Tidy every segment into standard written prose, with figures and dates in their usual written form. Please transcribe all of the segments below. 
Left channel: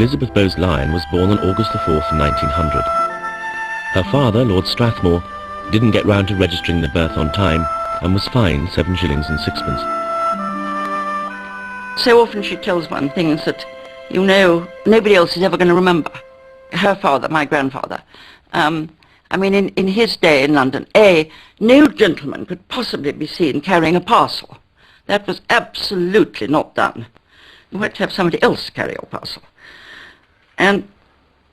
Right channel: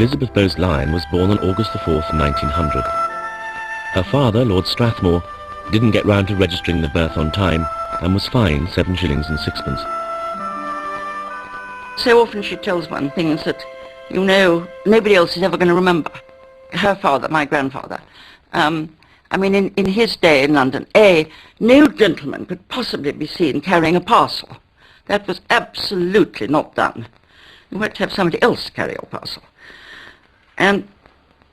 Elizabeth Bowes-Lyon was born on August the 4th, 1900. Her father, Lord Strathmore, didn't get round to registering the birth on time and was fined 7 shillings and sixpence. So often she tells one things that, you know, nobody else is ever going to remember. Her father, my grandfather. I mean, in his day in London, no gentleman could possibly be seen carrying a parcel. That was absolutely not done. You had to have somebody else carry your parcel. And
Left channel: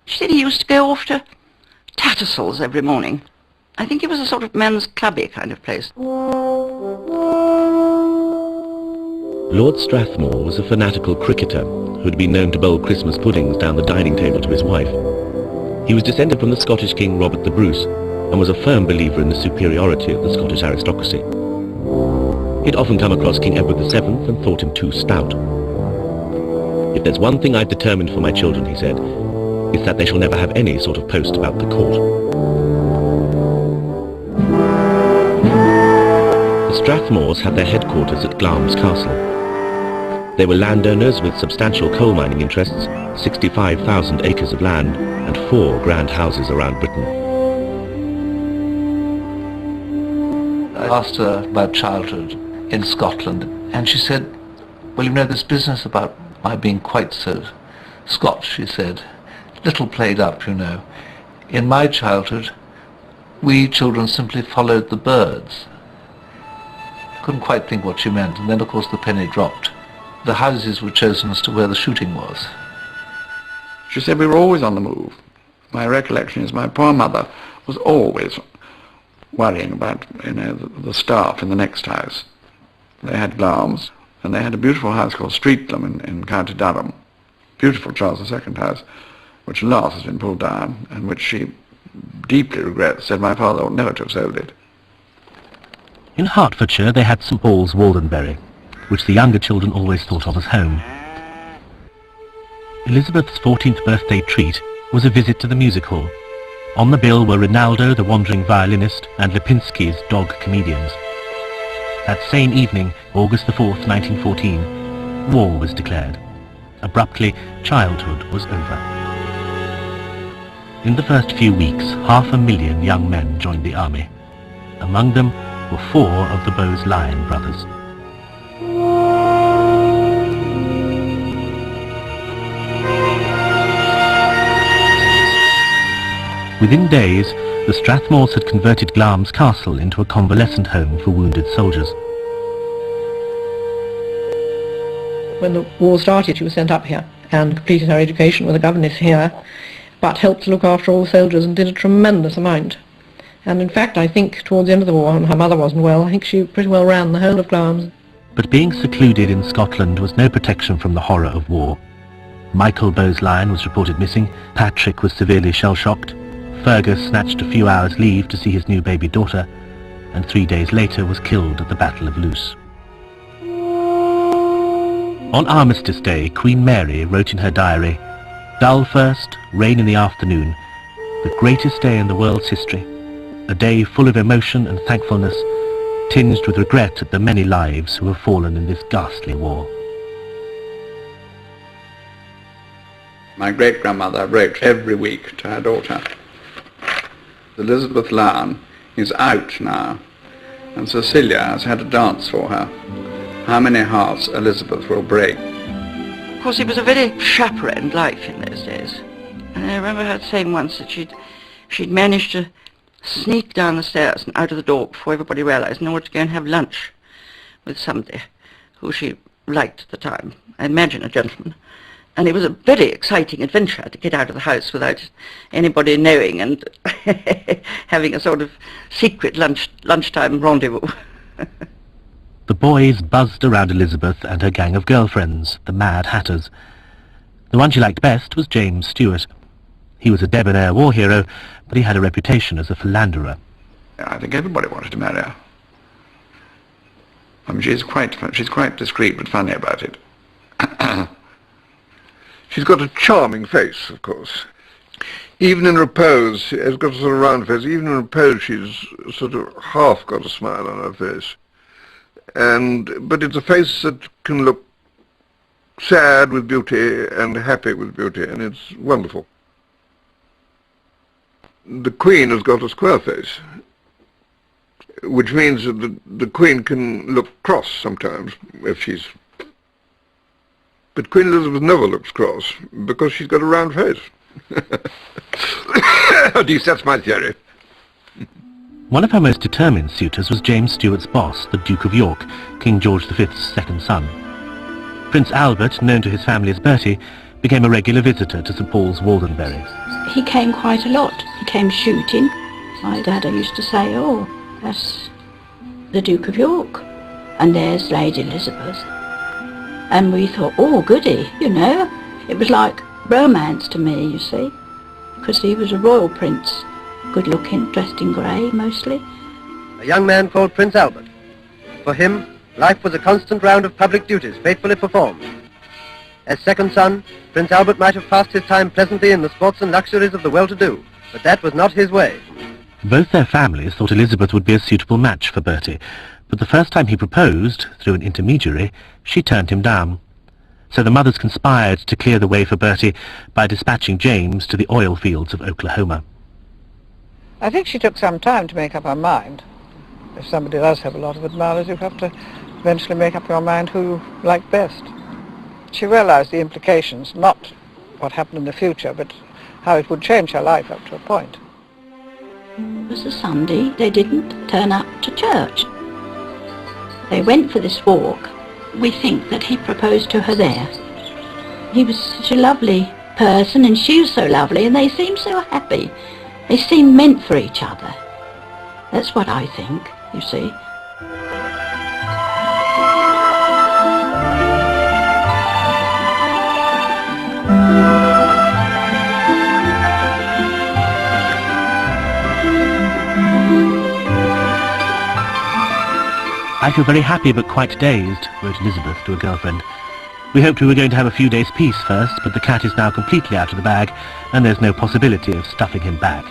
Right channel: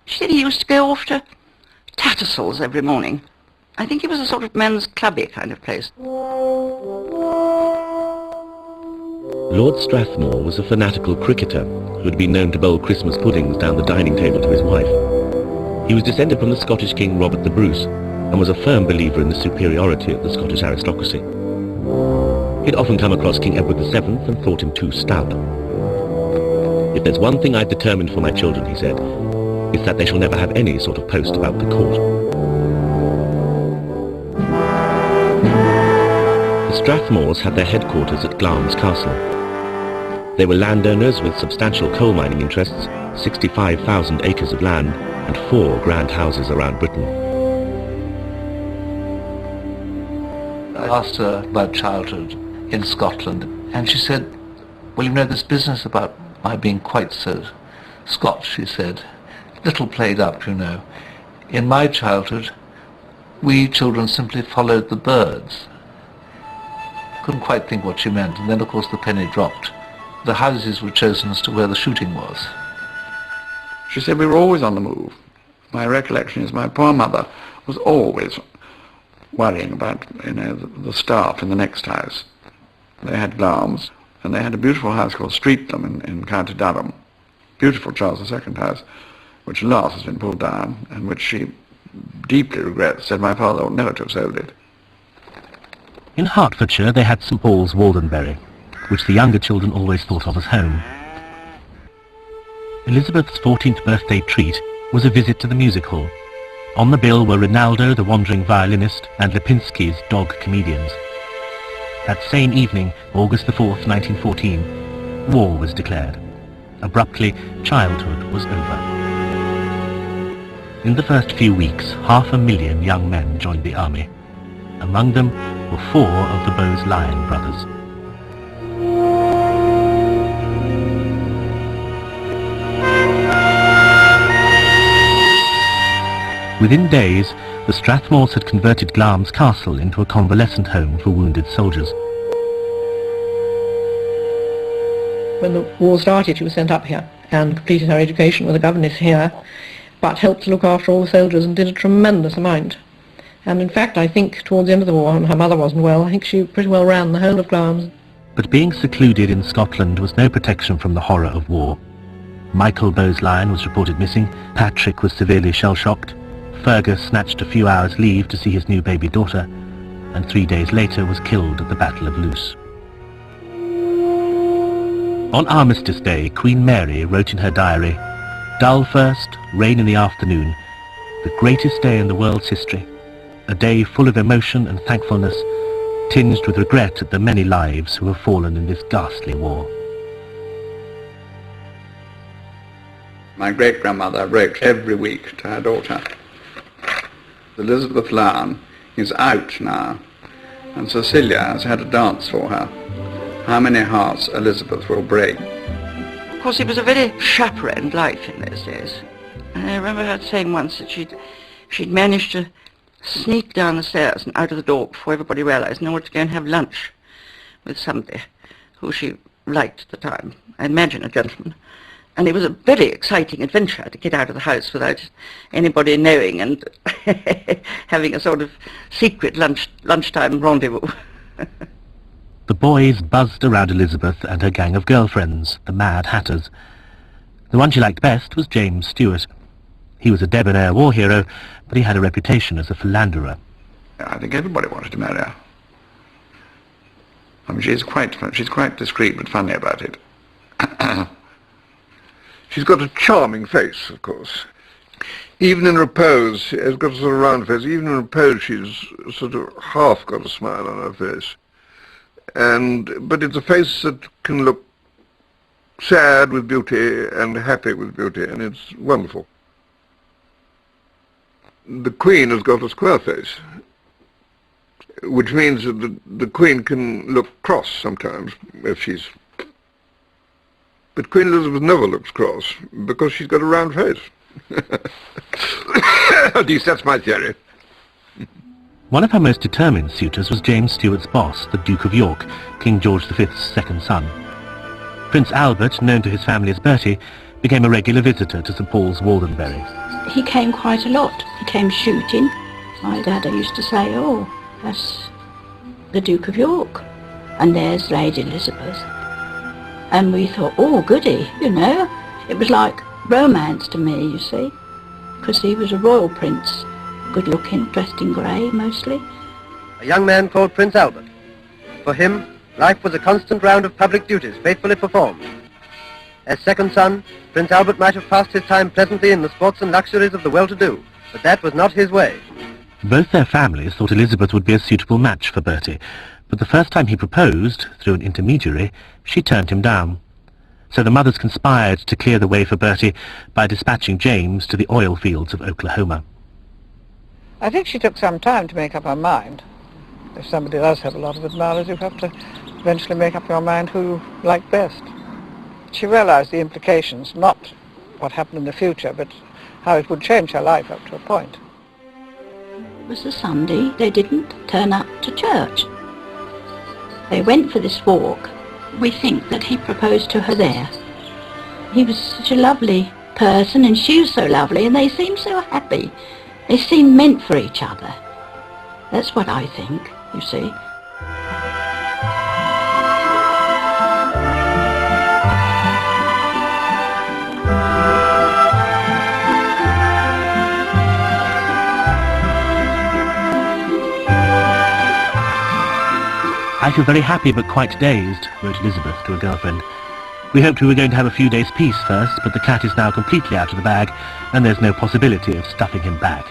she said he used to go off to Tattersall's every morning. I think it was a sort of men's clubby kind of place. Lord Strathmore was a fanatical cricketer who had been known to bowl Christmas puddings down the dining table to his wife. He was descended from the Scottish King Robert the Bruce and was a firm believer in the superiority of the Scottish aristocracy. He had often come across King Edward VII and thought him too stout. "If there's one thing I've determined for my children," he said, "it's that they shall never have any sort of post about the court." The Strathmores had their headquarters at Glamis Castle. They were landowners with substantial coal mining interests, 65,000 acres of land, and 4 grand houses around Britain. I asked her about childhood in Scotland, and she said, "Well, you know, this business about my being quite so Scotch," she said, "little played up, you know. In my childhood, we children simply followed the birds." Couldn't quite think what she meant, and then of course the penny dropped. The houses were chosen as to where the shooting was. She said we were always on the move. My recollection is my poor mother was always worrying about, you know, the staff in the next house. They had Glamis, and they had a beautiful house called Streatham in County Durham. Beautiful Charles II house, which at last has been pulled down, and which she deeply regrets, said my father ought never to have sold it. In Hertfordshire they had St Paul's Waldenbury, which the younger children always thought of as home. Elizabeth's 14th birthday treat was a visit to the music hall. On the bill were Rinaldo, the wandering violinist, and Lipinski's dog comedians. That same evening, August the 4th, 1914, war was declared. Abruptly, childhood was over. In the first few weeks, 500,000 young men joined the army. Among them were 4 of the Bowes-Lyon brothers. Within days, the Strathmores had converted Glamis Castle into a convalescent home for wounded soldiers. When the war started, she was sent up here and completed her education with a governess here, but helped to look after all the soldiers and did a tremendous amount. And in fact, I think towards the end of the war, her mother wasn't well, I think she pretty well ran the whole of Glamis. But being secluded in Scotland was no protection from the horror of war. Michael Bowes-Lyon was reported missing, Patrick was severely shell-shocked, Fergus snatched a few hours' leave to see his new baby daughter, and 3 days later was killed at the Battle of Loos. On Armistice Day, Queen Mary wrote in her diary, "Dull first, rain in the afternoon, the greatest day in the world's history, a day full of emotion and thankfulness, tinged with regret at the many lives who have fallen in this ghastly war." My great-grandmother wrote every week to her daughter, "Elizabeth Lyon is out now, and Cecilia has had a dance for her. How many hearts Elizabeth will break." Of course, it was a very chaperoned life in those days. And I remember her saying once that she'd managed to sneak down the stairs and out of the door before everybody realized in order to go and have lunch with somebody who she liked at the time. I imagine a gentleman. And it was a very exciting adventure to get out of the house without anybody knowing and having a sort of secret lunchtime rendezvous. The boys buzzed around Elizabeth and her gang of girlfriends, the Mad Hatters. The one she liked best was James Stewart. He was a debonair war hero, but he had a reputation as a philanderer. I think everybody wanted to marry her. I mean, she's quite discreet but funny about it. She's got a charming face, of course. Even in repose, she's got a sort of round face. Even in repose, she's sort of half got a smile on her face. But it's a face that can look sad with beauty and happy with beauty, and it's wonderful. The Queen has got a square face, which means that the Queen can look cross sometimes if she's... But Queen Elizabeth never looks cross because she's got a round face. At least that's my theory. One of her most determined suitors was James Stuart's boss, the Duke of York, King George V's second son. Prince Albert, known to his family as Bertie, became a regular visitor to St Paul's Waldenbury. He came quite a lot. He came shooting. My dad used to say, oh, that's the Duke of York, and there's Lady Elizabeth. And we thought, oh, goody, you know. It was like romance to me, you see, because he was a royal prince, good-looking, dressed in grey, mostly. A young man called Prince Albert. For him, life was a constant round of public duties faithfully performed. As second son, Prince Albert might have passed his time pleasantly in the sports and luxuries of the well-to-do, but that was not his way. Both their families thought Elizabeth would be a suitable match for Bertie, but the first time he proposed, through an intermediary, she turned him down. So the mothers conspired to clear the way for Bertie by dispatching James to the oil fields of Oklahoma. I think she took some time to make up her mind. If somebody does have a lot of admirers, you have to eventually make up your mind who you like best. She realized the implications, not what happened in the future, but how it would change her life up to a point. It was a Sunday. They didn't turn up to church. They went for this walk. We think that he proposed to her there. He was such a lovely person, and she was so lovely, and they seemed so happy. They seemed meant for each other. That's what I think, you see. I feel very happy but quite dazed, wrote Elizabeth to a girlfriend. We hoped we were going to have a few days' peace first, but the cat is now completely out of the bag, and there's no possibility of stuffing him back.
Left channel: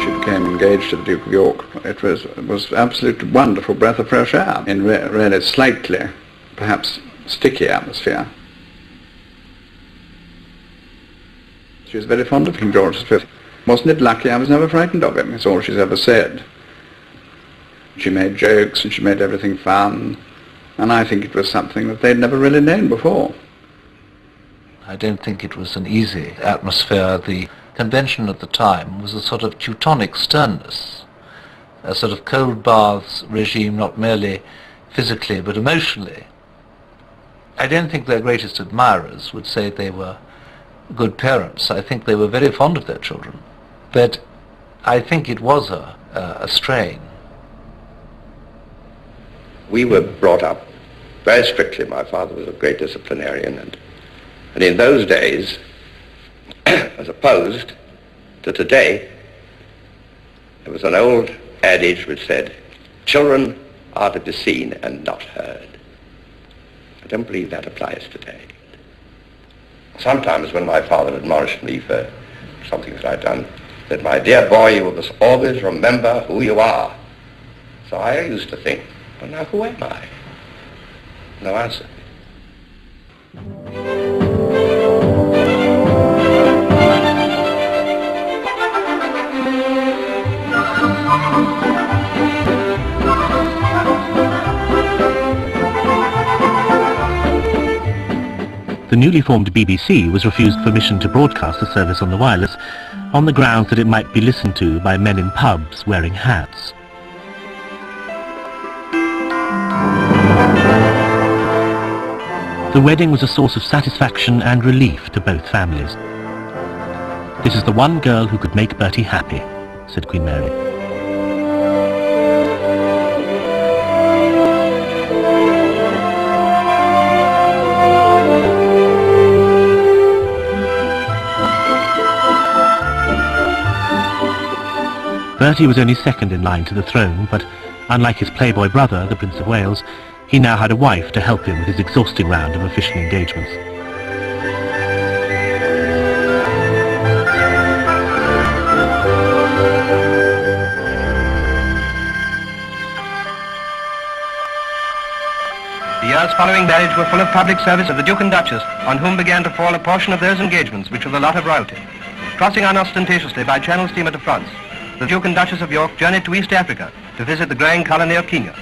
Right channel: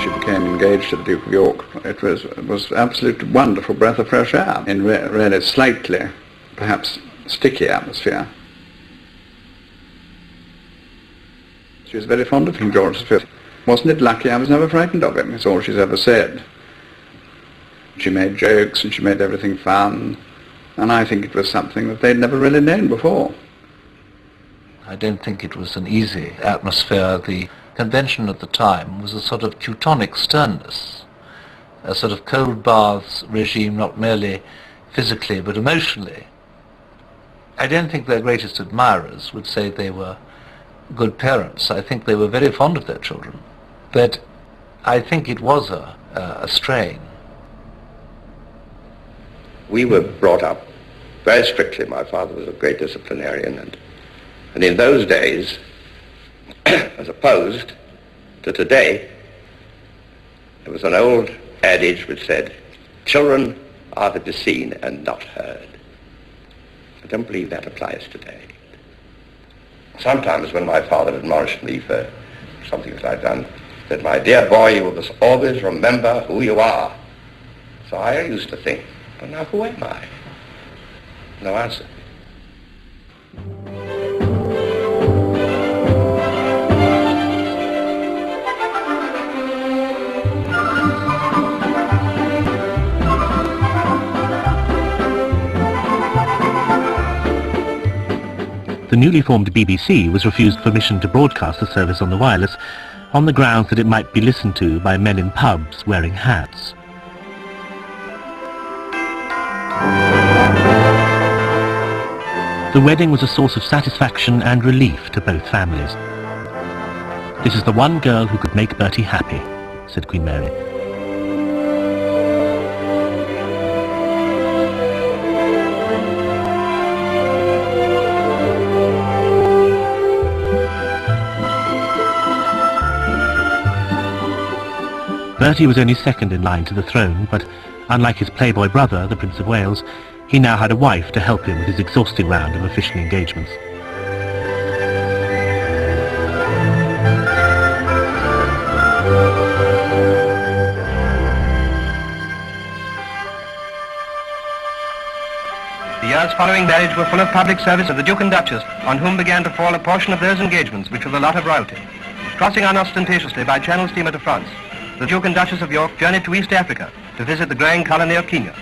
She became engaged to the Duke of York. It was an absolute wonderful breath of fresh air in really slightly, perhaps sticky atmosphere. She was very fond of King George V. Wasn't it lucky I was never frightened of him? It's all she's ever said. She made jokes and she made everything fun, and I think it was something that they'd never really known before. I don't think it was an easy atmosphere. The convention at the time was a sort of Teutonic sternness, a sort of cold baths regime, not merely physically but emotionally. I don't think their greatest admirers would say they were good parents. I think they were very fond of their children, but I think it was a strain. We were brought up very strictly. My father was a great disciplinarian, and in those days, as opposed to today, there was an old adage which said, children are to be seen and not heard. I don't believe that applies today. Sometimes when my father admonished me for something that I'd done, he said, my dear boy, you must always remember who you are. So I used to think, well, now who am I? No answer. The newly formed BBC was refused permission to broadcast the service on the wireless on the grounds that it might be listened to by men in pubs wearing hats. The wedding was a source of satisfaction and relief to both families. This is the one girl who could make Bertie happy, said Queen Mary. Bertie was only second in line to the throne, but unlike his playboy brother, the Prince of Wales, he now had a wife to help him with his exhausting round of official engagements. marriage were full of public service of the Duke and Duchess, on whom began to fall a portion of those engagements which were the lot of royalty. Crossing unostentatiously by Channel steamer to France, the Duke and Duchess of York journeyed to East Africa to visit the growing colony of Kenya.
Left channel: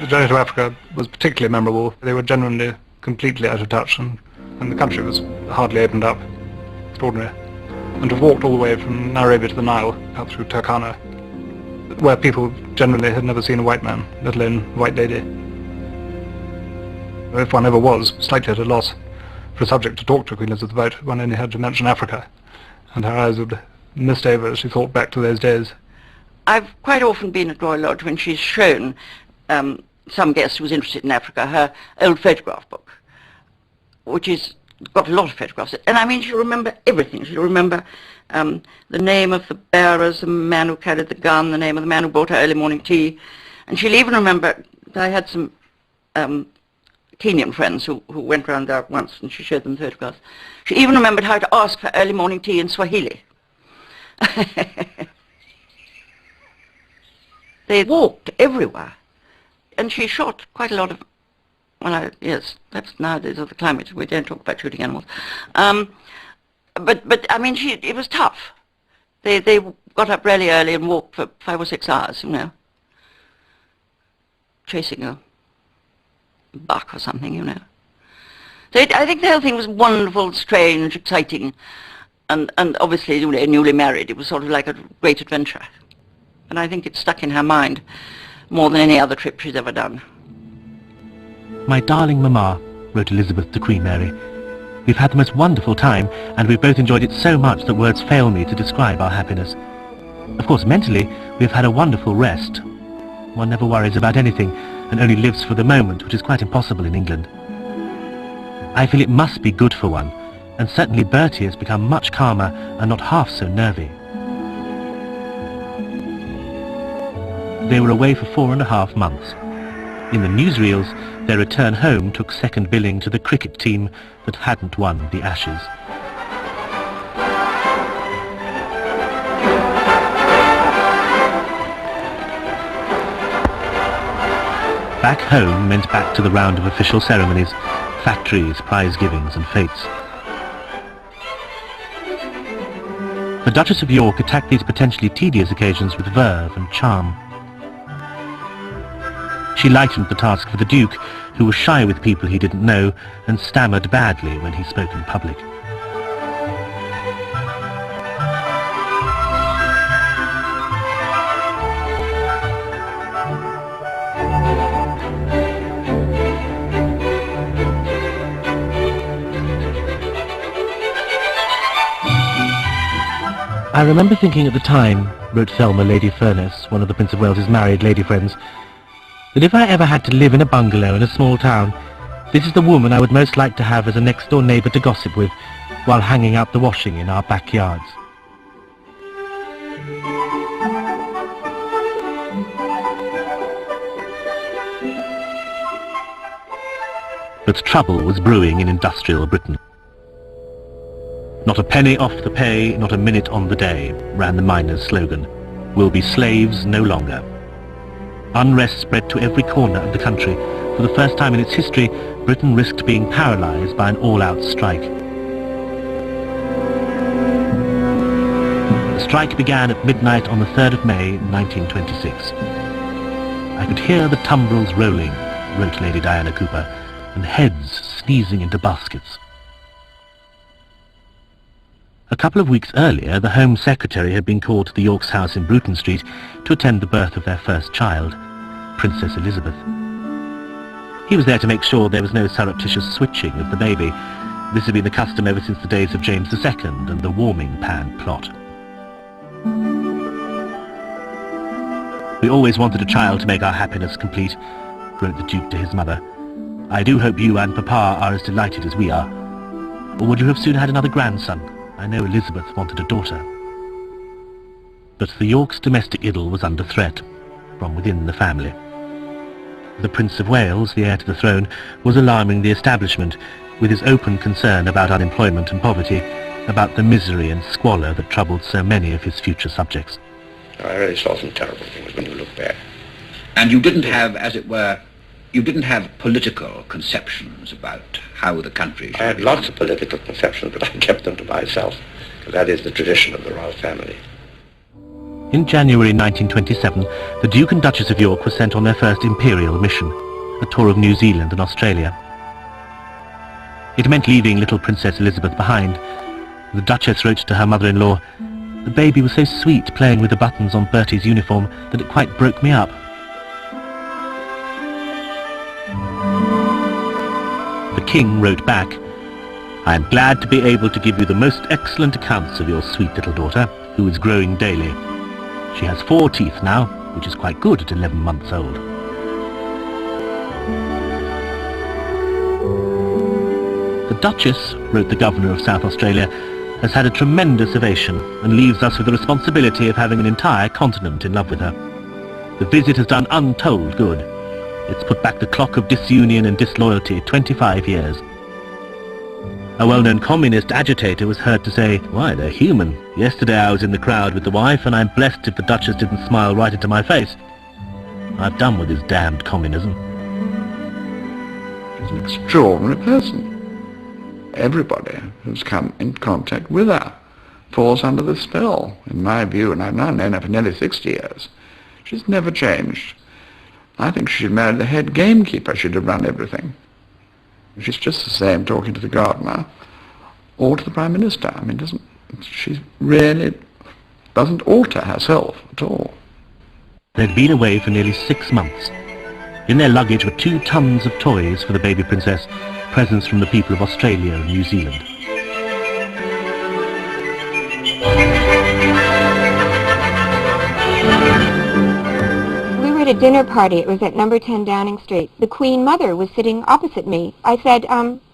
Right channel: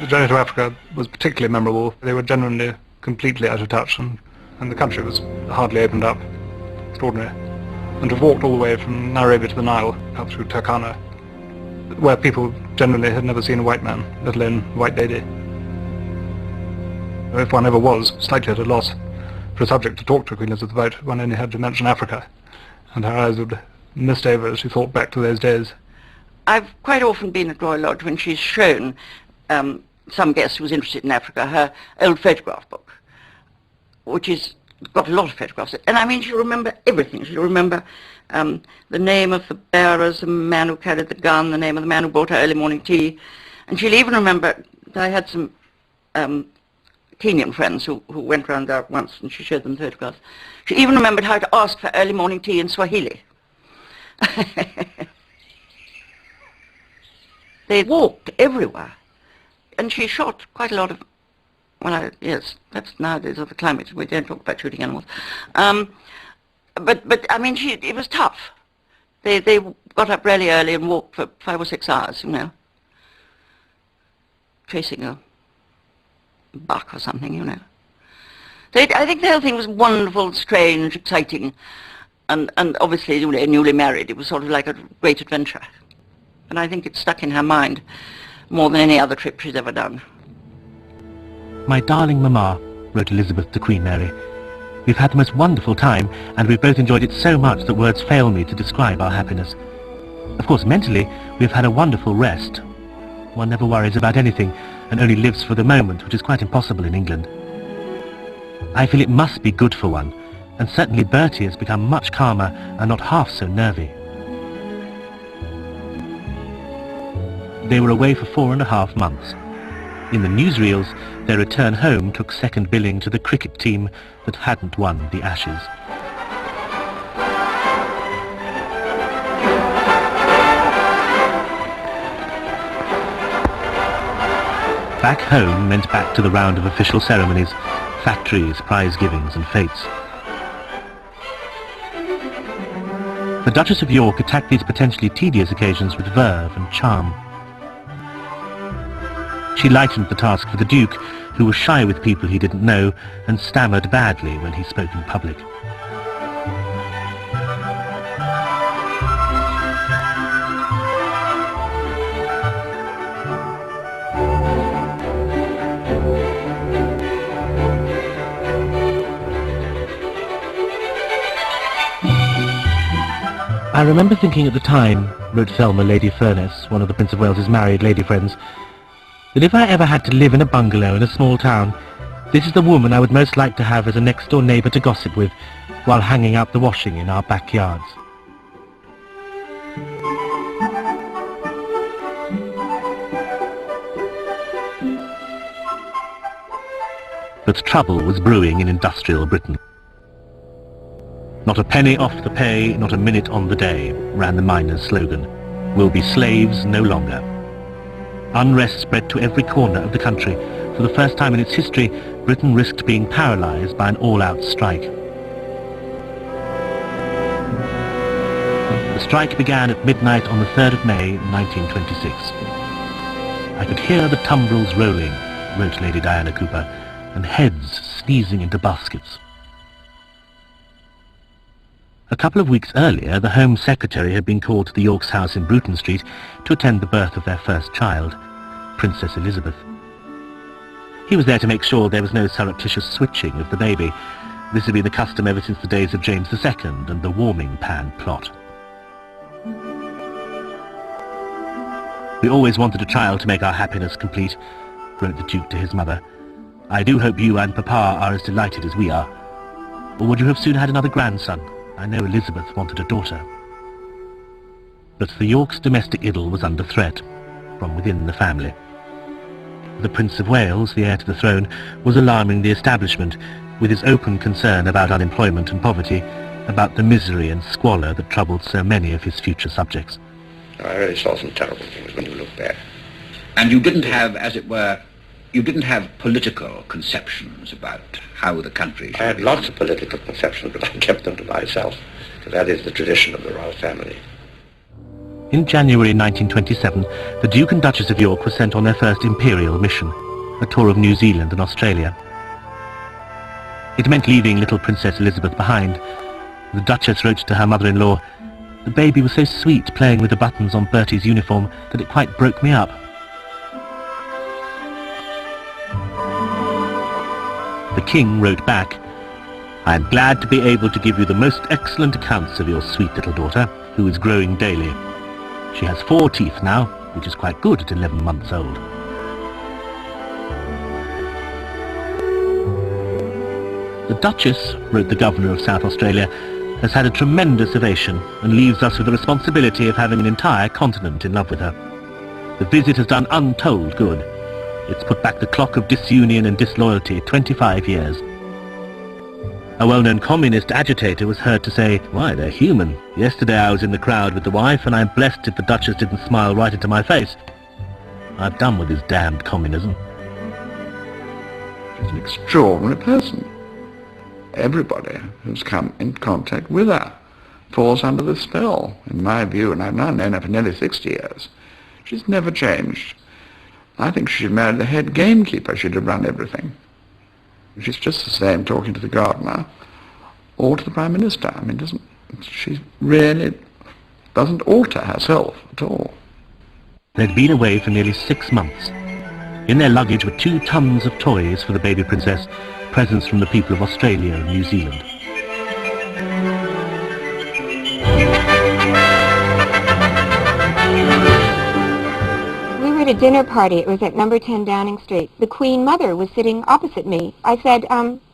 The journey to Africa was particularly memorable. They were genuinely completely out of touch, and the country was hardly opened up. Extraordinary. And to have walked all the way from Nairobi to the Nile, out through Turkana, where people generally had never seen a white man, let alone a white lady. If one ever was slightly at a loss for a subject to talk to Queen Elizabeth about, one only had to mention Africa, and her eyes would mist over as she thought back to those days. I've quite often been at Royal Lodge when she's shown some guest who was interested in Africa her old photograph book, which has got a lot of photographs. And I mean, she'll remember everything. She'll remember the name of the bearers, the man who carried the gun, the name of the man who brought her early morning tea. And she'll even remember that I had some Kenyan friends who went round there once, and she showed them photographs. She even remembered how to ask for early morning tea in Swahili. They walked everywhere. And she shot quite a lot of, yes, that's nowadays of the climate. We don't talk about shooting animals. But I mean, it was tough. They got up really early and walked for 5 or 6 hours, you know, chasing a buck or something, you know. So I think the whole thing was wonderful, strange, exciting, and obviously, you know, newly married, it was sort of like a great adventure. And I think it stuck in her mind more than any other trip she's ever done. My darling Mamma, wrote Elizabeth to Queen Mary, we've had the most wonderful time, and we've both enjoyed it so much that words fail me to describe our happiness. Of course, mentally, we've had a wonderful rest. One never worries about anything, and only lives for the moment, which is quite impossible in England. I feel it must be good for one, and certainly Bertie has become much calmer and not half so nervy. They were away for 4.5 months. In the newsreels, their return home took second billing to the cricket team that hadn't won the Ashes. Back home meant back to the round of official ceremonies, factories, prize givings and fetes. The Duchess of York attacked these potentially tedious occasions with verve and charm. She lightened the task for the Duke, who was shy with people he didn't know and stammered badly when he spoke in public. I remember thinking at the time, wrote Thelma, Lady Furness, one of the Prince of Wales's married lady friends, that if I ever had to live in a bungalow in a small town, this is the woman I would most like to have as a next-door neighbour to gossip with while hanging out the washing in our backyards. But trouble was brewing in industrial Britain. Not a penny off the pay, not a minute on the day, ran the miners' slogan. We'll be slaves no longer. Unrest spread to every corner of the country. For the first time in its history, Britain risked being paralysed by an all-out strike. The strike began at midnight on the 3rd of May, 1926. I could hear the tumbrils rolling, wrote Lady Diana Cooper, and heads sneezing into baskets. A couple of weeks earlier, the Home Secretary had been called to the Yorks' house in Bruton Street to attend the birth of their first child, Princess Elizabeth. He was there to make sure there was no surreptitious switching of the baby. This had been the custom ever since the days of James II and the warming pan plot. We always wanted a child to make our happiness complete, wrote the Duke to his mother. I do hope you and Papa are as delighted as we are. Or would you have soon had another grandson? I know Elizabeth wanted a daughter. But the Yorks' domestic idyll was under threat from within the family. The Prince of Wales, the heir to the throne, was alarming the establishment with his open concern about unemployment and poverty, about the misery and squalor that troubled so many of his future subjects. I really saw some terrible things when you looked there. And you didn't have, as it were, You didn't have political conceptions about how the country should I had be lots run. of political conceptions, but I kept them to myself, because that is the tradition of the royal family. In January 1927, the Duke and Duchess of York were sent on their first Imperial mission, a tour of New Zealand and Australia. It meant leaving little Princess Elizabeth behind. The Duchess wrote to her mother-in-law, "The baby was so sweet playing with the buttons on Bertie's uniform that it quite broke me up." The King wrote back, "I am glad to be able to give you the most excellent accounts of your sweet little daughter, who is growing daily. She has 4 teeth now, which is quite good at 11 months old." The Duchess, wrote the Governor of South Australia, has had a tremendous ovation and leaves us with the responsibility of having an entire continent in love with her. The visit has done untold good. It's put back the clock of disunion and disloyalty 25 years. A well-known communist agitator was heard to say, "Why, they're human. Yesterday I was in the crowd with the wife and I'm blessed if the Duchess didn't smile right into my face. I've done with this damned communism." She's an extraordinary person. Everybody who's come in contact with her falls under the spell, in my view, and I've now known her for nearly 60 years. She's never changed. I think she should marry the head gamekeeper. She'd have run everything. She's just the same talking to the gardener or to the Prime Minister. I mean, she really doesn't alter herself at all. They'd been away for nearly 6 months. In their luggage were 2 tons of toys for the baby princess, presents from the people of Australia and New Zealand. We were at a dinner party. It was at number 10 Downing Street. The Queen Mother was sitting opposite me. I said,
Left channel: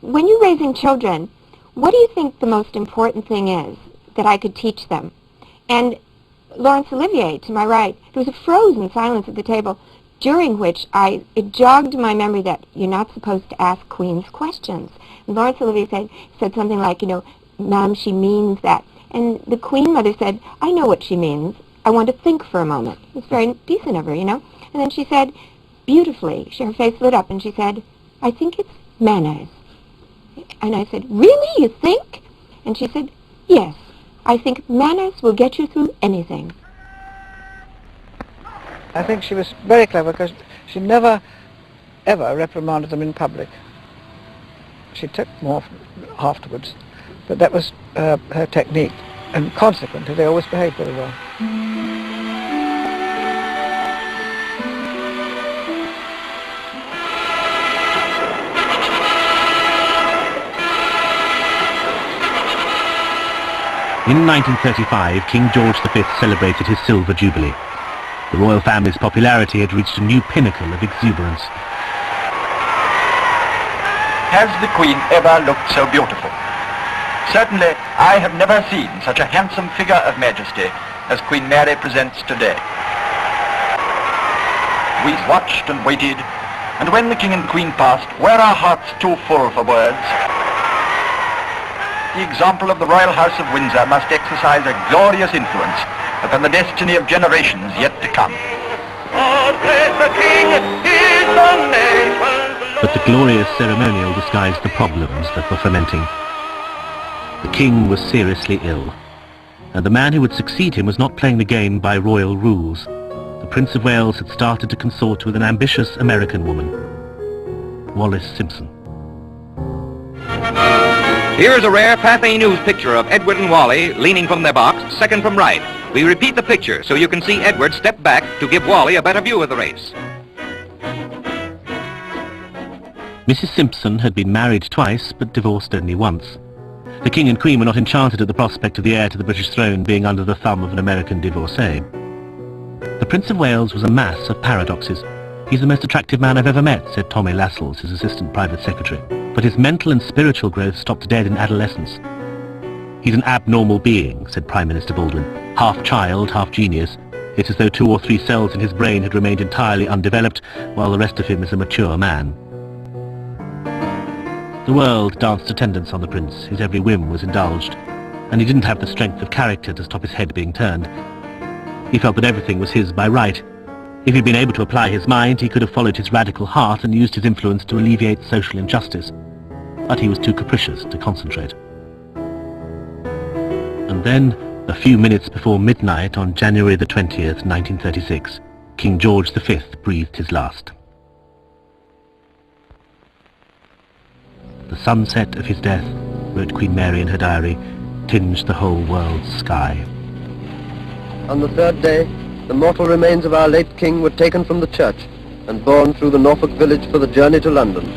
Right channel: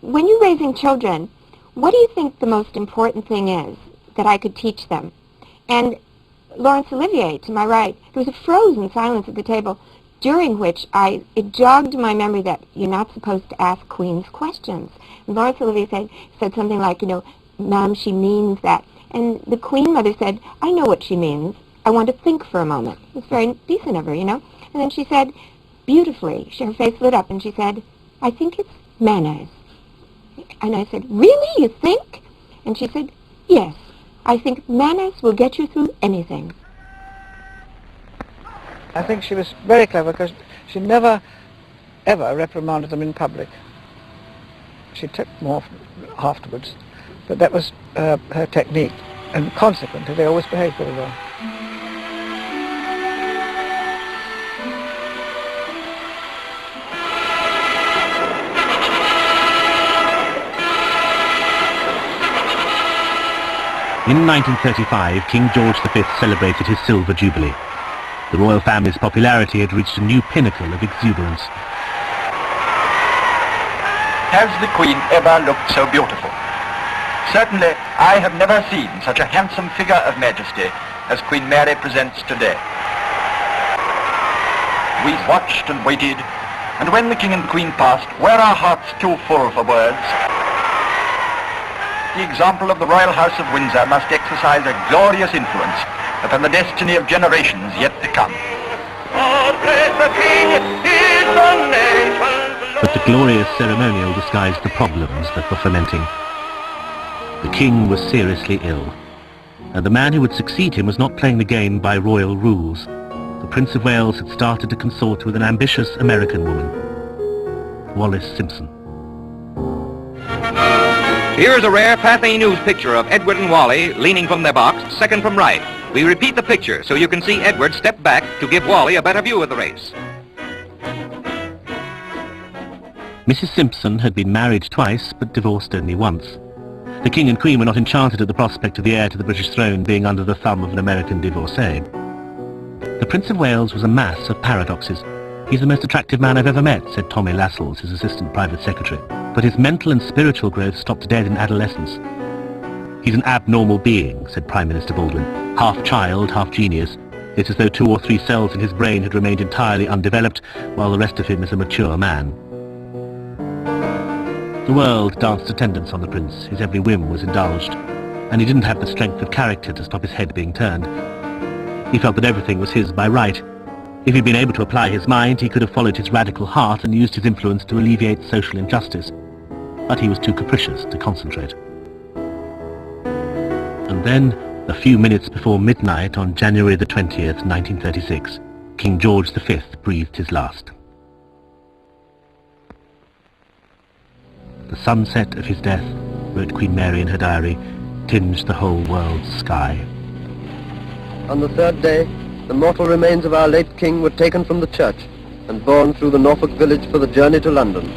when you're raising children, what do you think the most important thing is that I could teach them? And Laurence Olivier, to my right, there was a frozen silence at the table, during which it jogged my memory that you're not supposed to ask queens questions. And Laurence Olivier said something like, "Ma'am, she means that." And the Queen Mother said, "I know what she means. I want to think for a moment." It's very decent of her, And then she said, beautifully, her face lit up, and she said, "I think it's manners." And I said, "Really, you think?" And she said, "Yes, I think manners will get you through anything." I think she was very clever because she never, ever reprimanded them in public. She took them off afterwards, but that was her technique, and consequently they always behaved very well. In 1935, King George V celebrated his Silver Jubilee. The royal family's popularity had reached a new pinnacle of exuberance. Has the Queen ever looked so beautiful? Certainly, I have never seen such a handsome figure of majesty as Queen Mary presents today. We watched and waited, and when the King and Queen passed, were our hearts too full for words? The example of the Royal House of Windsor must exercise a glorious influence upon the destiny of generations yet to come. But the glorious ceremonial disguised the problems that were fermenting. The king was seriously ill, and the man who would succeed him was not playing the game by royal rules. The Prince of Wales had started to consort with an ambitious American woman, Wallis Simpson. Here's a rare Pathé News picture of Edward and Wally leaning from their box, second from right. We repeat the picture so you can see Edward step back to give Wally a better view of the race. Mrs. Simpson had been married twice, but divorced only once. The King and Queen were not enchanted at the prospect of the heir to the British throne being under the thumb of an American divorcee. The Prince of Wales was a mass of paradoxes. "He's the most attractive man I've ever met," said Tommy Lascelles, his assistant private secretary. "But his mental and spiritual growth stopped dead in adolescence." "He's an abnormal being," said Prime Minister Baldwin. "Half child, half genius. It's as though 2 or 3 cells in his brain had remained entirely undeveloped, while the rest of him is a mature man." The world danced attendance on the prince. His every whim was indulged, and he didn't have the strength of character to stop his head being turned. He felt that everything was his by right. If he'd been able to apply his mind, he could have followed his radical heart and used his influence to alleviate social injustice. But he was too capricious to concentrate. And then, a few minutes before midnight on January the 20th, 1936, King George V breathed his last. The sunset of his death, wrote Queen Mary in her diary, tinged the whole world's sky. On the third day, the mortal remains of our late king were taken from the church and borne through the Norfolk village for the journey to London.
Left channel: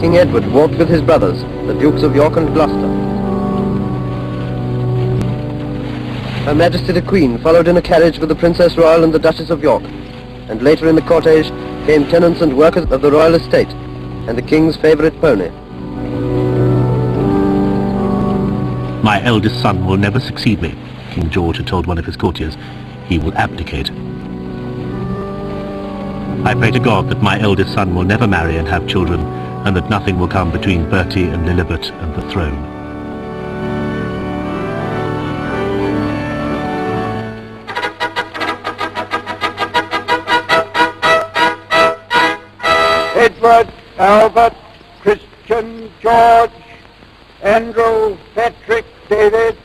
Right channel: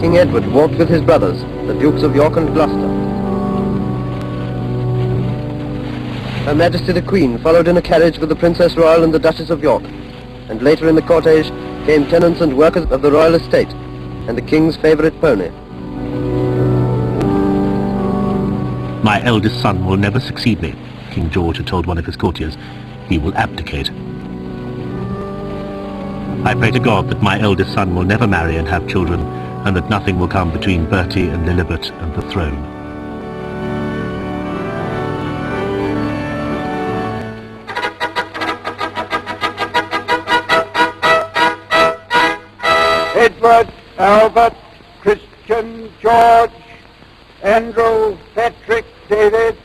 King Edward walked with his brothers, the Dukes of York and Gloucester. Her Majesty the Queen followed in a carriage with the Princess Royal and the Duchess of York, and later in the cortege came tenants and workers of the royal estate, and the King's favourite pony. My eldest son will never succeed me, King George had told one of his courtiers. He will abdicate. I pray to God that my eldest son will never marry and have children, and that nothing will come between Bertie and Lilibet and the throne. Edward, Albert, Christian, George, Andrew, Patrick, David.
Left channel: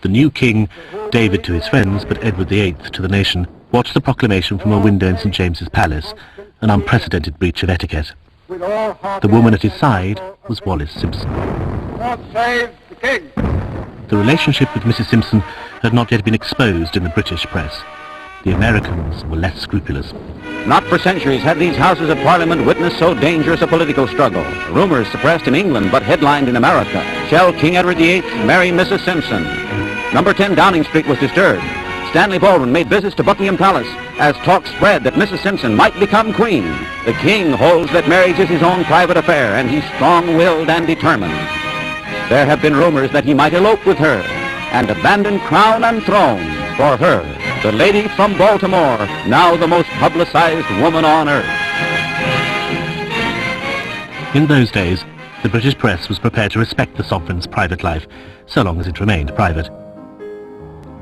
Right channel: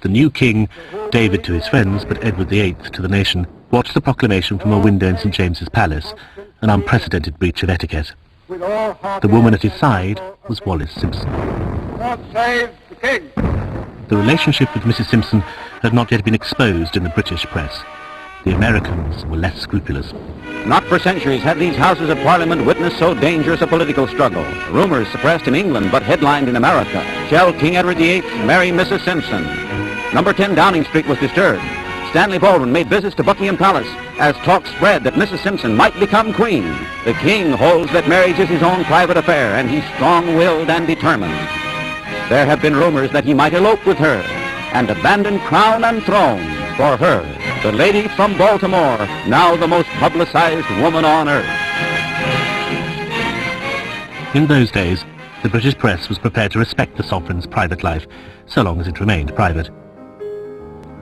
The new king, David to his friends, but Edward VIII to the nation, watched the proclamation from a window in St. James's Palace, an unprecedented breach of etiquette. The woman at his side was Wallis Simpson. God save the king! The relationship with Mrs. Simpson had not yet been exposed in the British press. The Americans were less scrupulous. Not for centuries had these Houses of Parliament witnessed so dangerous a political struggle. Rumors suppressed in England but headlined in America. Shall King Edward VIII marry Mrs. Simpson? Number 10 Downing Street was disturbed. Stanley Baldwin made visits to Buckingham Palace as talk spread that Mrs. Simpson might become queen. The king holds that marriage is his own private affair, and he's strong-willed and determined. There have been rumors that he might elope with her and abandon crown and throne for her, the lady from Baltimore, now the most publicized woman on earth. In those days, the British press was prepared to respect the sovereign's private life, so long as it remained private.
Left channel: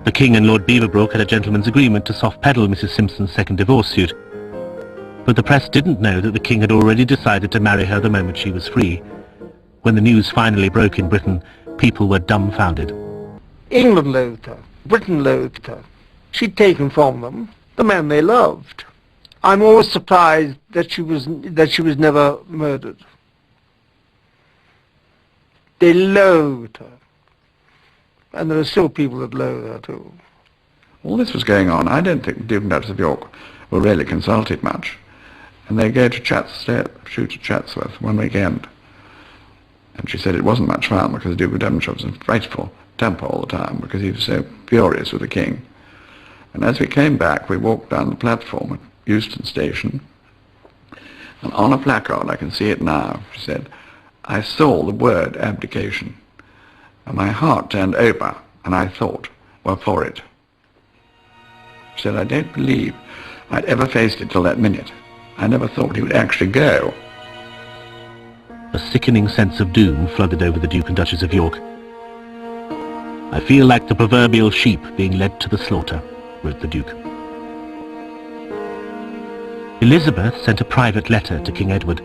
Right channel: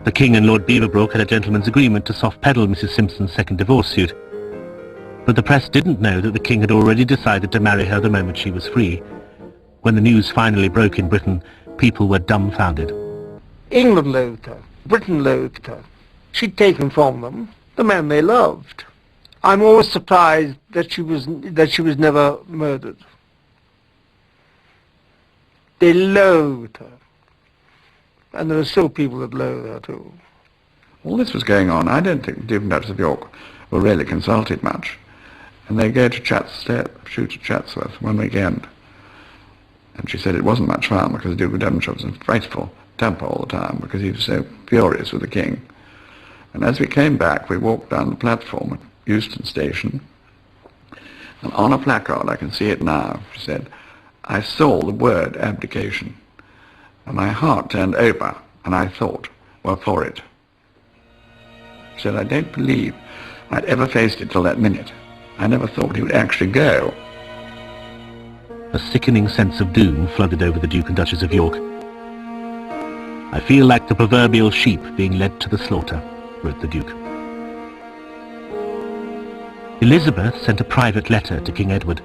The King and Lord Beaverbrook had a gentleman's agreement to soft-pedal Mrs. Simpson's second divorce suit. But the press didn't know that the King had already decided to marry her the moment she was free. When the news finally broke in Britain, people were dumbfounded. England loathed her. Britain loathed her. She'd taken from them the man they loved. I'm always surprised that she was never murdered. They loathed her. And there are still people that loathe her too. All this was going on. I don't think the Duchess of York were really consulted much. And they go to shoot at Chatsworth one weekend. And she said it wasn't much fun because the Duke of Devonshire was in a frightful temper all the time because he was so furious with the King. And as we came back, we walked down the platform at Euston Station, and on a placard, I can see it now, she said, I saw the word abdication, and my heart turned over, and I thought, well, for it. She said, I don't believe I'd ever faced it till that minute. I never thought he would actually go. A sickening sense of doom flooded over the Duke and Duchess of York. I feel like the proverbial sheep being led to the slaughter, wrote the Duke. Elizabeth sent a private letter to King Edward.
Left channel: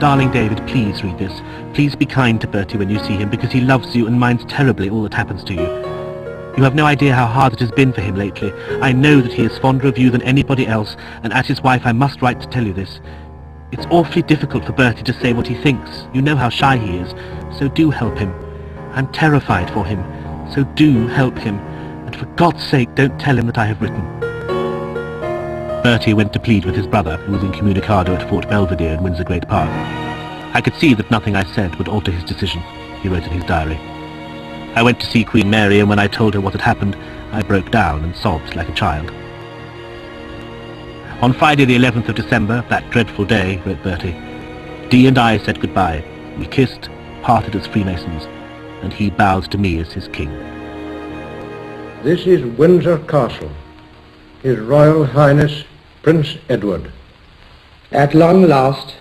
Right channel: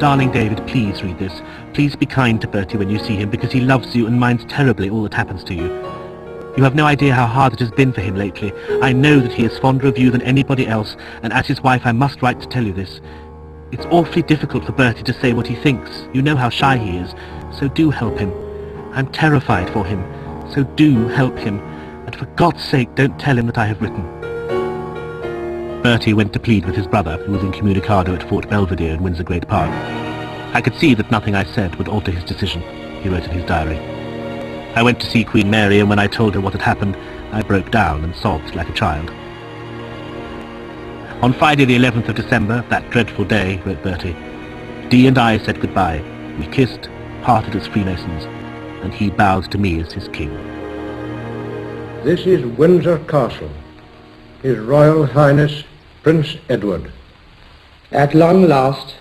Darling David, please read this. Please be kind to Bertie when you see him, because he loves you and minds terribly all that happens to you. You have no idea how hard it has been for him lately. I know that he is fonder of you than anybody else, and as his wife I must write to tell you this. It's awfully difficult for Bertie to say what he thinks. You know how shy he is, so do help him. I'm terrified for him, so do help him. And for God's sake, don't tell him that I have written. Bertie went to plead with his brother, who was incommunicado at Fort Belvedere in Windsor Great Park. I could see that nothing I said would alter his decision, he wrote in his diary. I went to see Queen Mary, and when I told her what had happened, I broke down and sobbed like a child. On Friday the 11th of December, that dreadful day, wrote Bertie, Dee and I said goodbye. We kissed, parted as Freemasons, and he bowed to me as his king. This is Windsor Castle. His Royal Highness Prince Edward. At long last,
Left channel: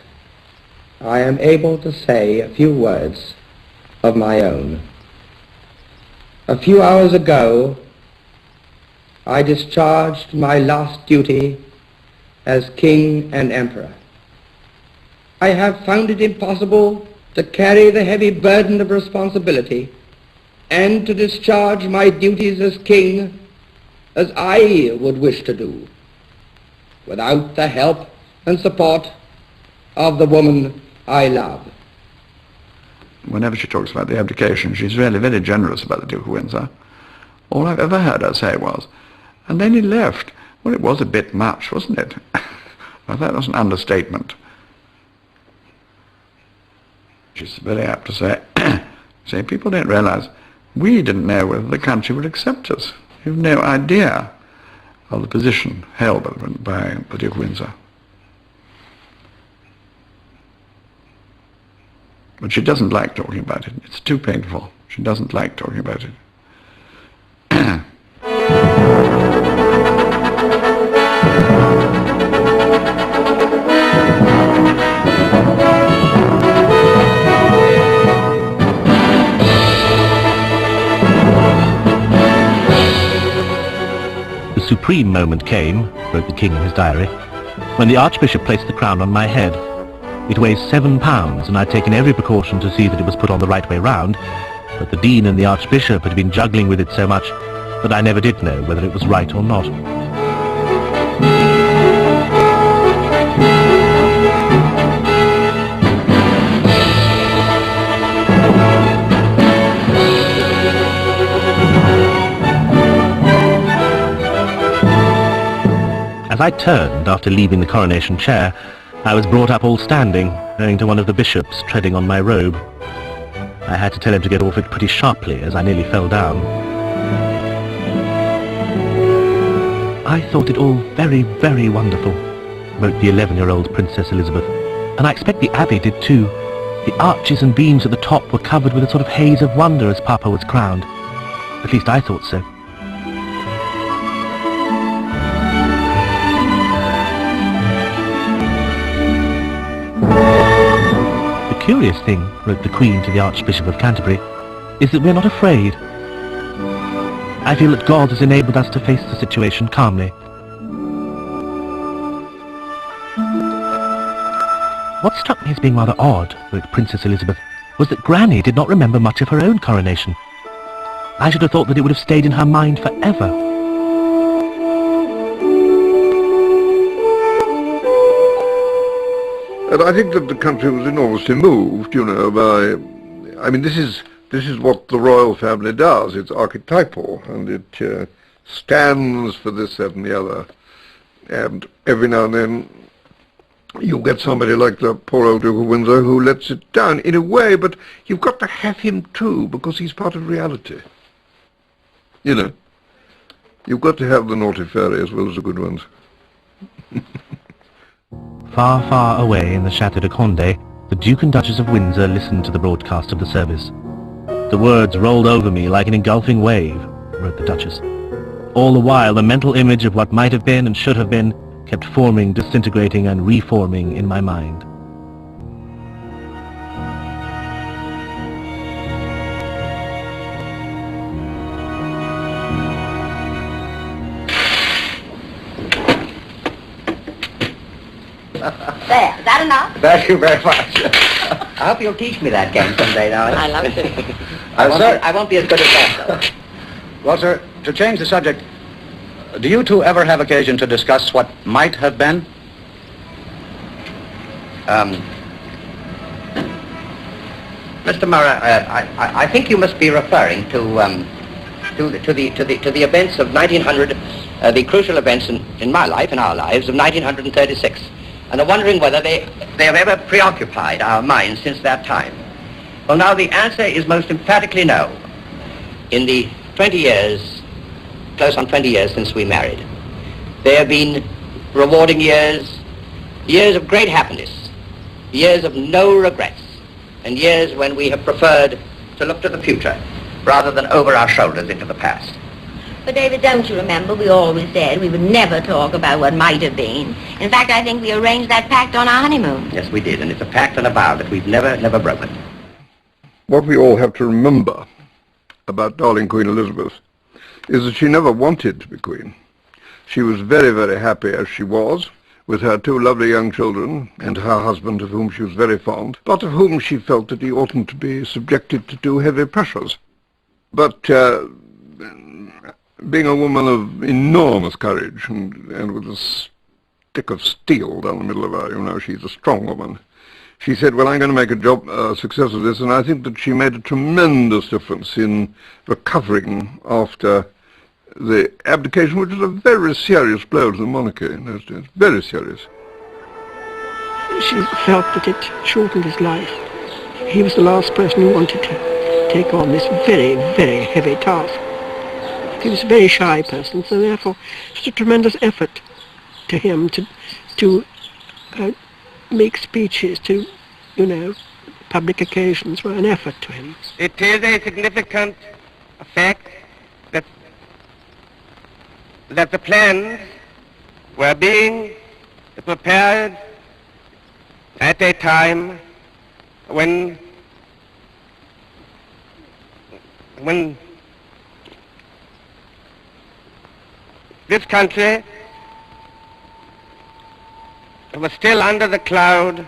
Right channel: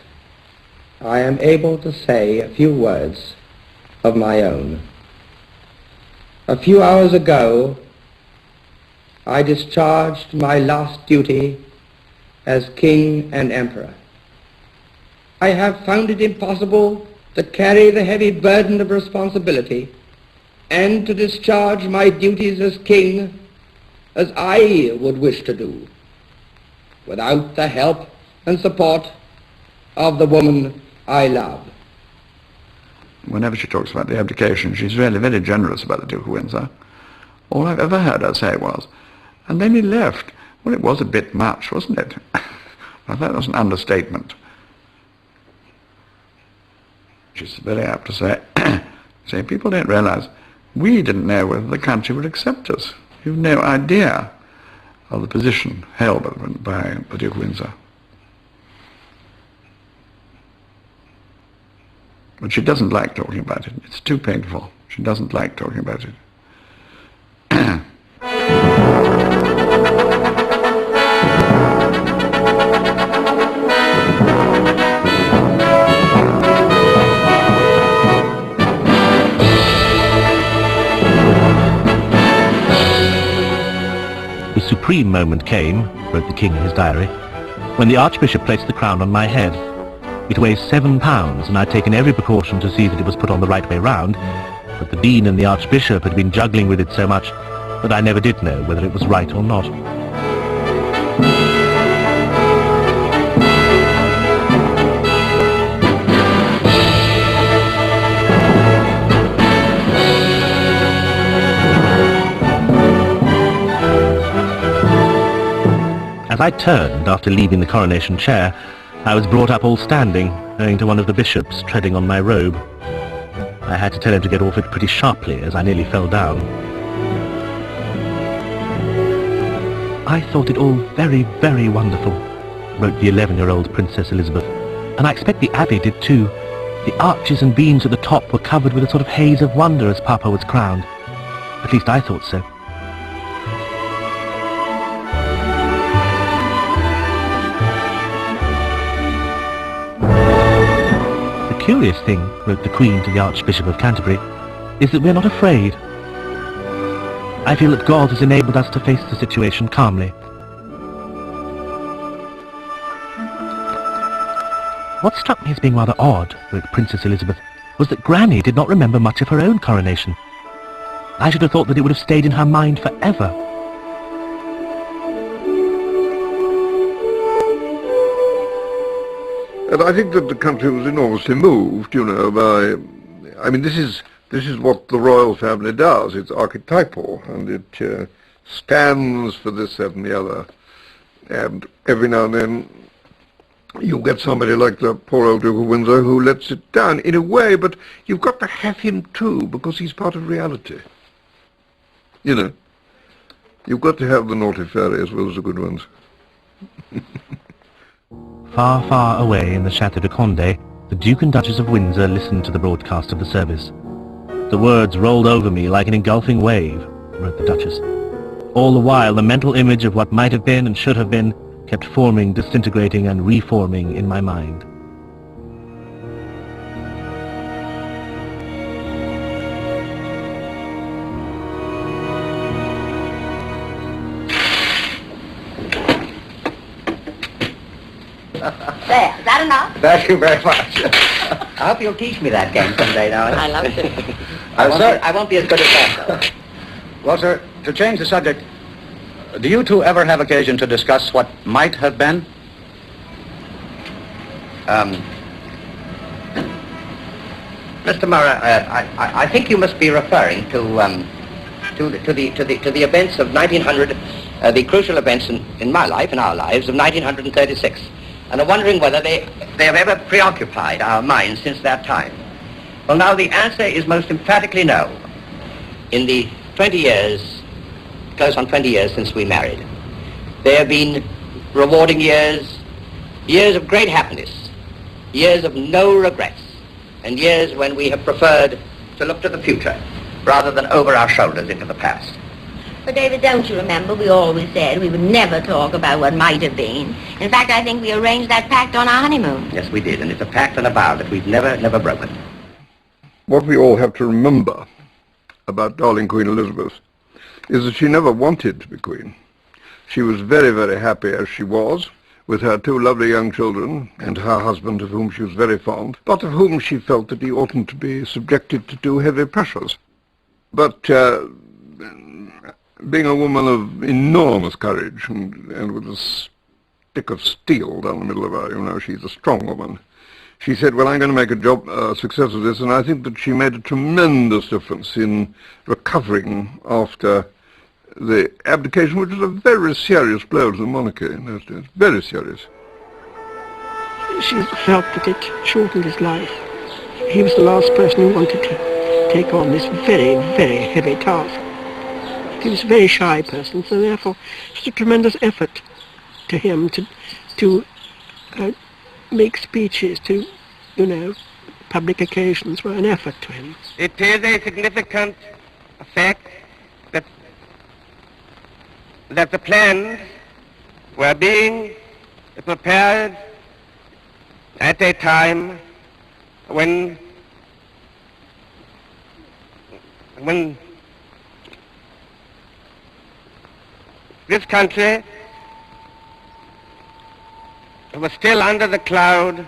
I am able to say a few words of my own. A few hours ago, I discharged my last duty as King and Emperor. I have found it impossible to carry the heavy burden of responsibility and to discharge my duties as King as I would wish to do, without the help and support of the woman I love. Whenever she talks about the abdication, she's really very generous about the Duke of Windsor. All I've ever heard her say was, and then he left. Well, it was a bit much, wasn't it? Now, that was an understatement. She's very apt to say, people don't realize we didn't know whether the country would accept us. We have no idea of the position held by the Duke of Windsor. But she doesn't like talking about it. It's too painful. She doesn't like talking about it. The supreme moment came, wrote the king in his diary, when the archbishop placed the crown on my head. It weighs 7 pounds, and I'd taken every precaution to see that it was put on the right way round, but the dean and the archbishop had been juggling with it so much that I never did know whether it was right or not. As I turned after leaving the coronation chair, I was brought up all standing, owing to one of the bishops treading on my robe. I had to tell him to get off it pretty sharply, as I nearly fell down. I thought it all very, very wonderful, wrote the 11-year-old Princess Elizabeth, and I expect the Abbey did too. The arches and beams at the top were covered with a sort of haze of wonder as Papa was crowned. At least I thought so. The curious thing, wrote the Queen to the Archbishop of Canterbury, is that we're not afraid. I feel that God has enabled us to face the situation calmly. What struck me as being rather odd, wrote Princess Elizabeth, was that Granny did not remember much of her own coronation. I should have thought that it would have stayed in her mind forever. And I think that the country was enormously moved, you know, by... I mean, this is what the royal family does. It's archetypal, and it stands for this, that, and the other. And every now and then you get somebody like the poor old Duke of Windsor who lets it down in a way, but you've got to have him too, because he's part of reality. You know, you've got to have the naughty fairy as well as the good ones. Far, far away in the Château de Condé, the Duke and Duchess of Windsor listened to the broadcast of the service. The words rolled over me like an engulfing wave, wrote the Duchess. All the while, the mental image of what might have been and should have been kept forming, disintegrating, and reforming in my mind. There, is that enough? Thank you very much. I hope you'll teach me that game someday now. I love it. I won't be as good as him. Well, sir, to change the subject, do you two ever have occasion to discuss what might have been? Mr. Murray, I think you must be referring to the events of 1900, the crucial events in my life, in our lives, of 1936, and are wondering whether they have ever preoccupied our minds since that time. Well, now the answer is most emphatically no. In the 20 years, close on 20 years since we married, there have been rewarding years, years of great happiness, years of no regrets, and years when we have preferred to look to the future rather than over our shoulders into the past. But David, don't you remember we always said we would never talk about what might have been? In fact, I think we arranged that pact on our honeymoon. Yes, we did, and it's a pact and a vow that we've never broken. What we all have to remember about darling Queen Elizabeth is that she never wanted to be Queen. She was very, very happy as she was, with her 2 lovely young children and her husband, of whom she was very fond, but of whom she felt that he oughtn't to be subjected to too heavy pressures. But being a woman of enormous courage and with a stick of steel down the middle of her, you know, she's a strong woman. She said, well, I'm going to make a success of this, and I think that she made a tremendous difference in recovering after the abdication, which was a very serious blow to the monarchy in those days, very serious. She felt that it shortened his life. He was the last person who wanted to take on this very, very heavy task. He was a very shy person, so therefore it's a tremendous effort to him to make speeches to, you know, public occasions were an effort to him. It is a significant fact that the plans were being prepared at a time when this country was still under the cloud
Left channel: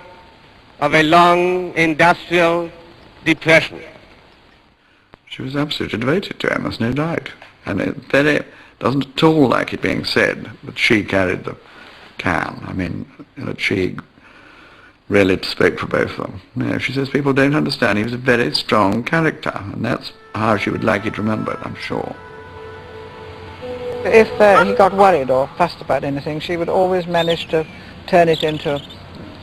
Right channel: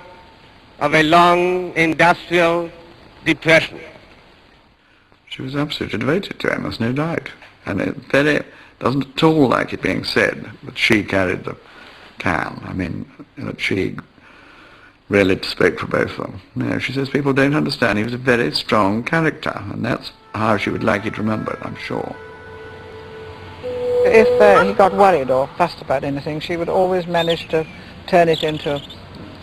of a long industrial depression. She was absolutely devoted to him, there's no doubt. And it doesn't at all like it being said that she carried the cow. I mean, that she really spoke for both of them. No, she says people don't understand. He was a very strong character, and that's how she would like it remembered, I'm sure. If she got worried or fussed about anything, she would always manage to turn it into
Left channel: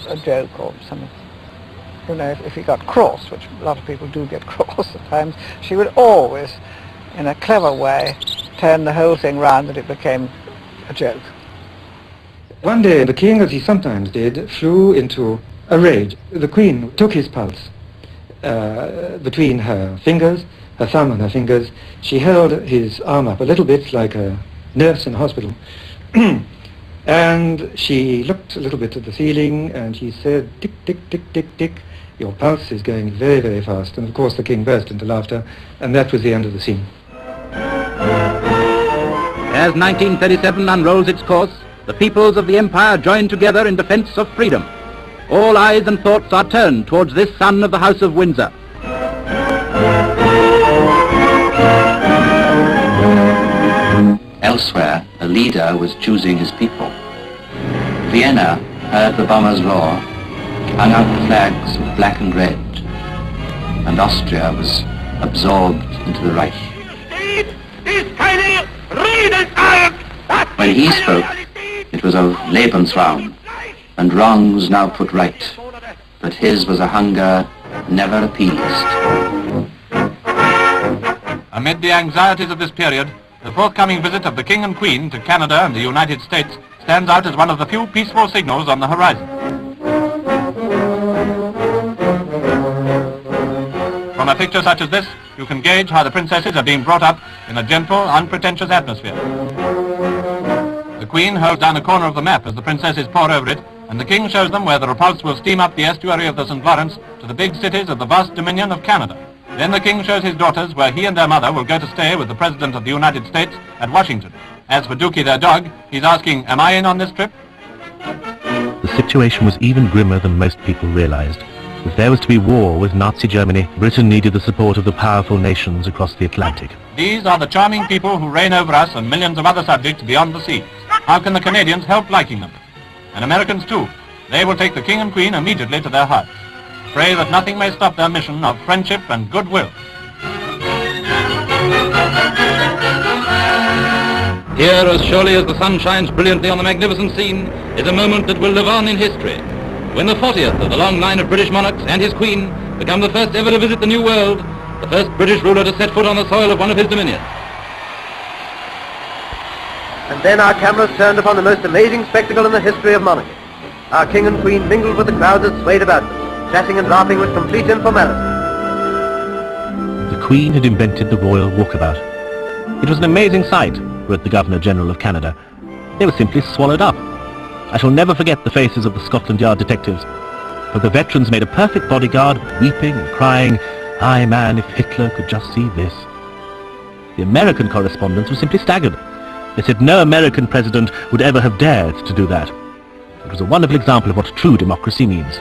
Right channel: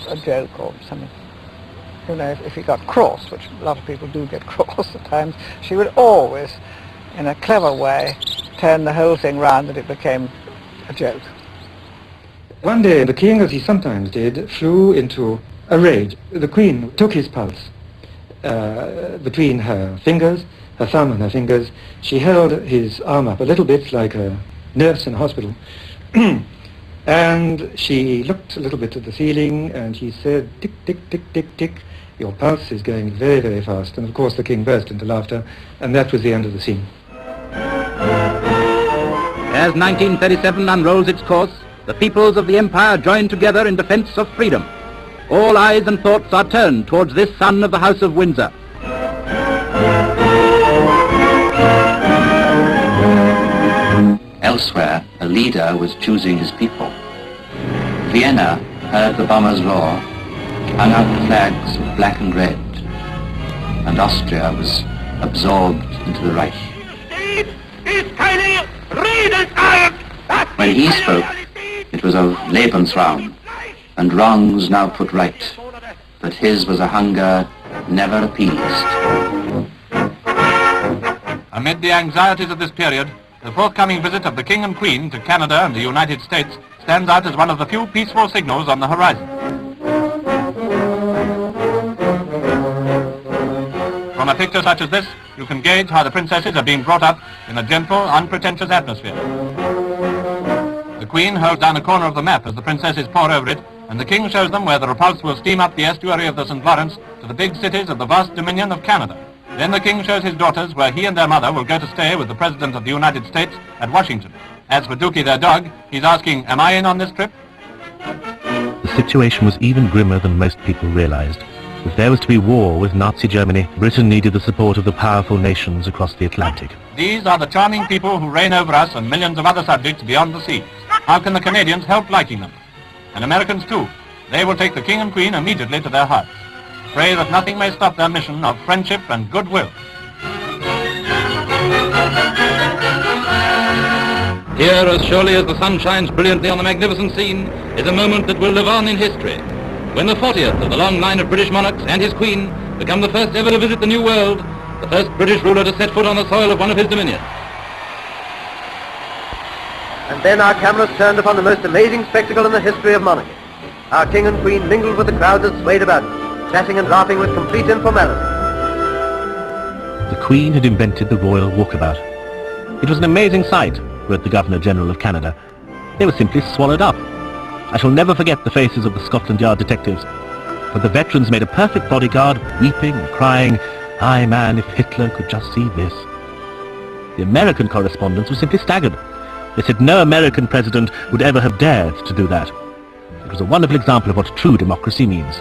a joke or something. You know, if he got cross, which a lot of people do get cross at times, she would always, in a clever way, turn the whole thing round that it became a joke. One day the king, as he sometimes did, flew into a rage. The queen took his pulse between her fingers, her thumb and her fingers. She held his arm up a little bit like a nurse in a hospital. And she looked a little bit at the ceiling and she said, tick, tick, tick, tick, tick, your pulse is going very, very fast. And of course the king burst into laughter, and that was the end of the scene. As 1937 unrolls its course, the peoples of the empire join together in defense of freedom. All eyes and thoughts are turned towards this son of the House of Windsor. Elsewhere, a leader was choosing his people. Vienna heard the bombers roar, hung out the flags of black and red, and Austria was absorbed into the Reich. When he spoke, it was of Lebensraum, and wrongs now put right, but his was a hunger never appeased. Amid the anxieties of this period, the forthcoming visit of the King and Queen to Canada and the United States stands out as one of the few peaceful signals on the horizon. From a picture such as this, you can gauge how the princesses are being brought up in a gentle, unpretentious atmosphere. The Queen holds down a corner of the map as the princesses pour over it, and the King shows them where the Repulse will steam up the estuary of the St. Lawrence to the big cities of the vast dominion of Canada. Then the King shows his daughters where he and their mother will go to stay with the President of the United States at Washington. As for Dookie, their dog, he's asking, am I in on this trip? The situation was even grimmer than most people realized. If there was to be war with Nazi Germany, Britain needed the support of the powerful nations across the Atlantic. These are the charming people who reign over us and millions of other subjects beyond the sea. How can the Canadians help liking them? And Americans too. They will take the King and Queen immediately to their hearts. Pray that nothing may stop their mission of friendship and goodwill. Here, as surely as the sun shines brilliantly on the magnificent scene, is a moment that will live on in history. When the 40th of a long line of British monarchs and his Queen become the first ever to visit the New World, the first British ruler to set foot on the soil of one of his dominions. And then our cameras turned upon the most amazing spectacle in the history of monarchy. Our King and Queen mingled with the crowd that swayed about them, chatting and laughing with complete informality. The Queen had invented the royal walkabout. It was an amazing sight, wrote the Governor-General of Canada. They were simply swallowed up. I shall never forget the faces of the Scotland Yard detectives, but the veterans made a perfect bodyguard, weeping and crying, "Aye man, if Hitler could just see this." The American correspondents were simply staggered. They said no American president would ever have dared to do that. It was a wonderful example of what true democracy means.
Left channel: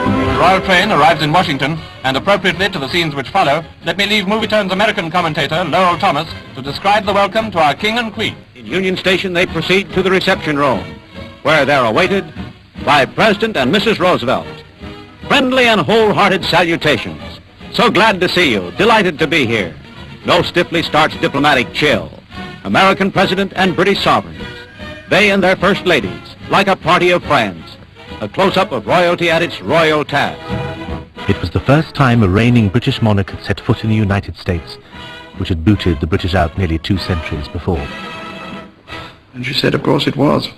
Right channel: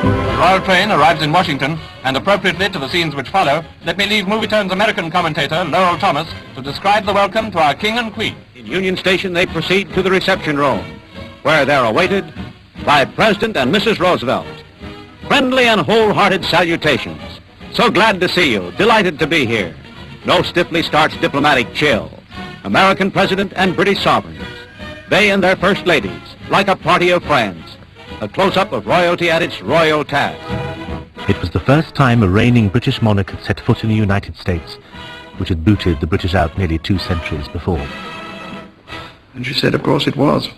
The royal train arrives in Washington, and appropriately to the scenes which follow, let me leave Movie Time's American commentator, Lowell Thomas, to describe the welcome to our King and Queen. In Union Station, they proceed to the reception room, where they're awaited by President and Mrs. Roosevelt. Friendly and wholehearted salutations. So glad to see you, delighted to be here. No stiffly starched diplomatic chill. American President and British sovereigns. They and their first ladies, like a party of friends. A close-up of royalty at its royal task. It was the first time a reigning British monarch had set foot in the United States, which had booted the British out nearly 2 centuries before. And she said, of course, it was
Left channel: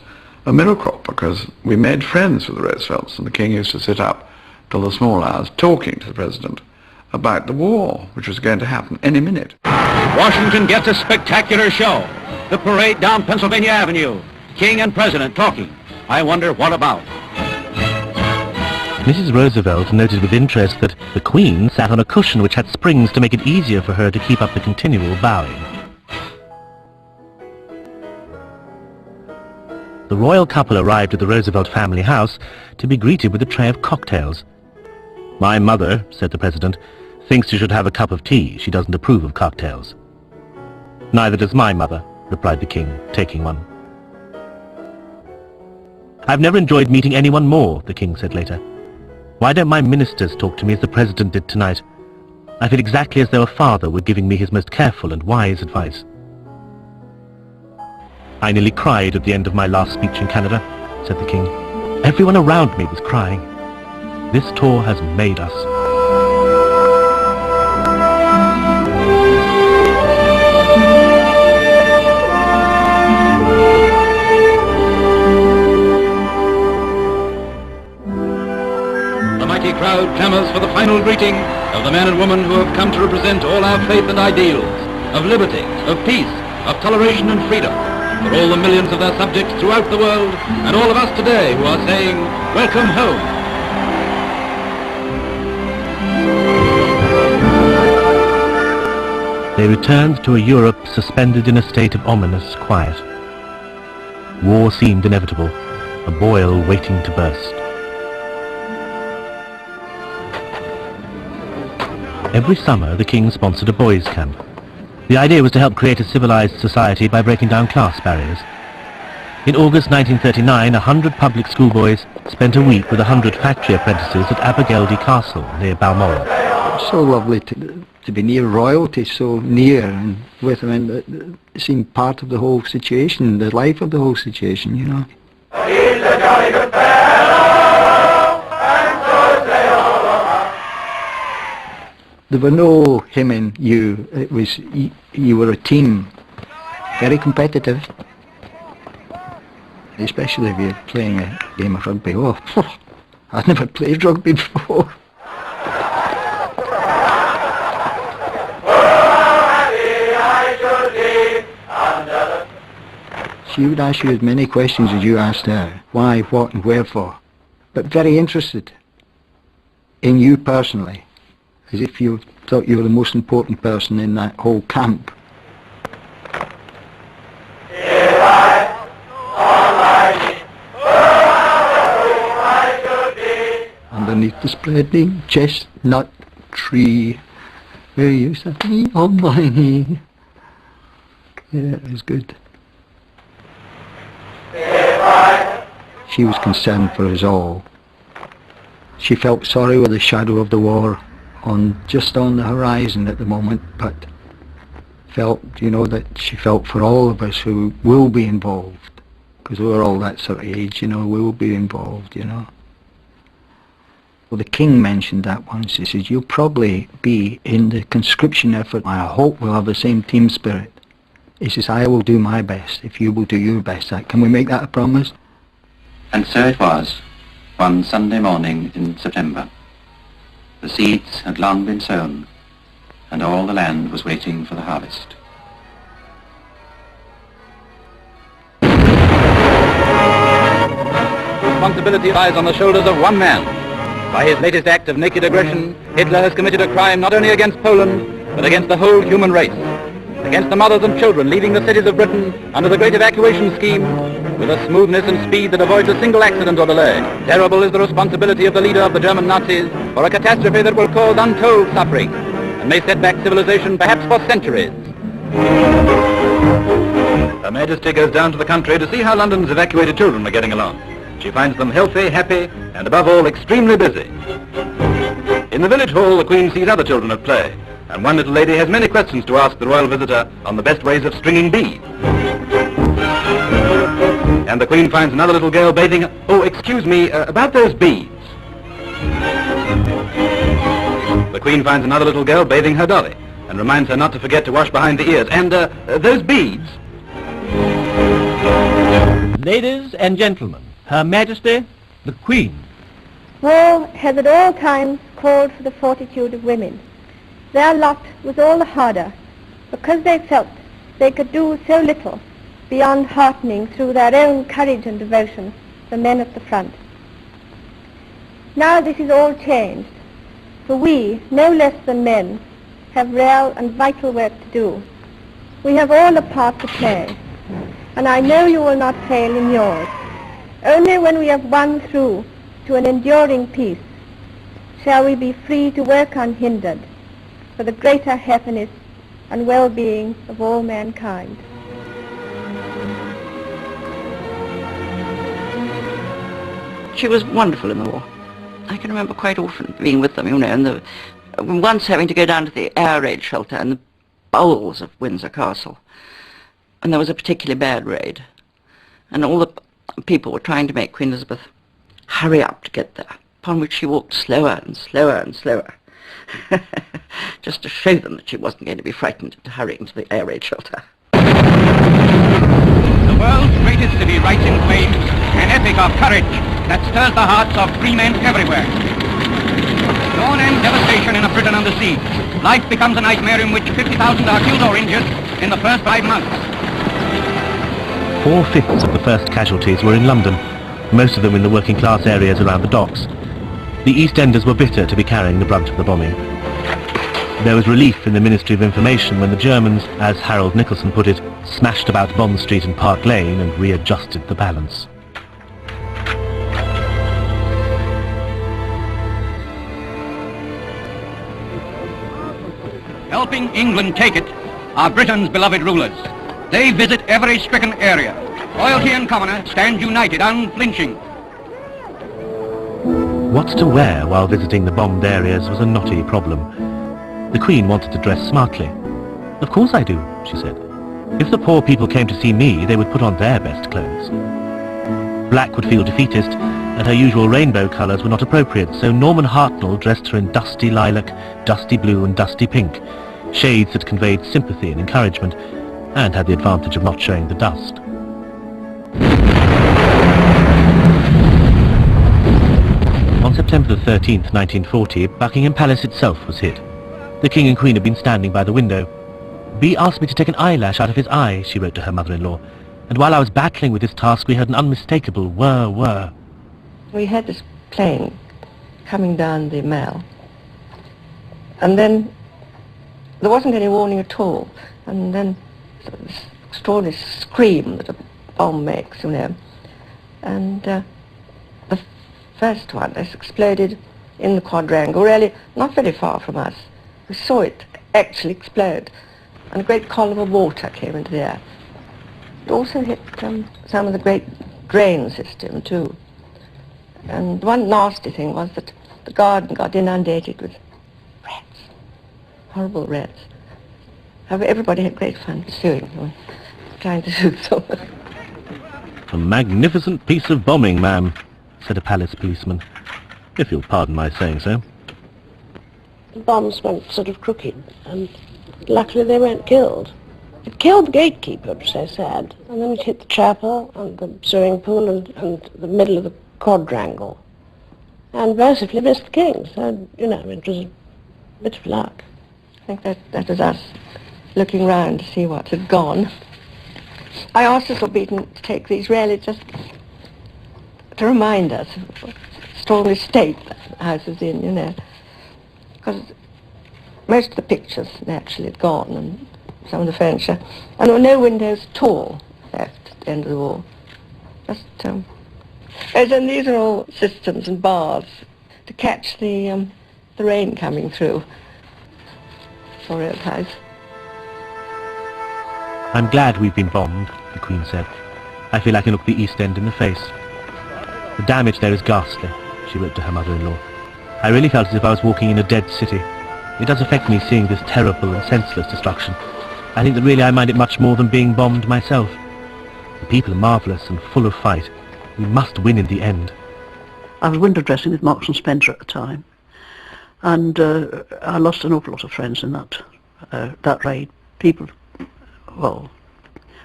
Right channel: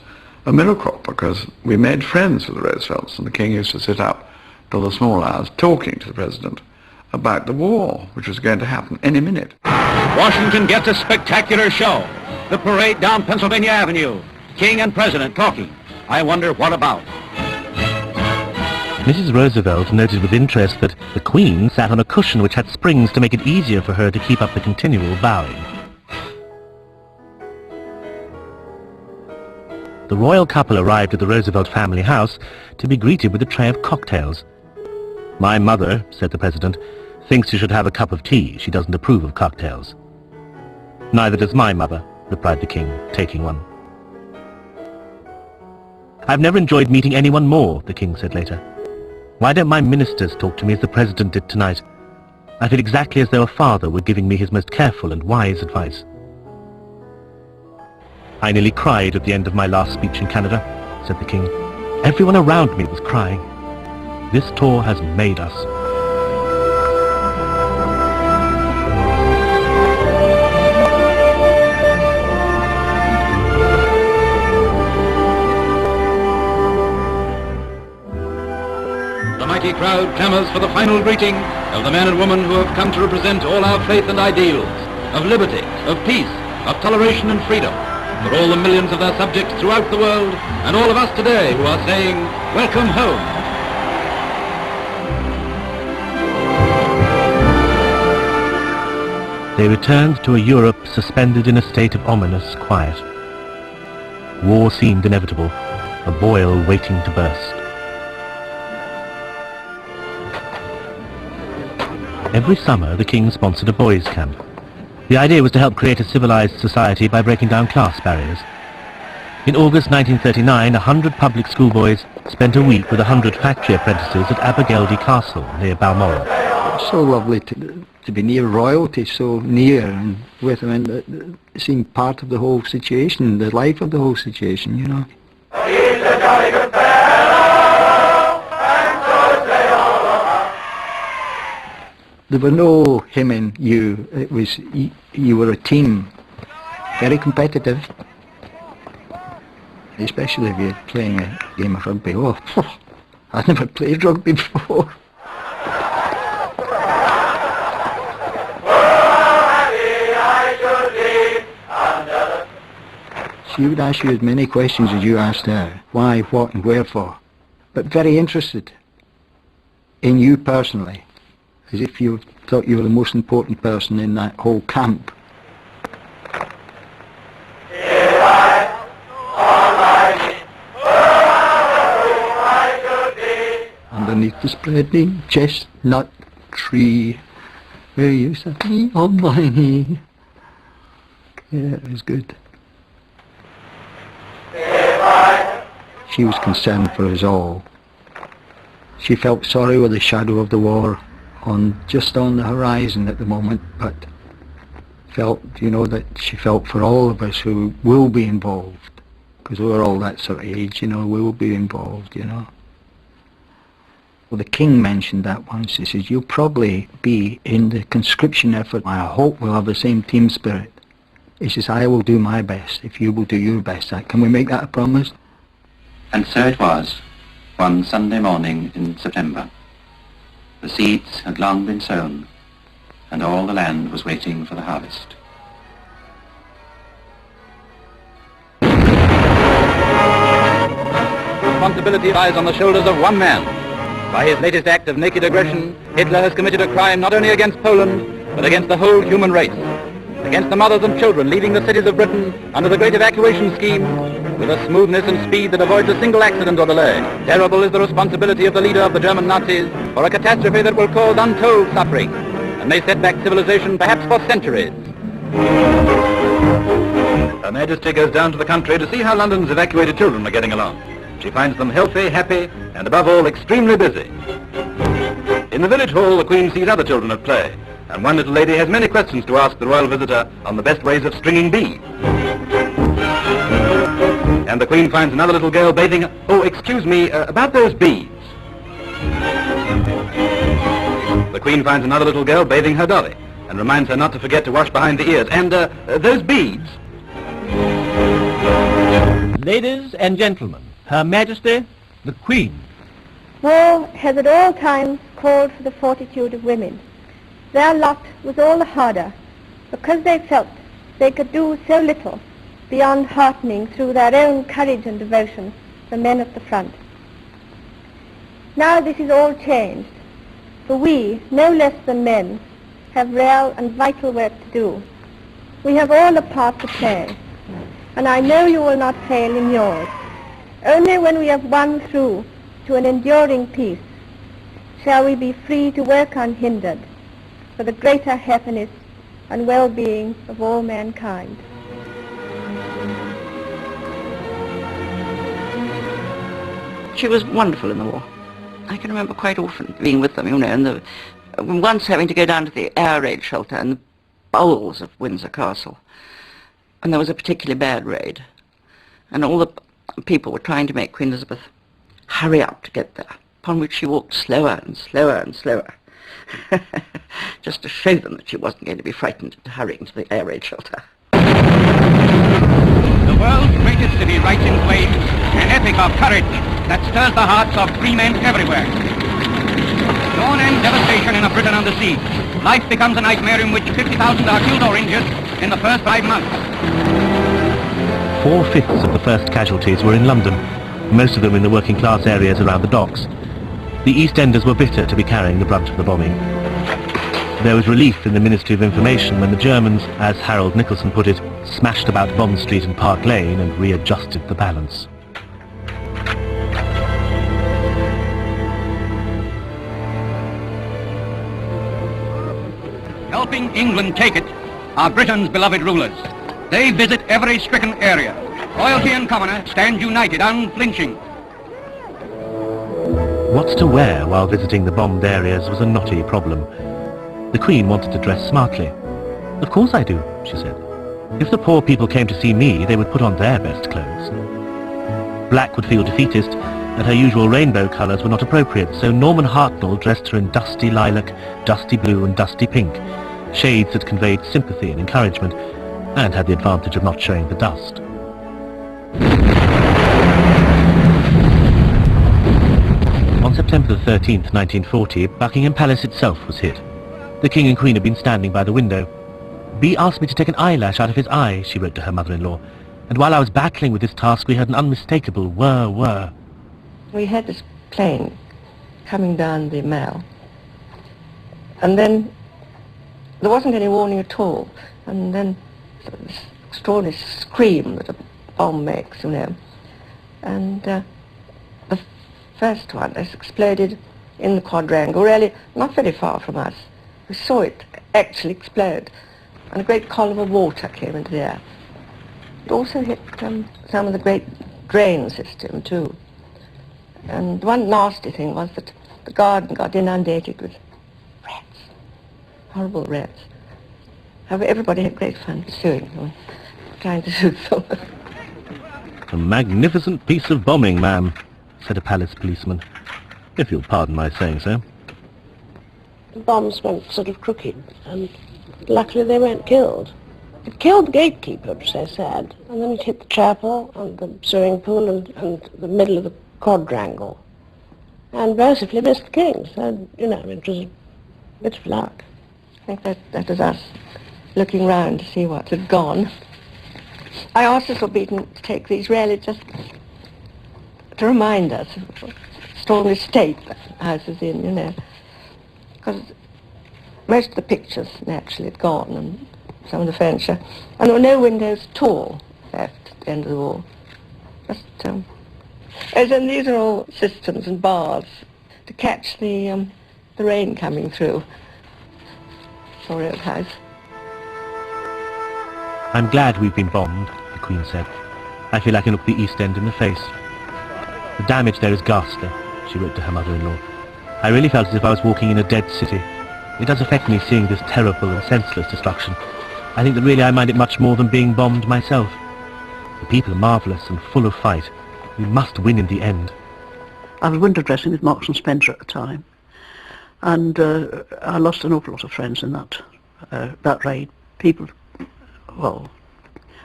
a miracle, because we made friends with the Roosevelts, and the King used to sit up till the small hours talking to the President about the war, which was going to happen any minute. Washington gets a spectacular show. The parade down Pennsylvania Avenue. King and President talking. I wonder what about. Mrs. Roosevelt noted with interest that the Queen sat on a cushion which had springs to make it easier for her to keep up the continual bowing. The royal couple arrived at the Roosevelt family house to be greeted with a tray of cocktails. "My mother," said the President, "thinks you should have a cup of tea. She doesn't approve of cocktails." "Neither does my mother," replied the King, taking one. "I've never enjoyed meeting anyone more," the King said later. "Why don't my ministers talk to me as the President did tonight? I feel exactly as though a father were giving me his most careful and wise advice." "I nearly cried at the end of my last speech in Canada," said the King. "Everyone around me was crying. This tour has made us." A mighty crowd clamors for the final greeting of the men and women who have come to represent all our faith and ideals, of liberty, of peace, of toleration and freedom, for all the millions of their subjects throughout the world, and all of us today who are saying, welcome home. They returned to a Europe suspended in a state of ominous quiet. War seemed inevitable, a boil waiting to burst. Every summer, the King sponsored a boys' camp. The idea was to help create a civilized society by breaking down class barriers. In August 1939, 100 public schoolboys spent a week with 100 factory apprentices at Abergeldy Castle near Balmoral. So lovely to be near royalty, so near, and with them, and seeing part of the whole situation, the life of the whole situation, you know. There were no him and you. It was you were a team, very competitive, especially if you're playing a game of rugby. Oh, I'd never played rugby before. She would ask you as many questions as you asked her. Why, what, and wherefore. But very interested in you personally, as if you thought you were the most important person in that whole camp. Underneath the spreading chestnut tree, where you sat me on my knee. Yeah, it was good. She was concerned for us all. She felt sorry with the shadow of the war just on the horizon at the moment, but felt, you know, that she felt for all of us who will be involved, because we're all that sort of age, you know, we will be involved, you know. Well, the King mentioned that once. He says, you'll probably be in the conscription effort. I hope we'll have the same team spirit. He says, I will do my best if you will do your best. Can we make that a promise? And so it was, one Sunday morning in September. The seeds had long been sown, and all the land was waiting for the harvest. Responsibility lies on the shoulders of one man. By his latest act of naked aggression, Hitler has committed a crime not only against Poland, but against the whole human race, against the mothers and children leaving the cities of Britain under the great evacuation scheme with a smoothness and speed that avoids a single accident or delay. Terrible is the responsibility of the leader of the German Nazis for a catastrophe that will cause untold suffering and may set back civilization perhaps for centuries. Her Majesty goes down to the country to see how London's evacuated children are getting along. She finds them healthy, happy, and above all, extremely busy. In the village hall, the Queen sees other children at play, and one little lady has many questions to ask the royal visitor on the best ways of stringing beads. And the Queen finds another little girl bathing... Oh, excuse me, about those beads. The Queen finds another little girl bathing her dolly, and reminds her not to forget to wash behind the ears. And, those beads... Ladies and gentlemen, Her Majesty, the Queen. War has at all times called for the fortitude of women. Their lot was all the harder because they felt they could do so little beyond heartening through their own courage and devotion the men at the front. Now this is all changed, for we, no less than men, have real and vital work to do. We have all a part to play, and I know you will not fail in yours. Only when we have won through to an enduring peace shall we be free to work unhindered for the greater happiness and well-being of all mankind. She was wonderful in the war. I can remember quite often being with them, you know, and once having to go down to the air raid shelter in the bowels of Windsor Castle. And there was a particularly bad raid. And all the people were trying to make Queen Elizabeth hurry up to get there, upon which she walked slower and slower and slower, just to show them that she wasn't going to be frightened into hurrying to the air raid shelter. The world's greatest city writes in fame an epic of courage that stirs the hearts of free men everywhere. Dawn and devastation in a Britain on the sea. Life becomes a nightmare in which 50,000 are killed or injured in the first 5 months. 4/5 of the first casualties were in London, most of them in the working class areas around the docks. The East Enders were bitter to be carrying the brunt of the bombing. There was relief in the Ministry of Information when the Germans, as Harold Nicholson put it, smashed about Bond Street and Park Lane and readjusted the balance. Helping England take it are Britain's beloved rulers. They visit every stricken area. Loyalty and covenant stand united, unflinching. What to wear while visiting the bombed areas was a knotty problem. The Queen wanted to dress smartly. "Of course I do," she said. "If the poor people came to see me, they would put on their best clothes." Black would feel defeatist, and her usual rainbow colours were not appropriate, so Norman Hartnell dressed her in dusty lilac, dusty blue and dusty pink, shades that conveyed sympathy and encouragement, and had the advantage of not showing the dust. On September the 13th, 1940, Buckingham Palace itself was hit. The King and Queen had been standing by the window. "B asked me to take an eyelash out of his eye," she wrote to her mother-in-law, "and while I was battling with this task we heard an unmistakable whir, whir." We had this plane coming down the Mall, and then there wasn't any warning at all, and then this extraordinary scream that a bomb makes, you know, and the first one, this exploded in the quadrangle, really not very far from us. We saw it actually explode, and a great column of water came into the air. It also hit some of the great drain system too. And one nasty thing was that the garden got inundated with rats, horrible rats. However, everybody had great fun pursuing them, trying to shoot them. "A magnificent piece of bombing, ma'am," said a palace policeman, "if you'll pardon my saying so." The bombs went sort of crooked, and luckily they weren't killed. It killed the gatekeeper, which they said, and then it hit the chapel and the swimming pool and the middle of the quadrangle, and massively missed the king, so, you know, it was a bit of luck. I think that was us looking round to see what had gone. I asked Cecil Beaton to take these really just to remind us of the strong state the house is in, you know. Because most of the pictures naturally had gone, and some of the furniture. And there were no windows at all left at the end of the wall. Just, and then these are all cisterns and bars to catch the rain coming through. For a house. I'm glad we've been bombed, the Queen said. I feel I can look the East End in the face. The damage there is ghastly, she wrote to her mother-in-law. I really felt as if I was walking in a dead city. It does affect me seeing this terrible and senseless destruction. I think that really I mind it much more than being bombed myself. The people are marvellous and full of fight. We must win in the end. I was window dressing with Marks and Spencer at the time, and I lost an awful lot of friends in that raid. People, well,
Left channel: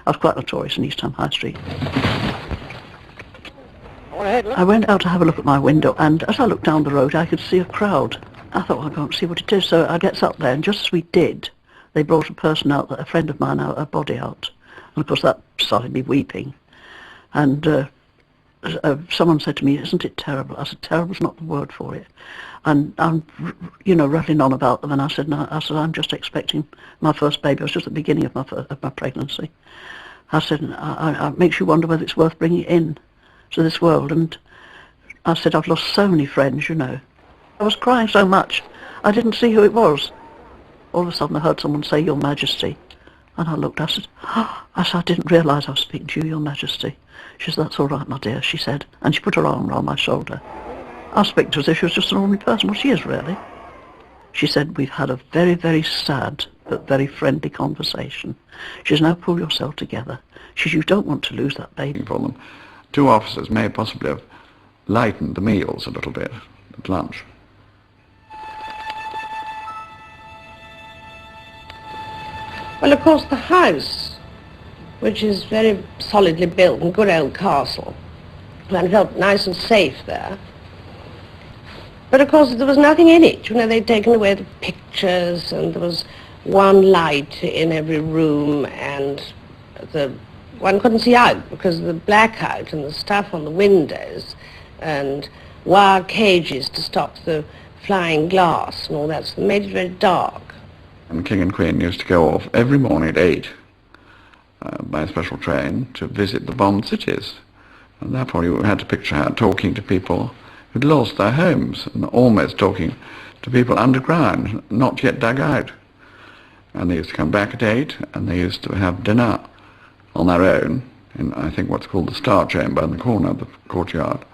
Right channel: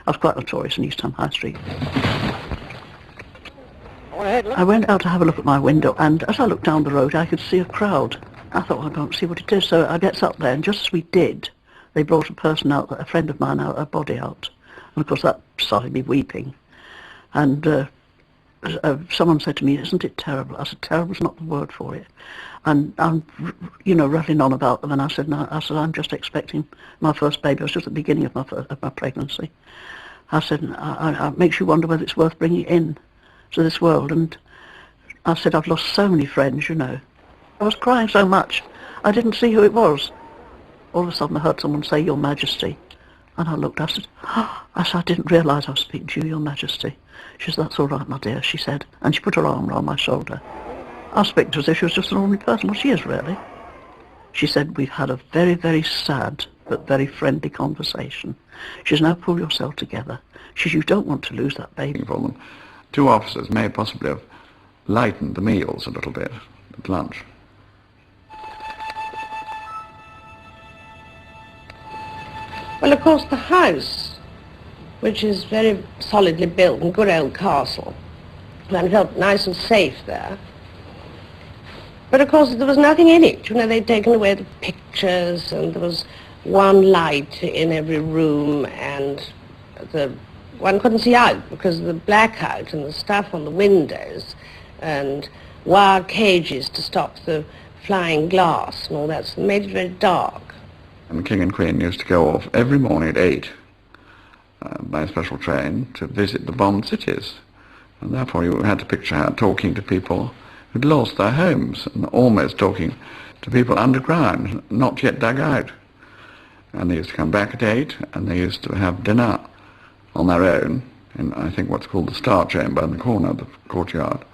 I was quite notorious in East Ham High Street. I went out to have a look at my window, and as I looked down the road, I could see a crowd. I thought, well, I don't see what it is, so I gets up there, and just as we did, they brought a person out, a friend of mine out, a body out. And of course that started me weeping. And someone said to me, isn't it terrible? I said, terrible's not the word for it. And I'm, rattling on about them, and I said, no, I'm just expecting my first baby. It was just the beginning of my pregnancy. I said, it makes you wonder whether it's worth bringing it in to this world. And I said, I've lost so many friends, I was crying so much, I didn't see who it was. All of a sudden I heard someone say, Your Majesty. And I looked, I said, I didn't realise I was speaking to you, Your Majesty. She said, that's all right, my dear, she said. And she put her arm around my shoulder. I was speaking to her as if she was just an ordinary person, but she is really. She said, we've had a very, very sad but very friendly conversation. She says, now pull yourself together. She says, you don't want to lose that baby. Two officers may possibly have lightened the meals a little bit at lunch. Well, of course, the house, which is very solidly built and good old castle, and felt nice and safe there. But of course, there was nothing in it. They'd taken away the pictures, and there was one light in every room, and one couldn't see out because of the blackout and the stuff on the windows, and wire cages to stop the flying glass and all that. So it made it very dark. And King and Queen used to go off every morning at 8 by a special train to visit the bombed cities. And therefore you had to picture her talking to people who'd lost their homes, and almost talking to people underground, not yet dug out. And they used to come back at 8, and they used to have dinner on their own in, I think, what's called the Star Chamber in the corner of the courtyard.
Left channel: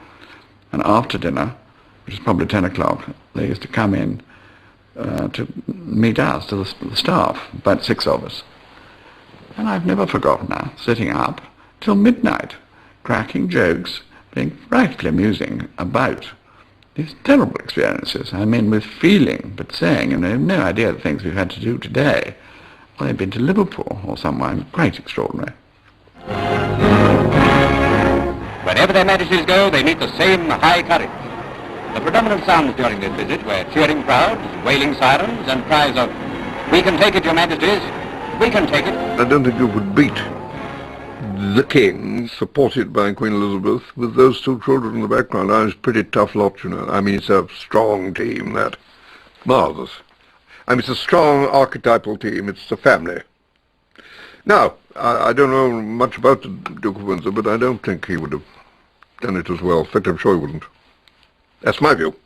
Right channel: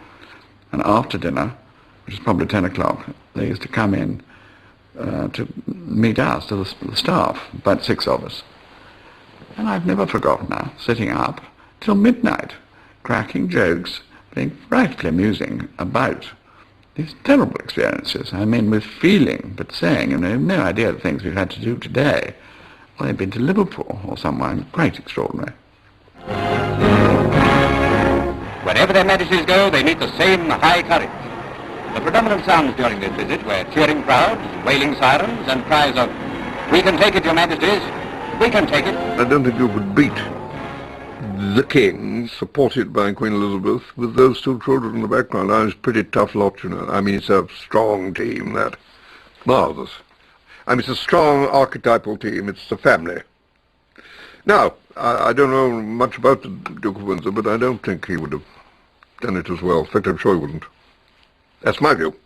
And after dinner, which is probably 10 o'clock, they used to come in to meet us, to the staff, about 6 of us. And I've never forgotten her sitting up till midnight, cracking jokes, being frightfully amusing about these terrible experiences. I mean, with feeling, but saying, and I have no idea the things we've had to do today. Well, they've been to Liverpool or somewhere, quite extraordinary. Wherever their majesties go, they meet the same high courage. The predominant sounds during this visit were cheering crowds, wailing sirens, and cries of, "We can take it, Your Majesties. I can take it." I don't think you could beat the king, supported by Queen Elizabeth, with those two children in the background. I was a pretty tough lot, I mean, it's a strong team, that. Marvellous. I mean, it's a strong archetypal team. It's a family. Now, I don't know much about the Duke of Windsor, but I don't think he would have done it as well. In fact, I'm sure he wouldn't. That's my view.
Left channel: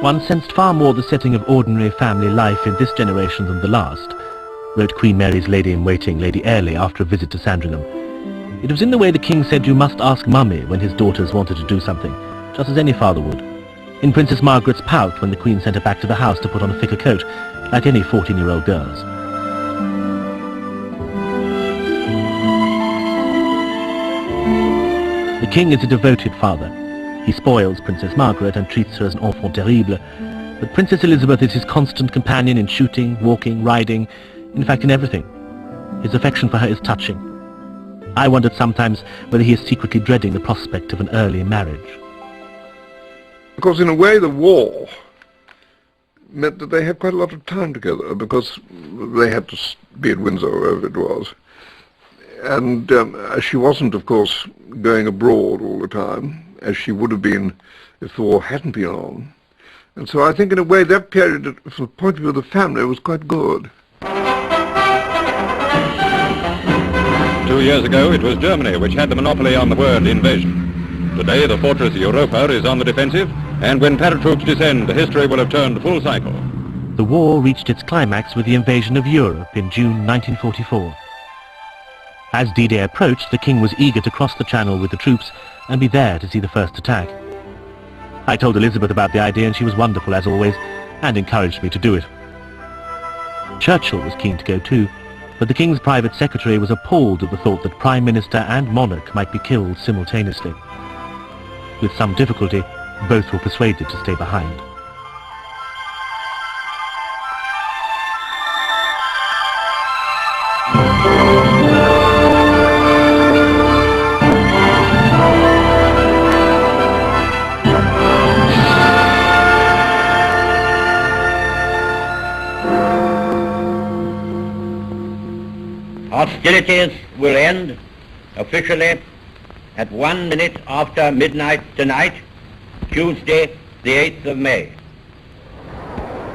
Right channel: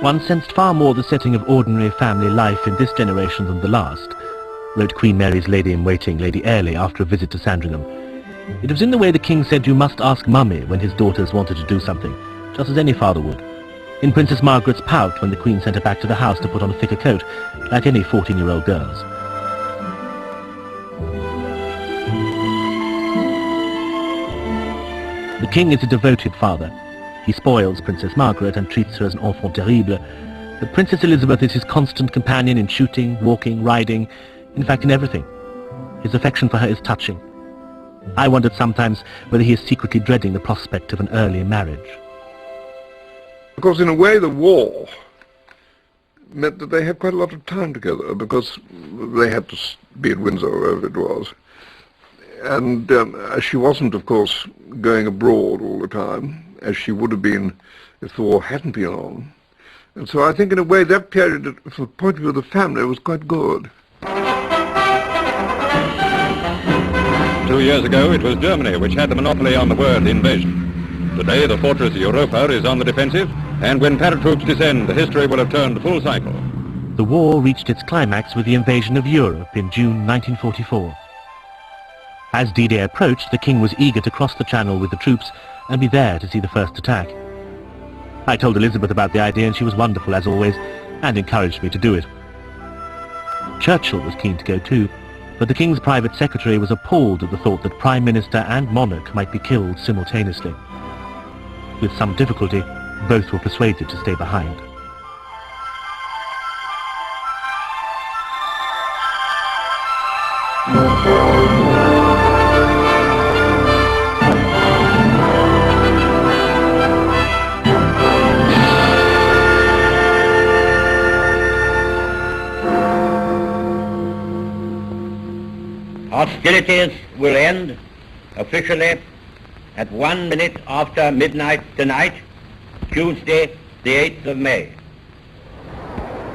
One sensed far more the setting of ordinary family life in this generation than the last, wrote Queen Mary's lady-in-waiting, Lady Airlie, after a visit to Sandringham. It was in the way the king said you must ask Mummy when his daughters wanted to do something, just as any father would. In Princess Margaret's pout when the Queen sent her back to the house to put on a thicker coat, like any 14-year-old girls. The king is a devoted father. He spoils Princess Margaret and treats her as an enfant terrible, but Princess Elizabeth is his constant companion in shooting, walking, riding, in fact in everything. His affection for her is touching. I wondered sometimes whether he is secretly dreading the prospect of an early marriage. Because in a way the war meant that they had quite a lot of time together, because they had to be at Windsor, wherever it was. And she wasn't, of course, going abroad all the time, as she would have been if the war hadn't been on. And so I think in a way that period, from the point of view of the family, was quite good. 2 years ago, it was Germany which had the monopoly on the word invasion. Today, the fortress Europa is on the defensive, and when paratroops descend, history will have turned full cycle. The war reached its climax with the invasion of Europe in June 1944. As D-Day approached, the king was eager to cross the channel with the troops and be there to see the first attack. I told Elizabeth about the idea and she was wonderful as always, and encouraged me to do it. Churchill was keen to go too, but the king's private secretary was appalled at the thought that Prime Minister and monarch might be killed simultaneously. With some difficulty, both were persuaded to stay behind. Hostilities will end officially at 1 minute after midnight tonight, Tuesday, the 8th of May.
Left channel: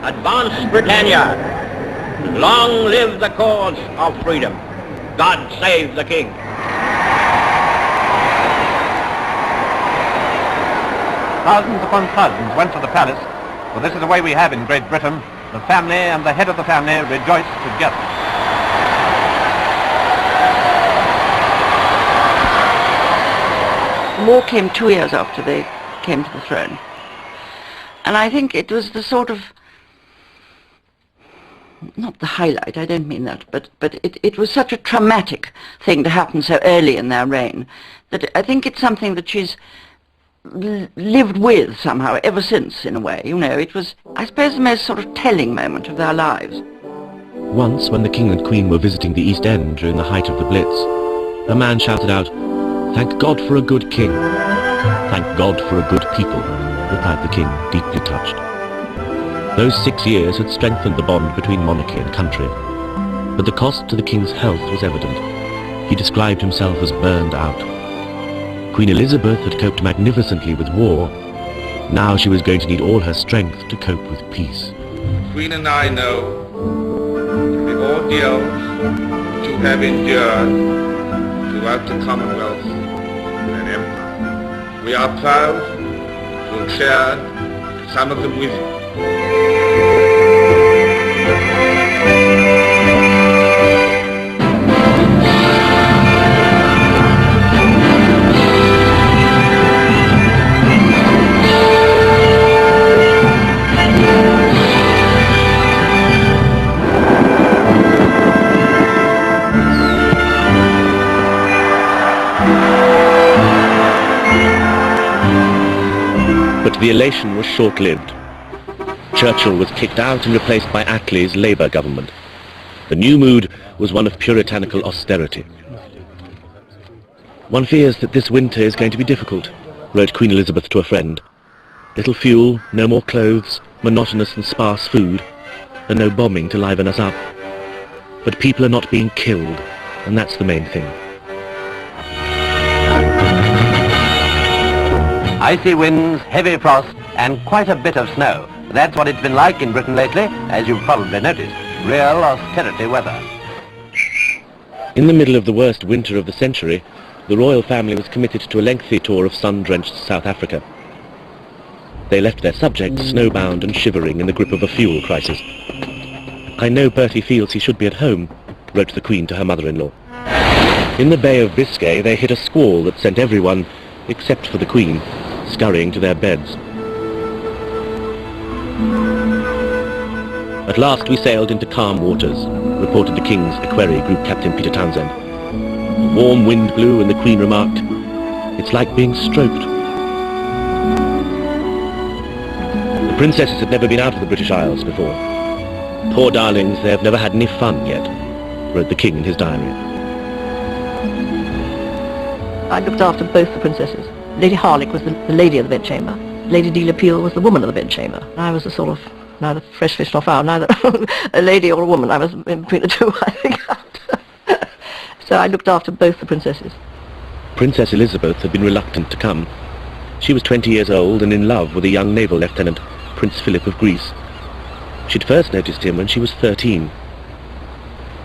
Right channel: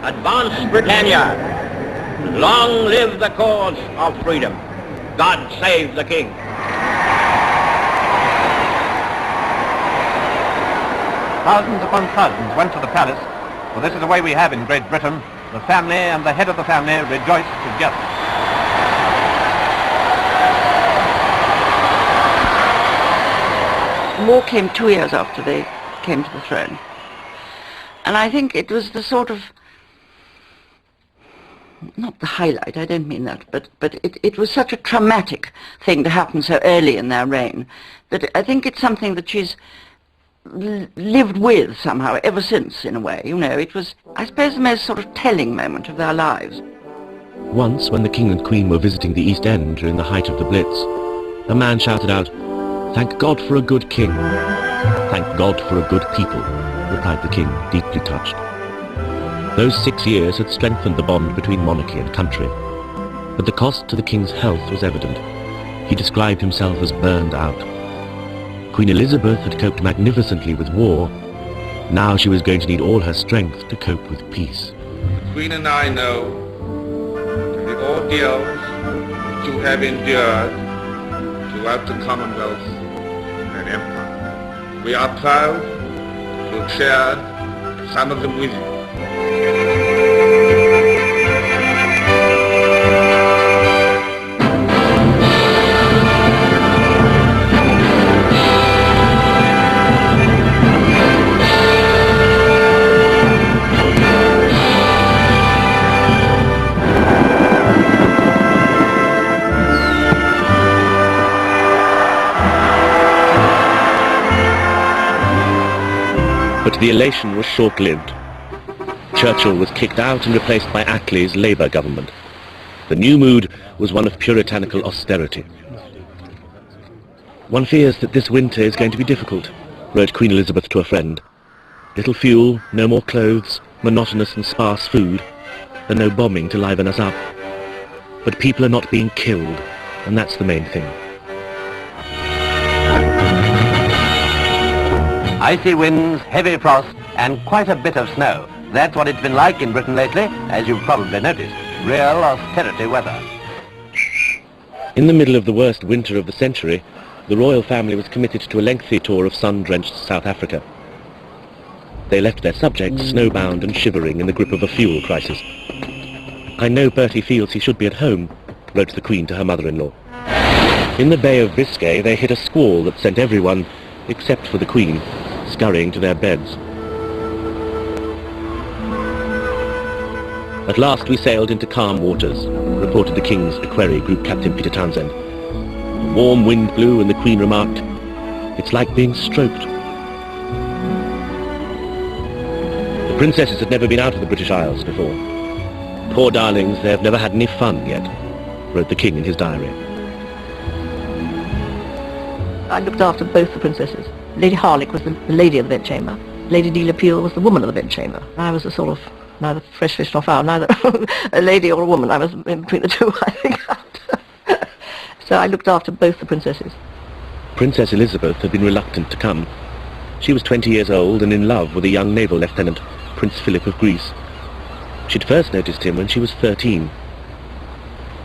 Advance, Britannia! Long live the cause of freedom! God save the King! Thousands upon thousands went to the palace, for this is the way we have in Great Britain. The family and the head of the family rejoice together. War came 2 years after they came to the throne. And I think it was the sort of, not the highlight, I don't mean that, but it was such a traumatic thing to happen so early in their reign that I think it's something that she's lived with somehow ever since, in a way. You know, it was, I suppose, the most sort of telling moment of their lives. Once, when the king and queen were visiting the East End during the height of the Blitz, a man shouted out, "Thank God for a good king." "Thank God for a good people," replied the king, deeply touched. Those 6 years had strengthened the bond between monarchy and country. But the cost to the king's health was evident. He described himself as burned out. Queen Elizabeth had coped magnificently with war. Now she was going to need all her strength to cope with peace. The Queen and I know the ordeals which you have endured throughout the Commonwealth and Empire. We are proud to have shared some of the music. But the elation was short-lived. Churchill was kicked out and replaced by Attlee's Labour government. The new mood was one of puritanical austerity. "One fears that this winter is going to be difficult," wrote Queen Elizabeth to a friend. "Little fuel, no more clothes, monotonous and sparse food, and no bombing to liven us up. But people are not being killed, and that's the main thing." Icy winds, heavy frost, and quite a bit of snow. That's what it's been like in Britain lately, as you've probably noticed. Real austerity weather. In the middle of the worst winter of the century, the royal family was committed to a lengthy tour of sun-drenched South Africa. They left their subjects snowbound and shivering in the grip of a fuel crisis. "I know Bertie feels he should be at home," wrote the Queen to her mother-in-law. In the Bay of Biscay they hit a squall that sent everyone, except for the Queen, scurrying to their beds. "At last we sailed into calm waters," reported the King's Equerry Group Captain Peter Townsend. A warm wind blew and the Queen remarked, "It's like being stroked." The princesses had never been out of the British Isles before. "Poor darlings, they have never had any fun yet," wrote the King in his diary. I looked after both the princesses. Lady Harlech was the lady of the bedchamber. Lady de Lapille was the woman of the bedchamber. I was a sort of, neither fresh fish nor fowl, neither a lady or a woman. I was in between the two, I think. So I looked after both the princesses. Princess Elizabeth had been reluctant to come. She was 20 years old and in love with a young naval lieutenant, Prince Philip of Greece. She'd first noticed him when she was 13.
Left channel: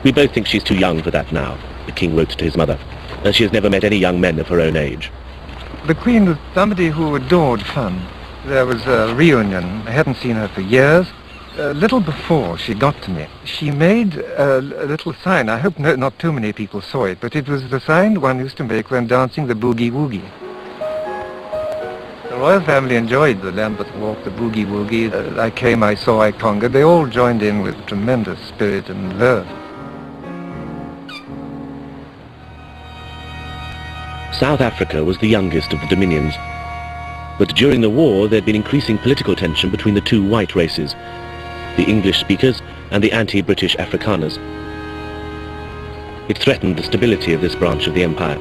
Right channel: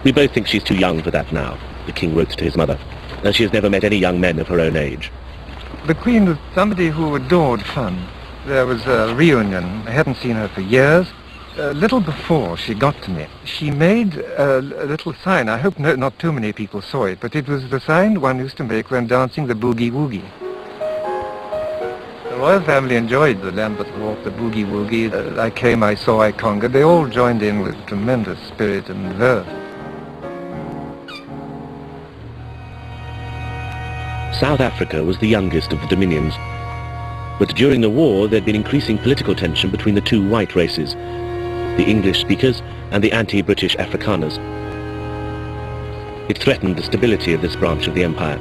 "We both think she's too young for that now," the king wrote to his mother, "as she has never met any young men of her own age." The Queen was somebody who adored fun. There was a reunion. I hadn't seen her for years. A little before she got to me, she made a little sign. I hope not too many people saw it, but it was the sign one used to make when dancing the boogie-woogie. The royal family enjoyed the Lambeth Walk, the boogie-woogie. I came, I saw, I conquered. They all joined in with tremendous spirit and verve. South Africa was the youngest of the dominions. But during the war, there had been increasing political tension between the two white races, the English speakers and the anti-British Afrikaners. It threatened the stability of this branch of the empire.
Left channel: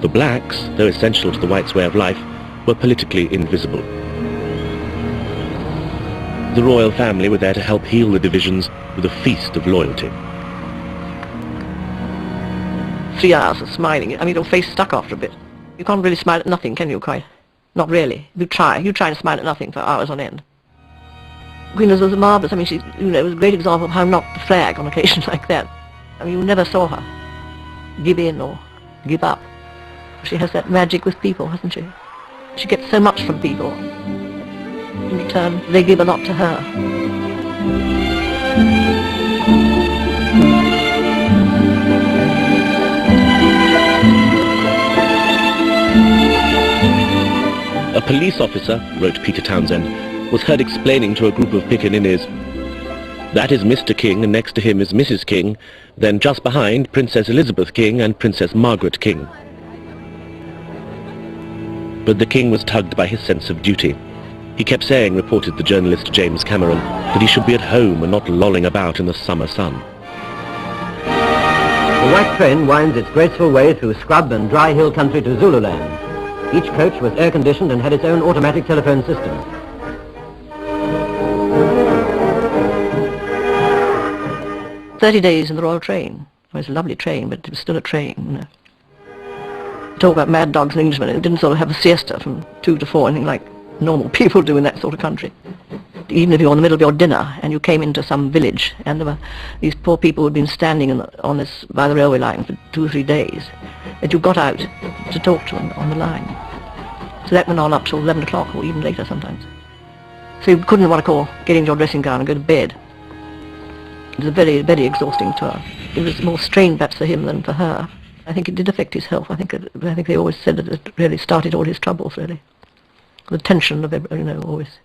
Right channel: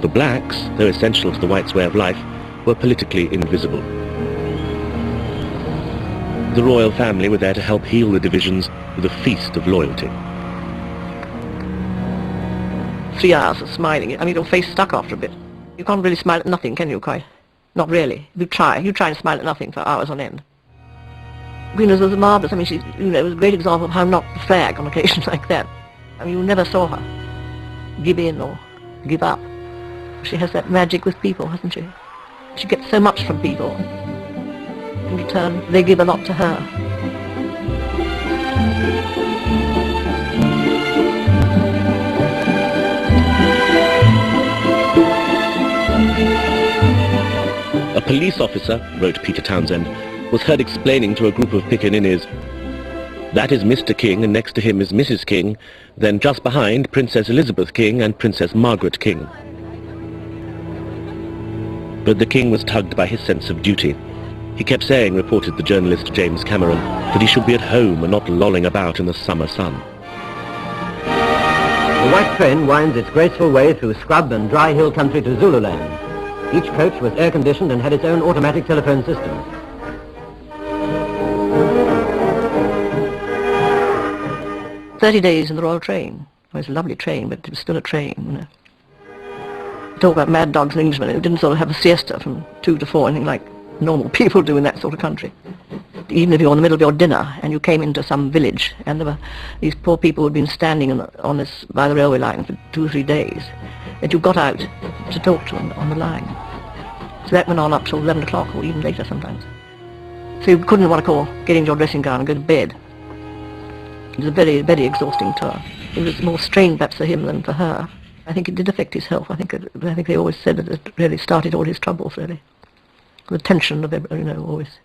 The blacks, though essential to the whites' way of life, were politically invisible. The royal family were there to help heal the divisions with a feast of loyalty. 3 hours of smiling. I mean, your face stuck after a bit. You can't really smile at nothing, can you, quite? Not really. You try to smile at nothing for hours on end. Queen Elizabeth was marvellous. I mean, she's, a great example of how not to flag on occasions like that. I mean, you never saw her give in or give up. She has that magic with people, hasn't she? She gets so much from people. In return, they give a lot to her. A police officer, wrote Peter Townsend, was heard explaining to a group of pickaninnies, "That is Mr. King, and next to him is Mrs. King, then just behind Princess Elizabeth King and Princess Margaret King." But the king was tugged by his sense of duty. He kept saying, reported the journalist James Cameron, that he should be at home and not lolling about in the summer sun. The white train winds its graceful way through scrub and dry hill country to Zululand. Each coach was air-conditioned and had its own automatic telephone system. "30 days in the royal train." It was a lovely train, but it was still a train. Talk about mad dogs in Englishmen who didn't sort of have a siesta from 2 to 4, anything like normal people do in that sort of country. Even if you were in the middle of your dinner and you came into some village and there were these poor people who had been standing on this by the railway line for 2 or 3 days, and you got out to talk to them on the line. So that went on up till 11 o'clock or even later sometimes. So you couldn't, what I call, get into your dressing gown and go to bed. It was a very, very exhausting tour. It was more strained perhaps for him than for her. I think it did affect his health. I think they always said that it really started all his troubles, really. The tension of it, always.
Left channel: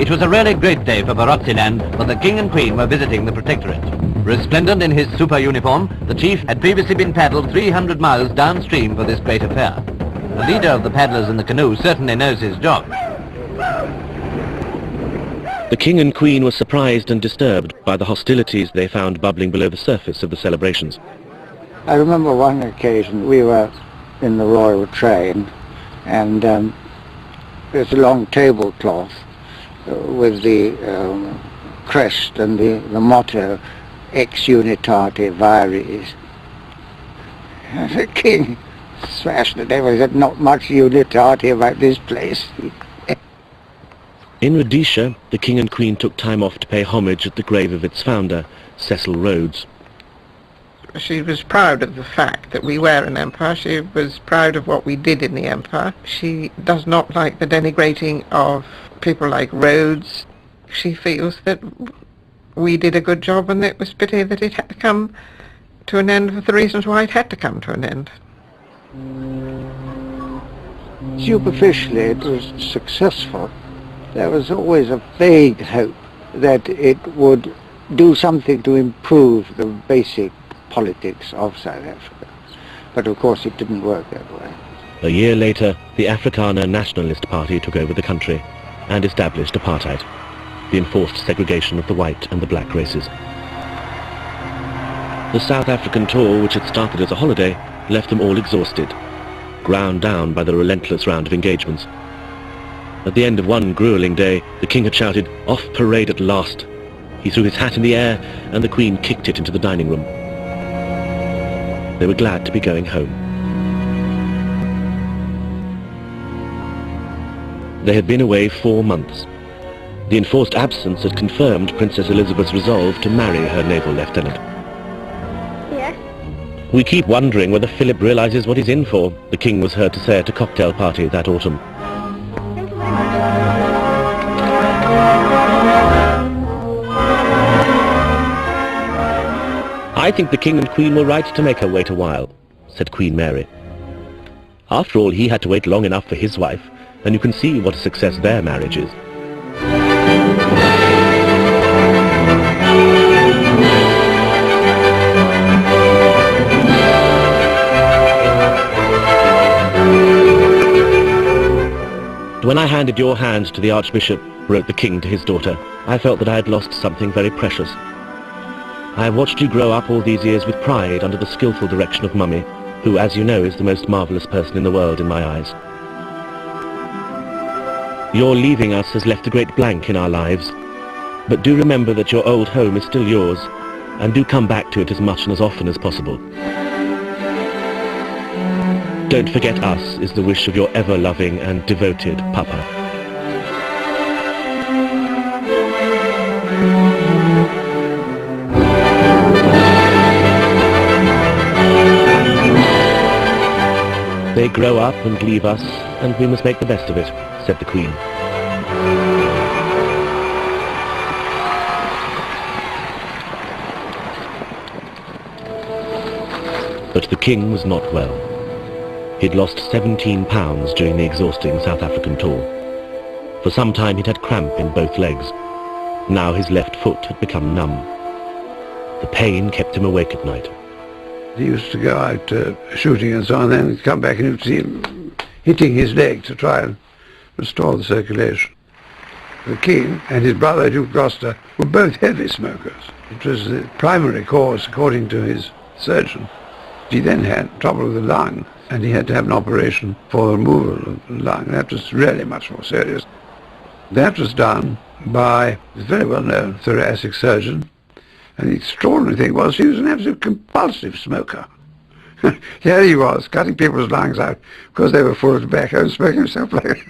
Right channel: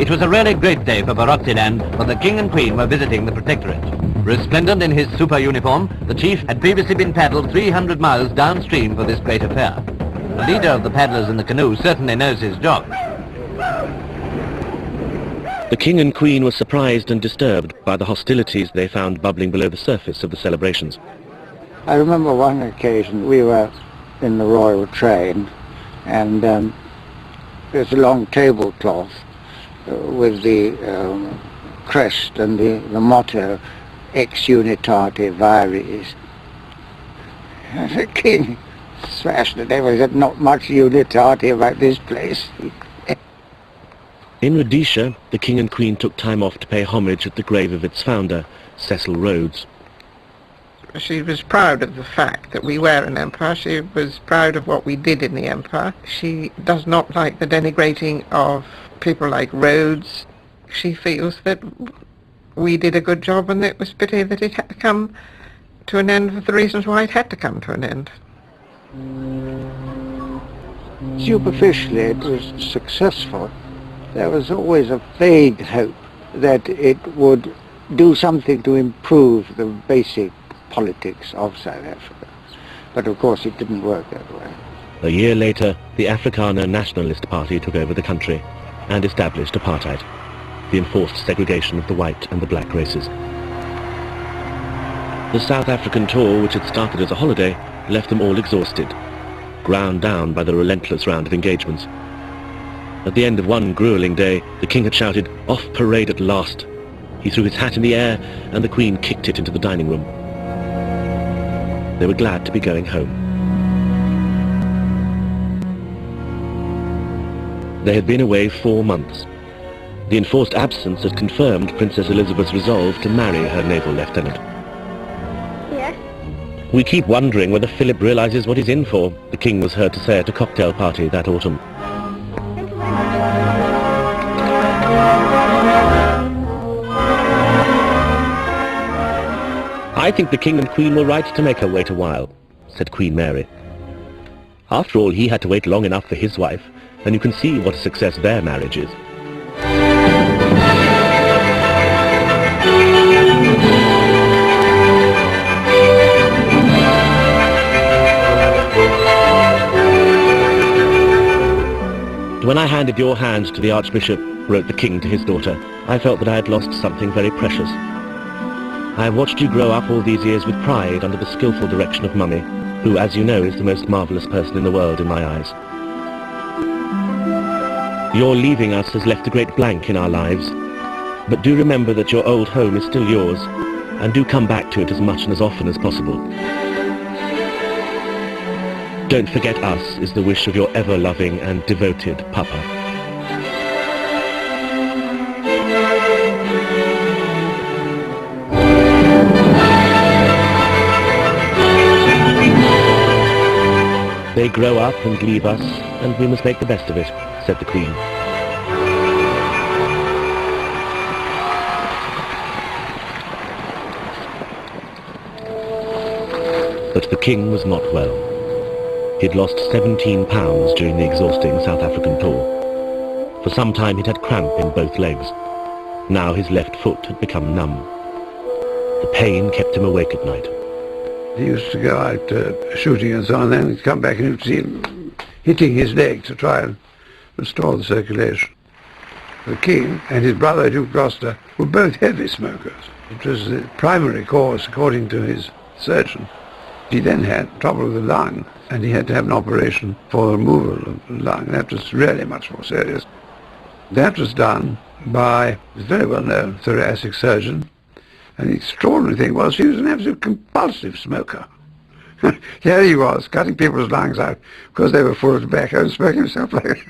It was a really great day for Barotseland when the King and Queen were visiting the Protectorate. Resplendent in his super uniform, the chief had previously been paddled 300 miles downstream for this great affair. The leader of the paddlers in the canoe certainly knows his job. The king and queen were surprised and disturbed by the hostilities they found bubbling below the surface of the celebrations. I remember one occasion we were in the royal train and there's a long tablecloth with the crest and the motto Ex Unitate Vires. And the king smashed it. There was not much unitate about this place. In Rhodesia, the king and queen took time off to pay homage at the grave of its founder, Cecil Rhodes. She was proud of the fact that we were an empire. She was proud of what we did in the empire. She does not like the denigrating of people like Rhodes. She feels that we did a good job and it was pity that it had to come to an end for the reasons why it had to come to an end. Superficially it was successful. There was always a vague hope that it would do something to improve the basic politics of South Africa. But of course it didn't work that way. A year later, the Afrikaner Nationalist Party took over the country and established apartheid, the enforced segregation of the white and the black races. The South African tour, which had started as a holiday, left them all exhausted, ground down by the relentless round of engagements. At the end of one grueling day, the king had shouted, "Off parade at last!" He threw his hat in the air, and the queen kicked it into the dining room. They were glad to be going home. They had been away 4 months. The enforced absence had confirmed Princess Elizabeth's resolve to marry her naval lieutenant. Yes? We keep wondering whether Philip realizes what he's in for, the King was heard to say at a cocktail party that autumn. I think the King and Queen were right to make her wait a while, said Queen Mary. After all, he had to wait long enough for his wife, and you can see what a success their marriage is. When I handed your hand to the Archbishop, wrote the King to his daughter, I felt that I had lost something very precious. I have watched you grow up all these years with pride under the skillful direction of Mummy, who, as you know, is the most marvellous person in the world in my eyes. Your leaving us has left a great blank in our lives, but do remember that your old home is still yours, and do come back to it as much and as often as possible. Don't forget us is the wish of your ever-loving and devoted Papa. They grow up and leave us, and we must make the best of it, said the Queen. But the King was not well. He'd lost 17 pounds during the exhausting South African tour. For some time he'd had cramp in both legs. Now his left foot had become numb. The pain kept him awake at night. He used to go out shooting and so on, and come back and you'd see him hitting his leg to try and restore the circulation. The King and his brother, Duke Gloucester, were both heavy smokers. It was the primary cause, according to his surgeon. He then had trouble with the lung, and he had to have an operation for the removal of the lung. That was really much more serious. That was done by a very well-known thoracic surgeon, and the extraordinary thing was he was an absolute compulsive smoker. Here he was, cutting people's lungs out because they were full of tobacco and smoking himself like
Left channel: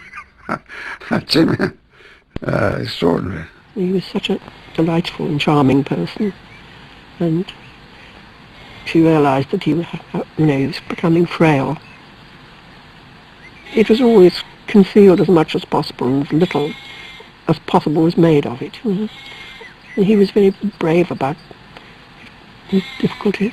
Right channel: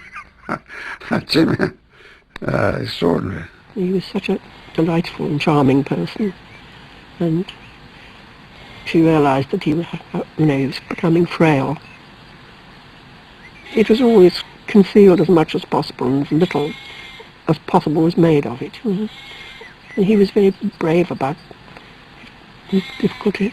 extraordinary. He was such a delightful and charming person, and she realised that he was, he was becoming frail. It was always concealed as much as possible, and as little as possible was made of it. And he was very brave about his difficulties.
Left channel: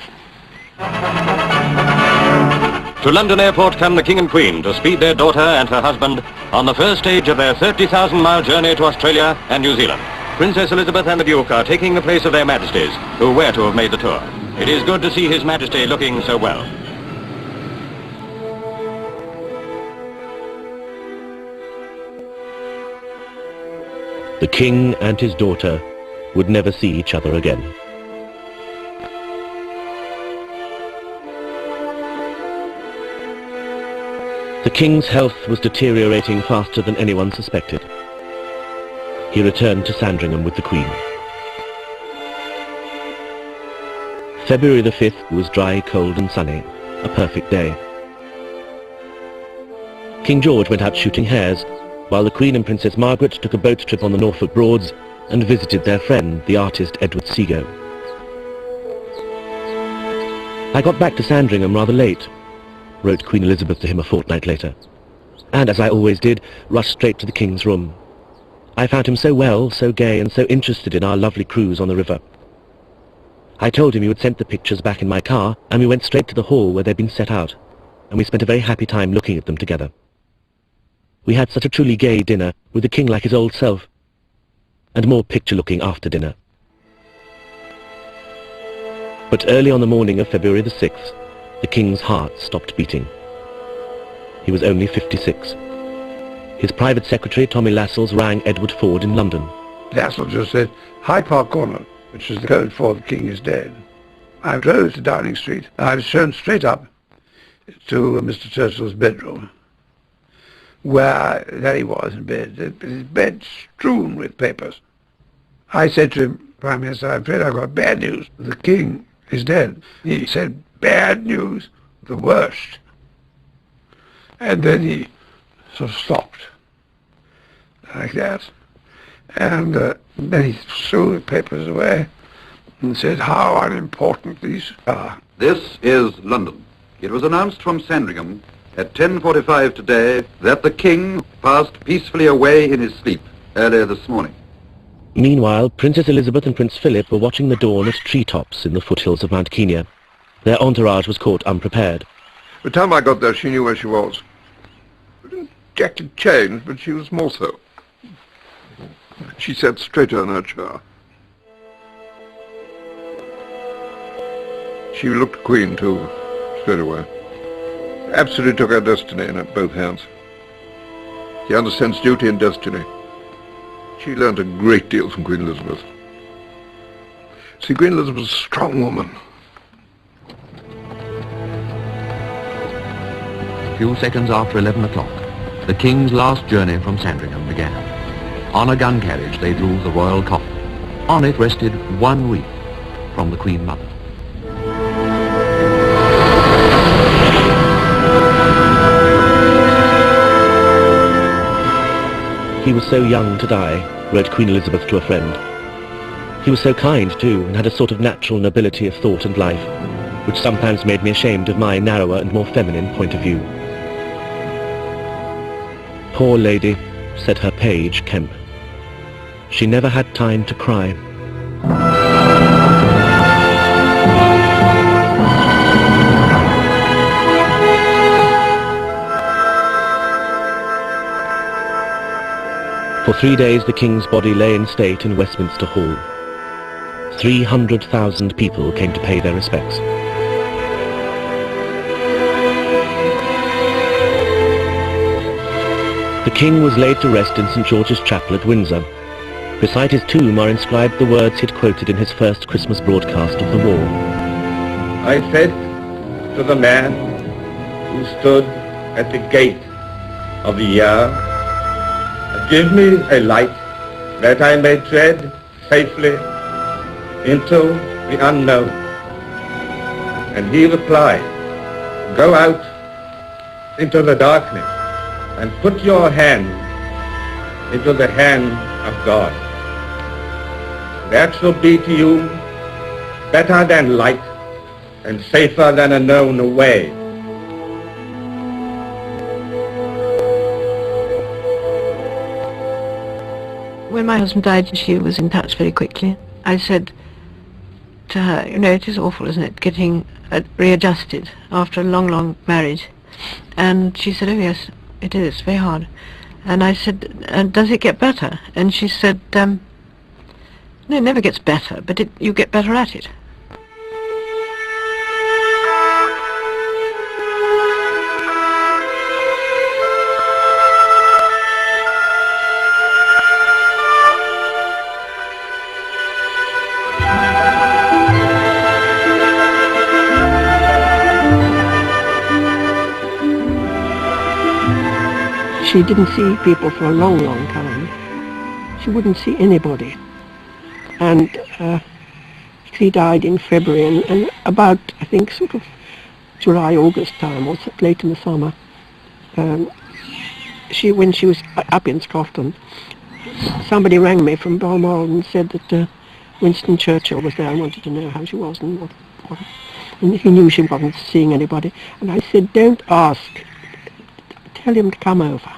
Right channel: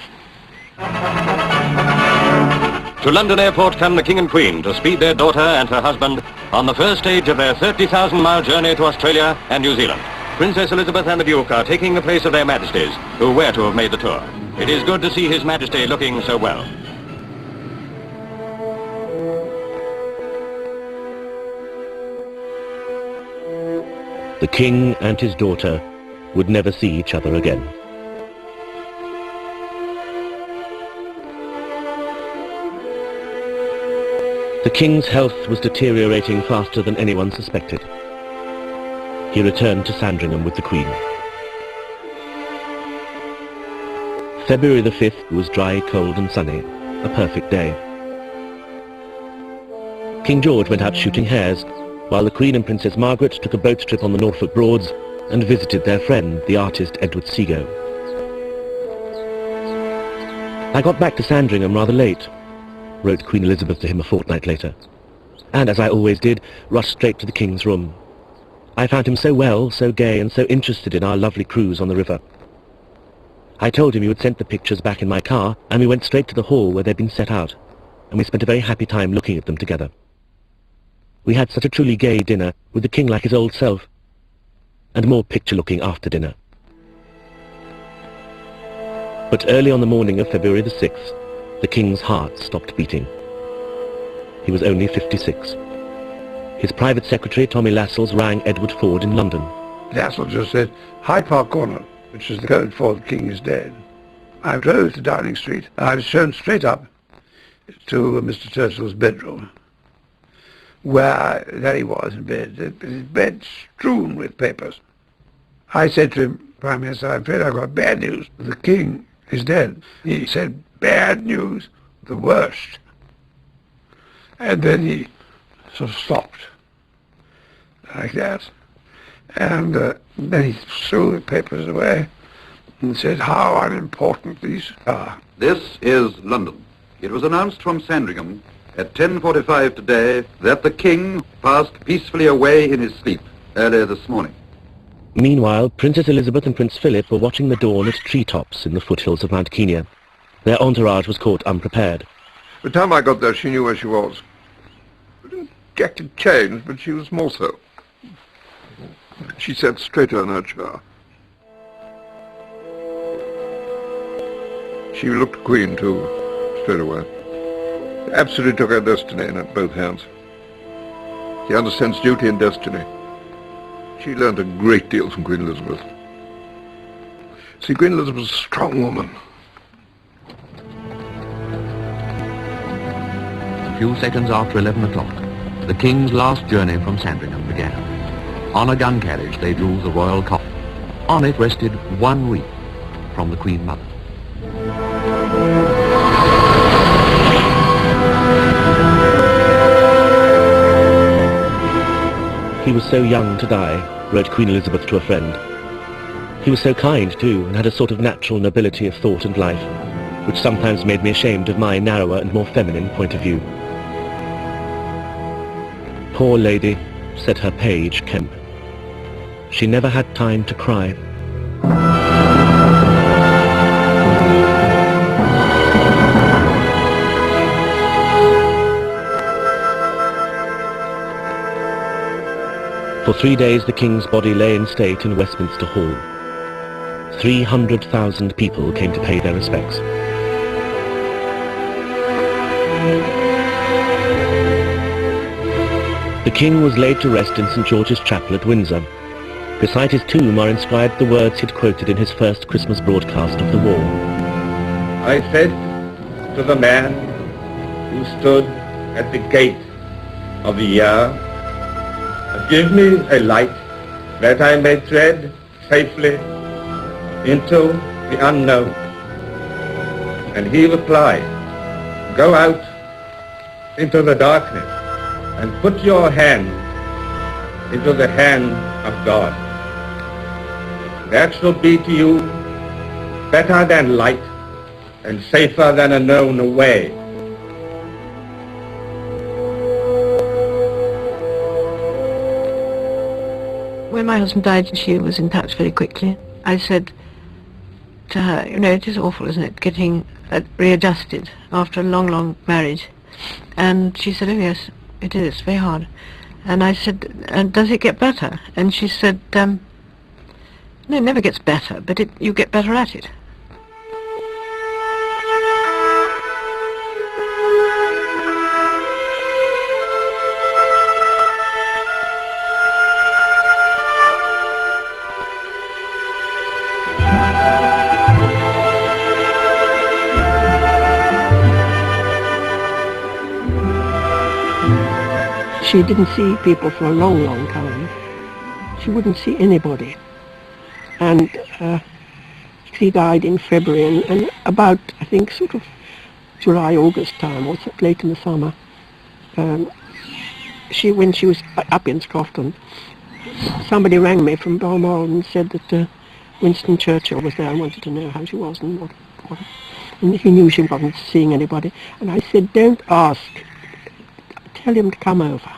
To London Airport come the King and Queen to speed their daughter and her husband on the first stage of their 30,000-mile journey to Australia and New Zealand. Princess Elizabeth and the Duke are taking the place of their Majesties, who were to have made the tour. It is good to see His Majesty looking so well. The King and his daughter would never see each other again. The King's health was deteriorating faster than anyone suspected. He returned to Sandringham with the Queen. February the 5th was dry, cold and sunny, a perfect day. King George went out shooting hares, while the Queen and Princess Margaret took a boat trip on the Norfolk Broads and visited their friend, the artist Edward Seago. I got back to Sandringham rather late, wrote Queen Elizabeth to him a fortnight later, and as I always did, rushed straight to the King's room. I found him so well, so gay, and so interested in our lovely cruise on the river. I told him he would send the pictures back in my car, and we went straight to the hall where they'd been set out, and we spent a very happy time looking at them together. We had such a truly gay dinner, with the King like his old self, and more picture-looking after dinner. But early on the morning of February the 6th, the King's heart stopped beating. He was only 56. His private secretary, Tommy Lascelles, rang Edward Ford in London. Lascelles just said, Hyde Park Corner, which is the code for the King is dead. I drove to Downing Street. I was shown straight up to Mr. Churchill's bedroom, where there he was in bed, his bed strewn with papers. I said to him, Prime Minister, I'm afraid I've got bad news. The King is dead. He said, bad news, the worst. And then he sort of stopped, like that. And then he threw the papers away and said how unimportant these are. This is London. It was announced from Sandringham at 10:45 today that the King passed peacefully away in his sleep earlier this morning. Meanwhile, Princess Elizabeth and Prince Philip were watching the dawn at treetops in the foothills of Mount Kenya. Their entourage was caught unprepared. By the time I got there, she knew where she was. She didn't exactly change, but she was more so. She sat straighter in her chair. She looked queen, too, straight away. Absolutely took her destiny in both hands. She understands duty and destiny. She learned a great deal from Queen Elizabeth. See, Queen Elizabeth was a strong woman. A few seconds after 11 o'clock, the King's last journey from Sandringham began. On a gun carriage they drew the royal coffin. On it rested one wreath from the Queen Mother. He was so young to die, wrote Queen Elizabeth to a friend. He was so kind, too, and had a sort of natural nobility of thought and life, which sometimes made me ashamed of my narrower and more feminine point of view. Poor lady, said her page, Kemp. She never had time to cry. For 3 days the King's body lay in state in Westminster Hall. 300,000 people came to pay their respects. The King was laid to rest in St. George's Chapel at Windsor. Beside his tomb are inscribed the words he'd quoted in his first Christmas broadcast of the war. I said to the man who stood at the gate of the year, give me a light that I may tread safely into the unknown. And he replied, go out into the darkness and put your hand into the hand of God. That shall be to you better than light and safer than a known way. When my husband died, she was in touch very quickly. I said to her, you know, it is awful, isn't it, getting readjusted after a long, long marriage. And she said, oh yes, it is, very hard. And I said, does it get better? And she said, no, it never gets better, but you get better at it. She didn't see people for a long, long time. She wouldn't see anybody. And she died in February, and about, I think, sort of July, August time, or late in the summer. When she was up in Scotland, somebody rang me from Balmoral and said that Winston Churchill was there and wanted to know how she was. And he knew she wasn't seeing anybody. And I said, don't ask. Tell him to come over,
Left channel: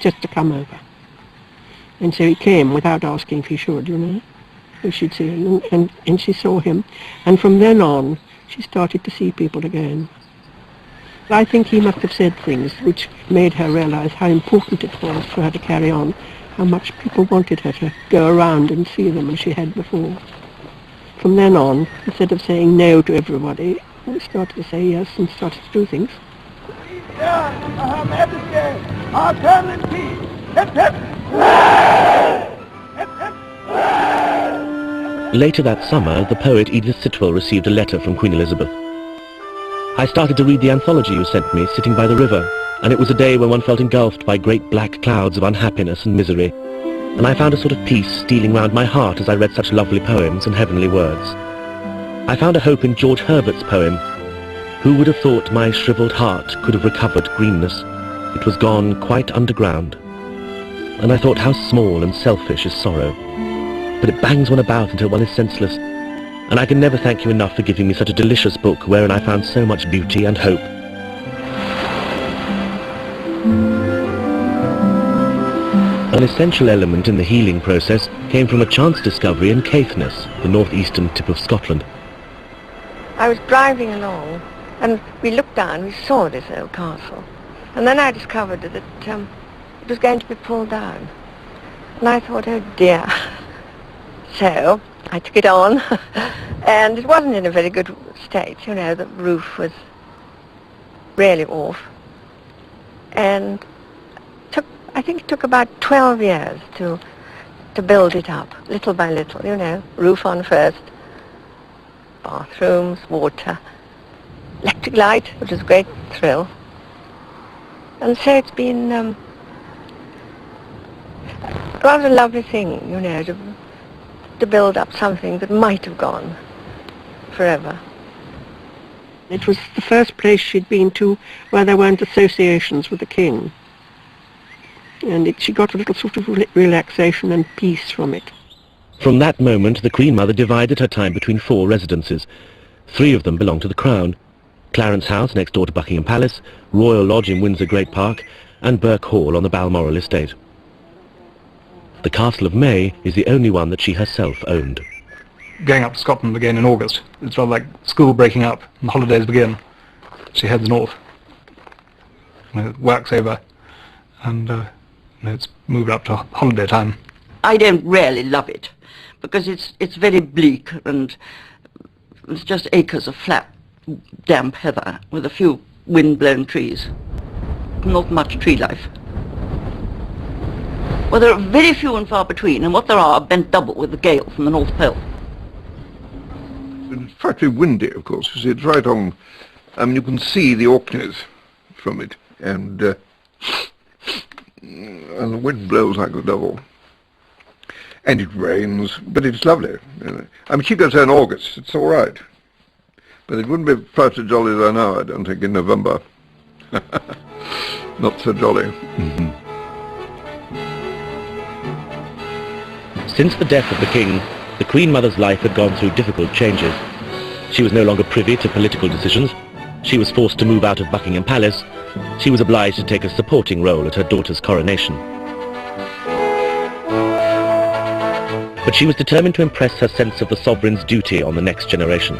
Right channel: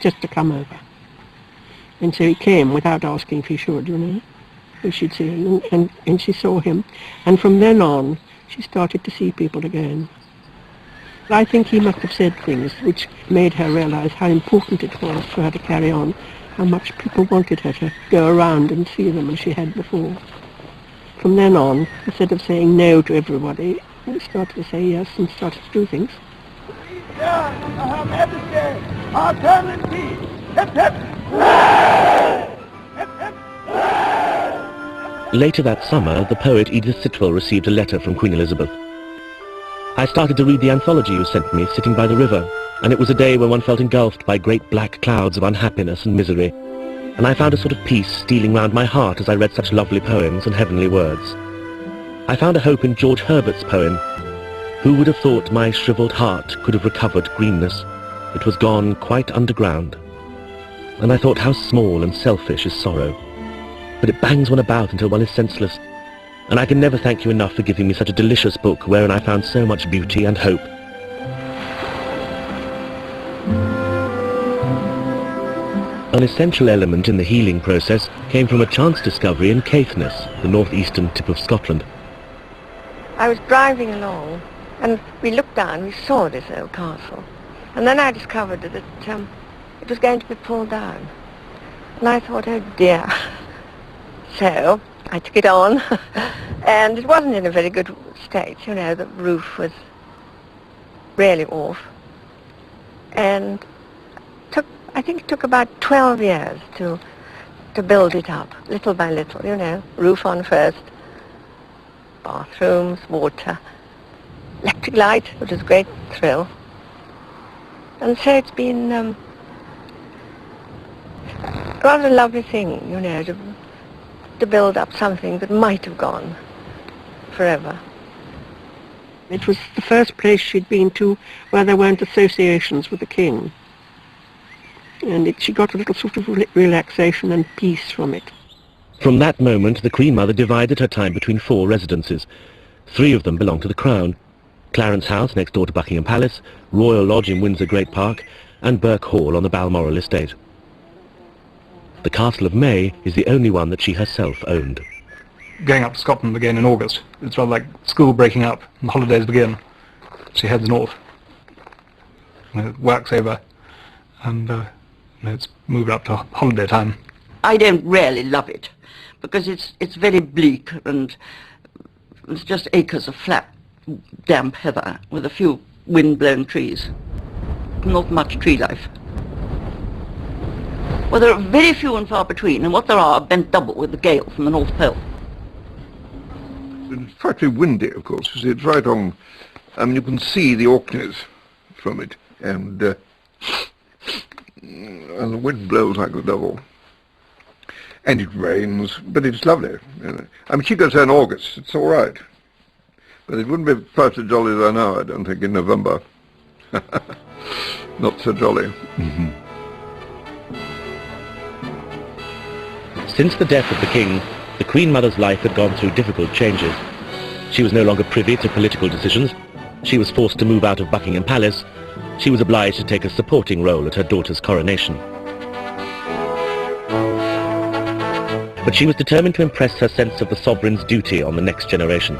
just to come over. And so he came without asking if he should, you know, if she'd see him. And she saw him. And from then on, she started to see people again. I think he must have said things which made her realise how important it was for her to carry on, how much people wanted her to go around and see them as she had before. From then on, instead of saying no to everybody, we started to say yes and started to do things. Later that summer, the poet Edith Sitwell received a letter from Queen Elizabeth. I started to read the anthology you sent me, sitting by the river, and it was a day when one felt engulfed by great black clouds of unhappiness and misery, and I found a sort of peace stealing round my heart as I read such lovely poems and heavenly words. I found a hope in George Herbert's poem. Who would have thought my shriveled heart could have recovered greenness? It was gone quite underground. And I thought how small and selfish is sorrow. But it bangs one about until one is senseless. And I can never thank you enough for giving me such a delicious book wherein I found so much beauty and hope. An essential element in the healing process came from a chance discovery in Caithness, the northeastern tip of Scotland. I was driving along and we looked down, we saw this old castle. And then I discovered that it was going to be pulled down. And I thought, oh dear. So I took it on and it wasn't in a very good state, you know, the roof was really off. And I think it took about 12 years to build it up, little by little, you know. Roof on first, bathrooms, water, electric light, which was a great thrill. And so it's been a rather lovely thing, you know, to build up something that might have gone forever. It was the first place she'd been to where there weren't associations with the king. And she got a little sort of relaxation and peace from it. From that moment, the Queen Mother divided her time between 4 residences. 3 of them belonged to the Crown. Clarence House, next door to Buckingham Palace, Royal Lodge in Windsor Great Park, and Burke Hall on the Balmoral estate. The Castle of Mey is the only one that she herself owned. Going up to Scotland again in August, it's felt like school breaking up and the holidays begin. She heads north, works over, and it's moved up to holiday time. I don't really love it because it's very bleak and it's just acres of flat, damp heather with a few wind-blown trees. Not much tree life. Well, there are very few and far between, and what there are bent double with the gale from the North Pole. It's frightfully windy, of course. You see, it's right on. I mean, you can see the Orkneys from it, and the wind blows like the devil. And it rains, but it's lovely. I mean, keep that in August, it's all right. But it wouldn't be quite so jolly as I know, I don't think, in November. Not so jolly. Since the death of the King, the Queen Mother's life had gone through difficult changes. She was no longer privy to political decisions. She was forced to move out of Buckingham Palace. She was obliged to take a supporting role at her daughter's coronation. But she was determined to impress her sense of the sovereign's duty on the next generation.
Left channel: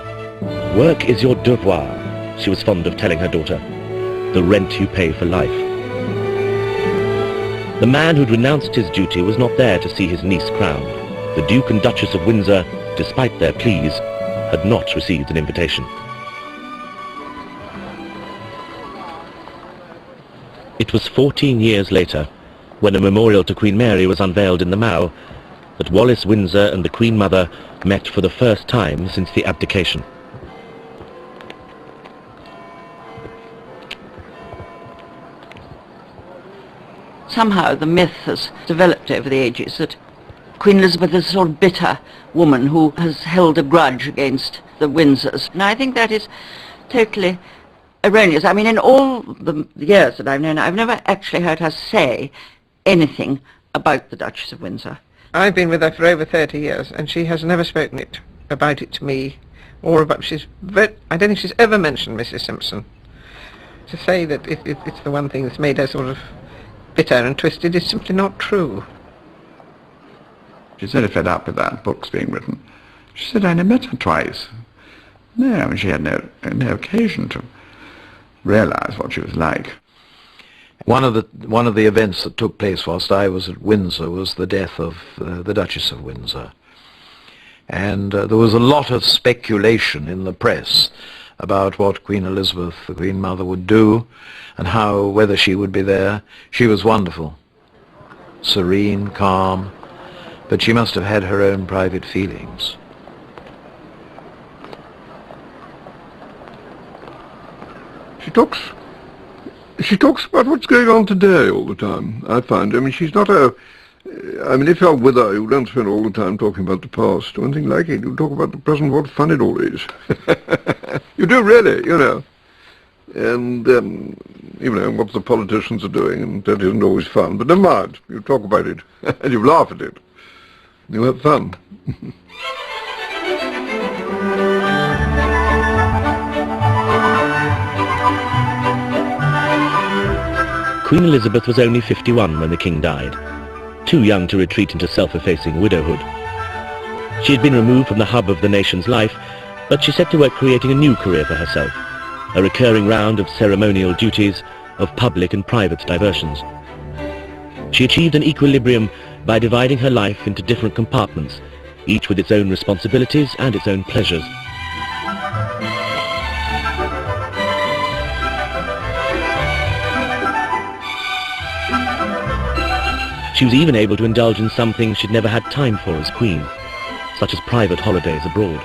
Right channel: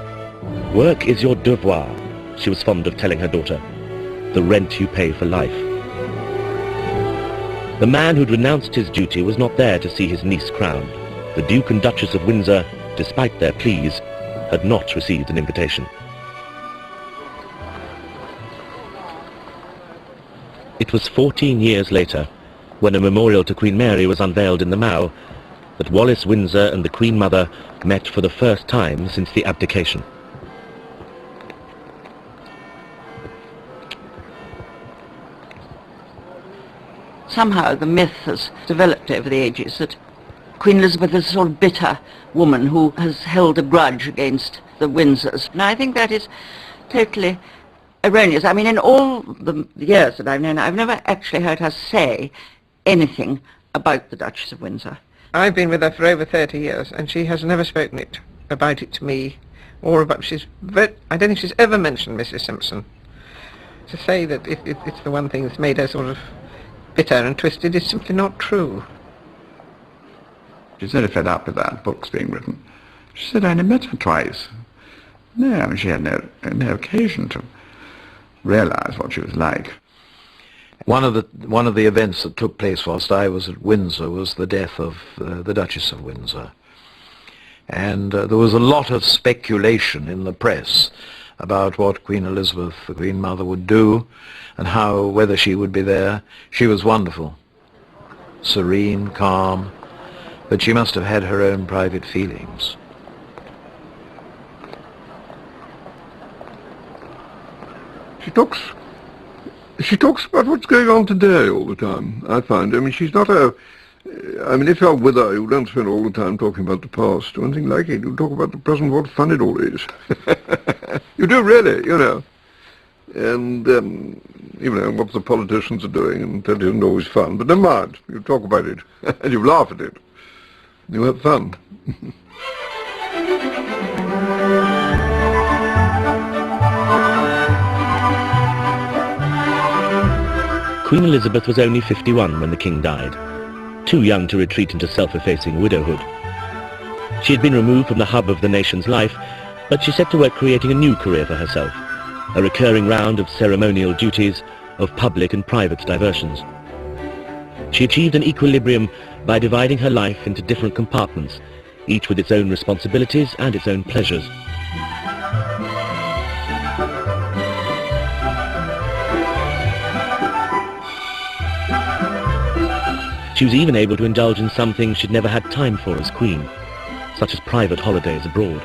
Work is your devoir, she was fond of telling her daughter. The rent you pay for life. The man who'd renounced his duty was not there to see his niece crowned. The Duke and Duchess of Windsor, despite their pleas, had not received an invitation. It was 14 years later, when a memorial to Queen Mary was unveiled in the Mall, that Wallis Windsor and the Queen Mother met for the first time since the Abdication. Somehow the myth has developed over the ages that Queen Elizabeth is a sort of bitter woman who has held a grudge against the Windsors. And I think that is totally erroneous. I mean, in all the years that I've known her, I've never actually heard her say anything about the Duchess of Windsor. I've been with her for over 30 years, and she has never spoken about it to me, or about, I don't think she's ever mentioned Mrs. Simpson. To say that it's the one thing that's made her sort of bitter and twisted is simply not true. She's very fed up with that book's being written. She said I only met her twice. No, she had no occasion to realize what she was like. One of the events that took place whilst I was at Windsor was the death of the Duchess of Windsor. And there was a lot of speculation in the press about what Queen Elizabeth, the Queen Mother, would do and whether she would be there. She was wonderful, serene, calm, but she must have had her own private feelings. She talks about what's going on today all the time, I find. I mean, she's not a... I mean, if you're with her, you don't spend all the time talking about the past or anything like it. You talk about the present, what fun it all is. You do really, you know. and what the politicians are doing, and that isn't always fun, but never mind. You talk about it, and you laugh at it. You have fun. Queen Elizabeth was only 51 when the king died, too young to retreat into self-effacing widowhood. She had been removed from the hub of the nation's life, but she set to work creating a new career for herself, a recurring round of ceremonial duties, of public and private diversions. She achieved an equilibrium by dividing her life into different compartments, each with its own responsibilities and its own pleasures. She was even able to indulge in some things she'd never had time for as queen, such as private holidays abroad.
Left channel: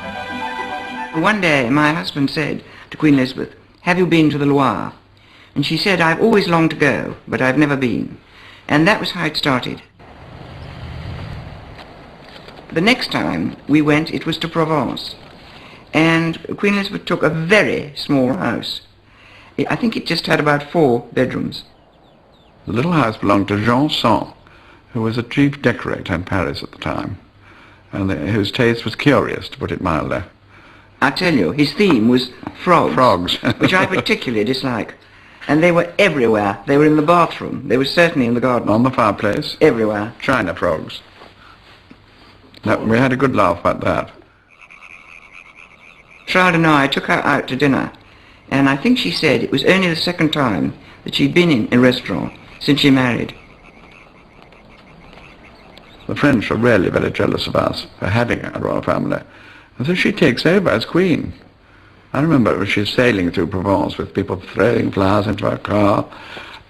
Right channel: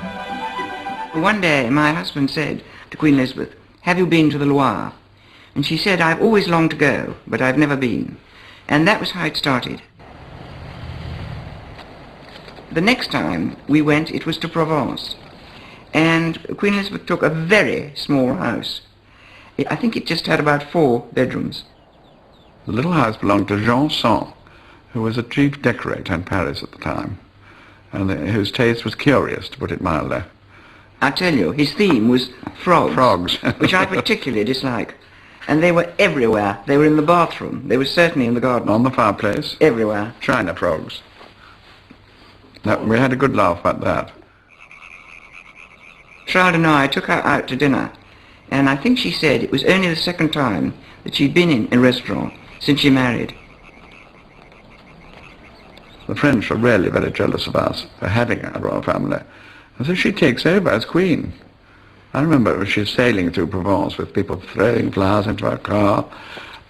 One day my husband said to Queen Elizabeth, "Have you been to the Loire?" And she said, "I've always longed to go, but I've never been." And that was how it started. The next time we went, it was to Provence. And Queen Elizabeth took a very small house. I think it just had about 4 bedrooms. The little house belonged to Jean Sand, who was a chief decorator in Paris at the time, and whose taste was curious, to put it mildly. I tell you, his theme was frogs. Frogs. Which I particularly dislike. And they were everywhere. They were in the bathroom. They were certainly in the garden. On the fireplace. Everywhere. China frogs. We had a good laugh at that. Charlotte and I took her out to dinner, and I think she said it was only the second time that she'd been in a restaurant since she married. The French are really very jealous of us for having a royal family, as if she takes over as queen. I remember she's sailing through Provence with people throwing flowers into her car.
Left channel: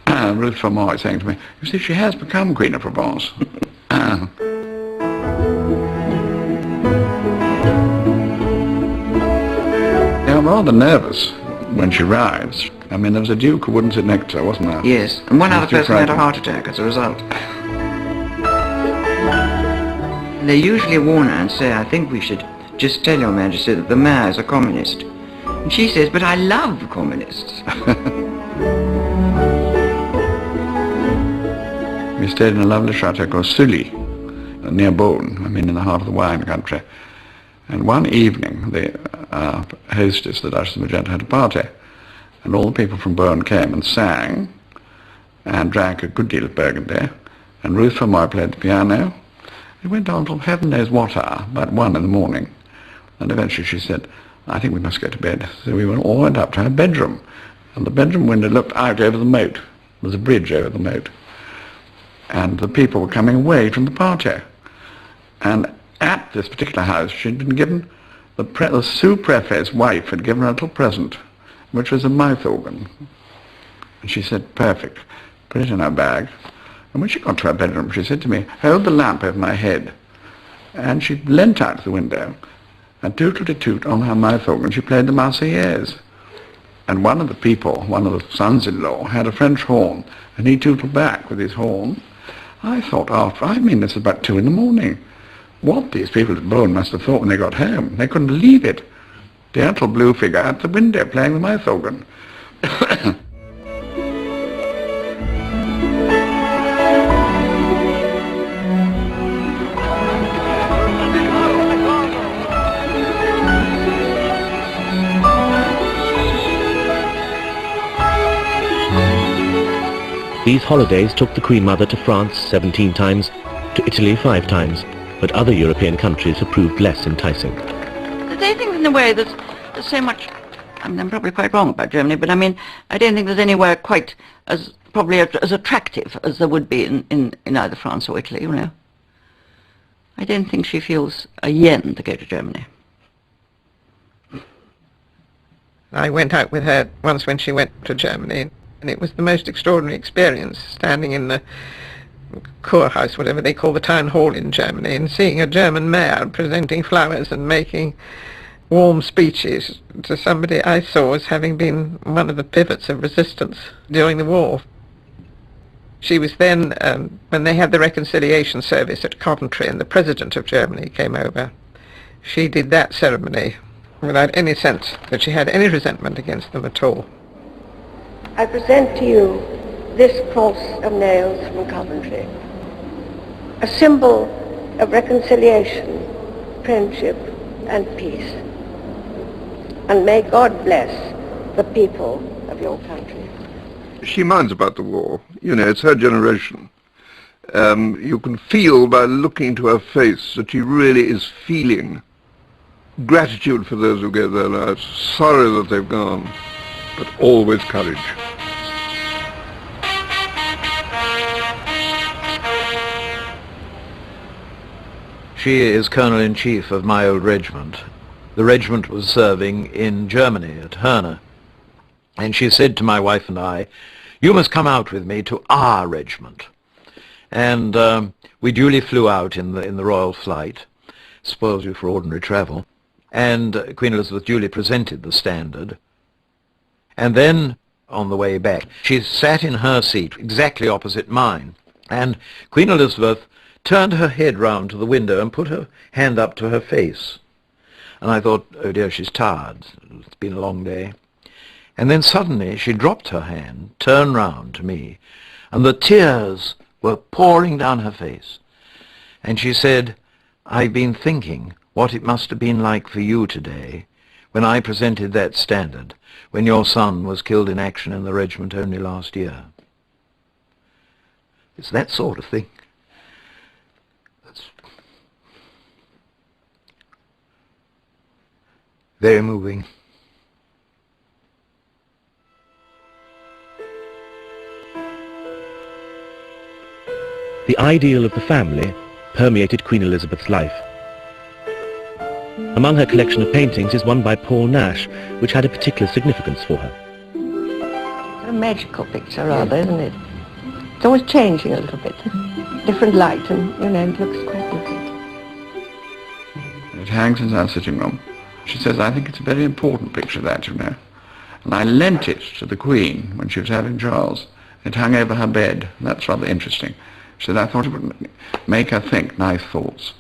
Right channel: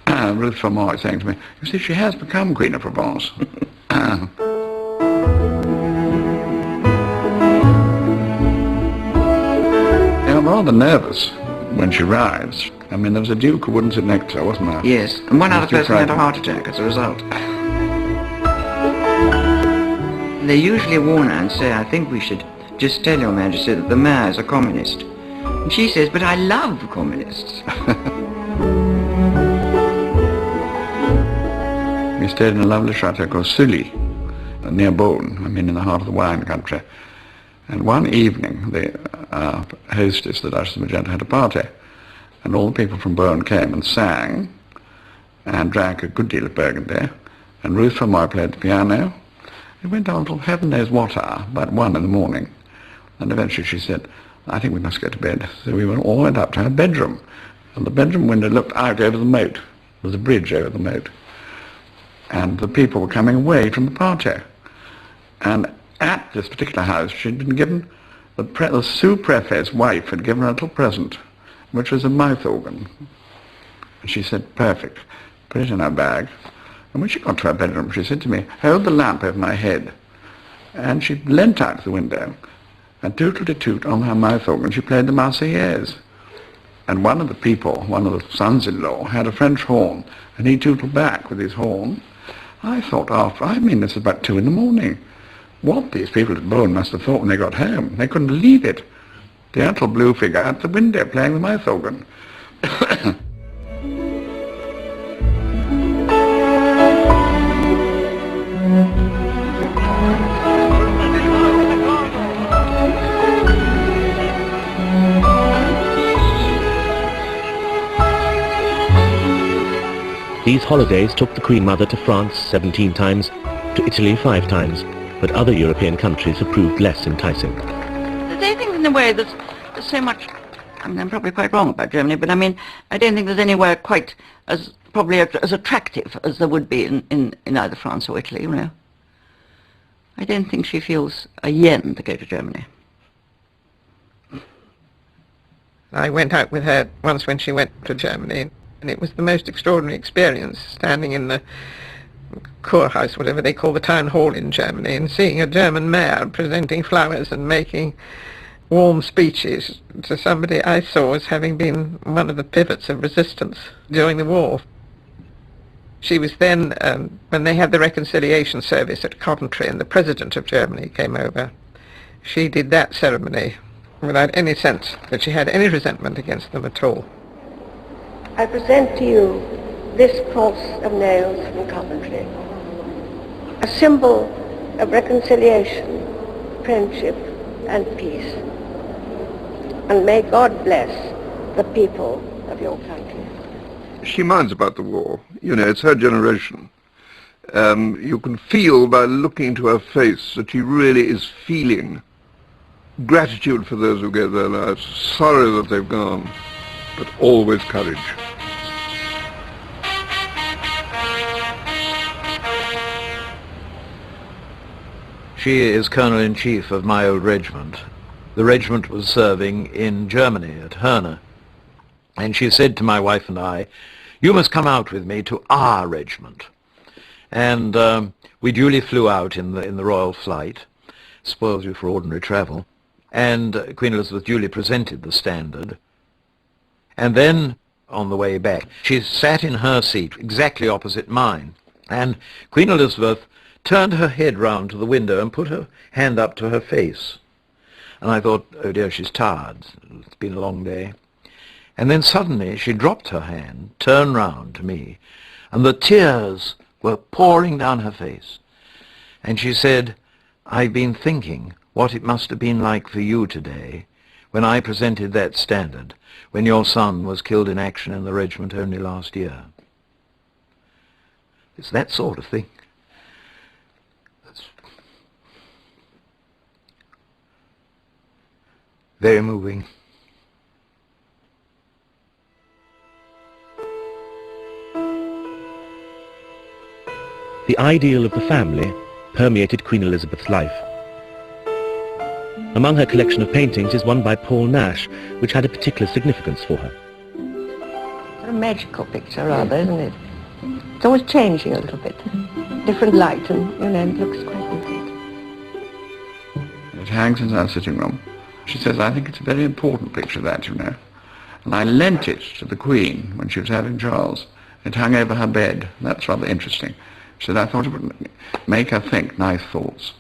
Ruth von Moy saying to me, "You see, she has become Queen of Provence." They were rather nervous when she arrives. I mean, there was a duke who wouldn't sit next to her, wasn't there? Yes, and one other person had a heart attack as a result. They usually warn her and say, "I think we should just tell your Majesty that the mayor's a communist." And she says, "But I love communists." We stayed in a lovely chateau called Sully, near Beaune, I mean in the heart of the wine country. And one evening, the hostess, the Duchess of Magenta, had a party, and all the people from Beaune came and sang, and drank a good deal of Burgundy, and Ruth von Moy played the piano. It went on till heaven knows what hour, about 1 in the morning, and eventually she said, "I think we must go to bed." So we all went up to her bedroom, and the bedroom window looked out over the moat. There was a bridge over the moat. And the people were coming away from the party. And at this particular house, she'd been given, the sous-prefet's wife had given her a little present, which was a mouth organ. And she said, "Perfect." Put it in her bag. And when she got to her bedroom, she said to me, "Hold the lamp over my head." And she leant out the window, and toot-toot-toot on her mouth organ, she played the Marseillaise. And one of the people, one of the sons-in-law, had a French horn, and he tootled back with his horn. I thought, this was about 2 in the morning. What these people at Beaune must have thought when they got home. They couldn't leave it. The little blue figure at the window playing the mouth organ. These holidays took the Queen Mother to France 17 times, to Italy 5 times, but other European countries have proved less enticing. They think in a way there's so much, I mean, I'm probably quite wrong about Germany, but I mean, I don't think there's anywhere quite as, probably as attractive as there would be in either France or Italy, you know. I don't think she feels a yen to go to Germany. I went out with her once when she went to Germany, and it was the most extraordinary experience, standing in the Kurhaus, whatever they call the town hall in Germany, and seeing a German mayor presenting flowers and making warm speeches to somebody I saw as having been one of the pivots of resistance during the war. She was then, when they had the reconciliation service at Coventry and the President of Germany came over, she did that ceremony without any sense that she had any resentment against them at all. I present to you this cross of nails from Coventry, a symbol of reconciliation, friendship, and peace. And may God bless the people of your country. She minds about the war. You know, it's her generation. You can feel by looking into her face that she really is feeling gratitude for those who gave their lives, sorry that they've gone, but always courage. She is Colonel-in-Chief of my old regiment. The regiment was serving in Germany at Herne. And she said to my wife and I, "You must come out with me to our regiment." And we duly flew out in the royal flight. Spoils you for ordinary travel. And Queen Elizabeth duly presented the standard. And then, on the way back, she sat in her seat exactly opposite mine. And Queen Elizabeth turned her head round to the window and put her hand up to her face. And I thought, oh dear, she's tired. It's been a long day. And then suddenly she dropped her hand, turned round to me, and the tears were pouring down her face. And she said, "I've been thinking what it must have been like for you today when I presented that standard, when your son was killed in action in the regiment only last year." It's that sort of thing. That's very moving. The ideal of the family permeated Queen Elizabeth's life. Among her collection of paintings is one by Paul Nash, which had a particular significance for her. It's a magical picture, rather, isn't it? It's always changing a little bit. Different light, and, you know, it looks quite different. It hangs in our sitting room. She says, "I think it's a very important picture, that, you know." And I lent it to the Queen when she was having Charles. It hung over her bed. That's rather interesting. So I thought it would make her think nice thoughts.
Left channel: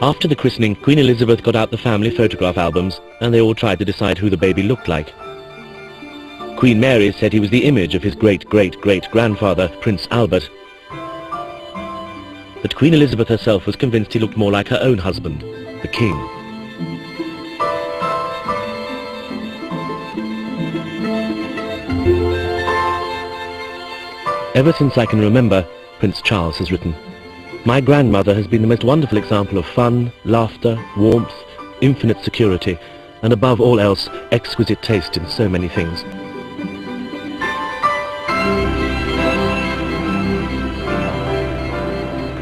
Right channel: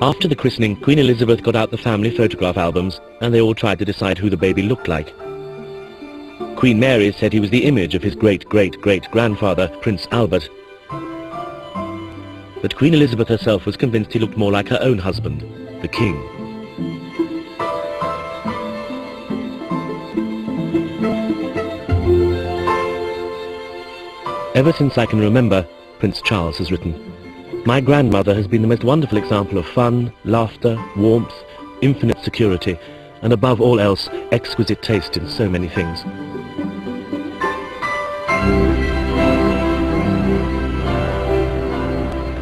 After the christening, Queen Elizabeth got out the family photograph albums, and they all tried to decide who the baby looked like. Queen Mary said he was the image of his great-great-great-grandfather, Prince Albert. But Queen Elizabeth herself was convinced he looked more like her own husband, the King. Ever since I can remember, Prince Charles has written, "My grandmother has been the most wonderful example of fun, laughter, warmth, infinite security, and above all else, exquisite taste in so many things."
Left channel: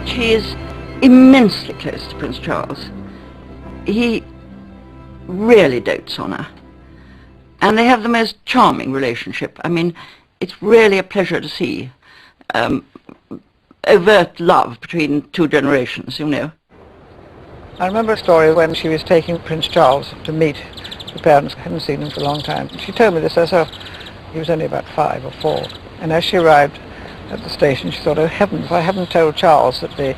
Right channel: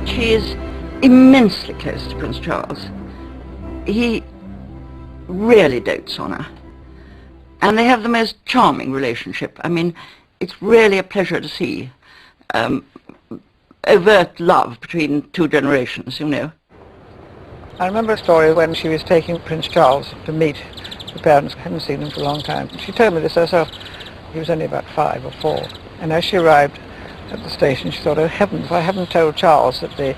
She is immensely close to Prince Charles. He really dotes on her. And they have the most charming relationship. I mean, it's really a pleasure to see overt love between two generations, you know. I remember a story when she was taking Prince Charles to meet the parents. I hadn't seen him for a long time. She told me this herself. He was only about 5 or 4. And as she arrived at the station, she thought, "Oh heavens, I haven't told Charles that the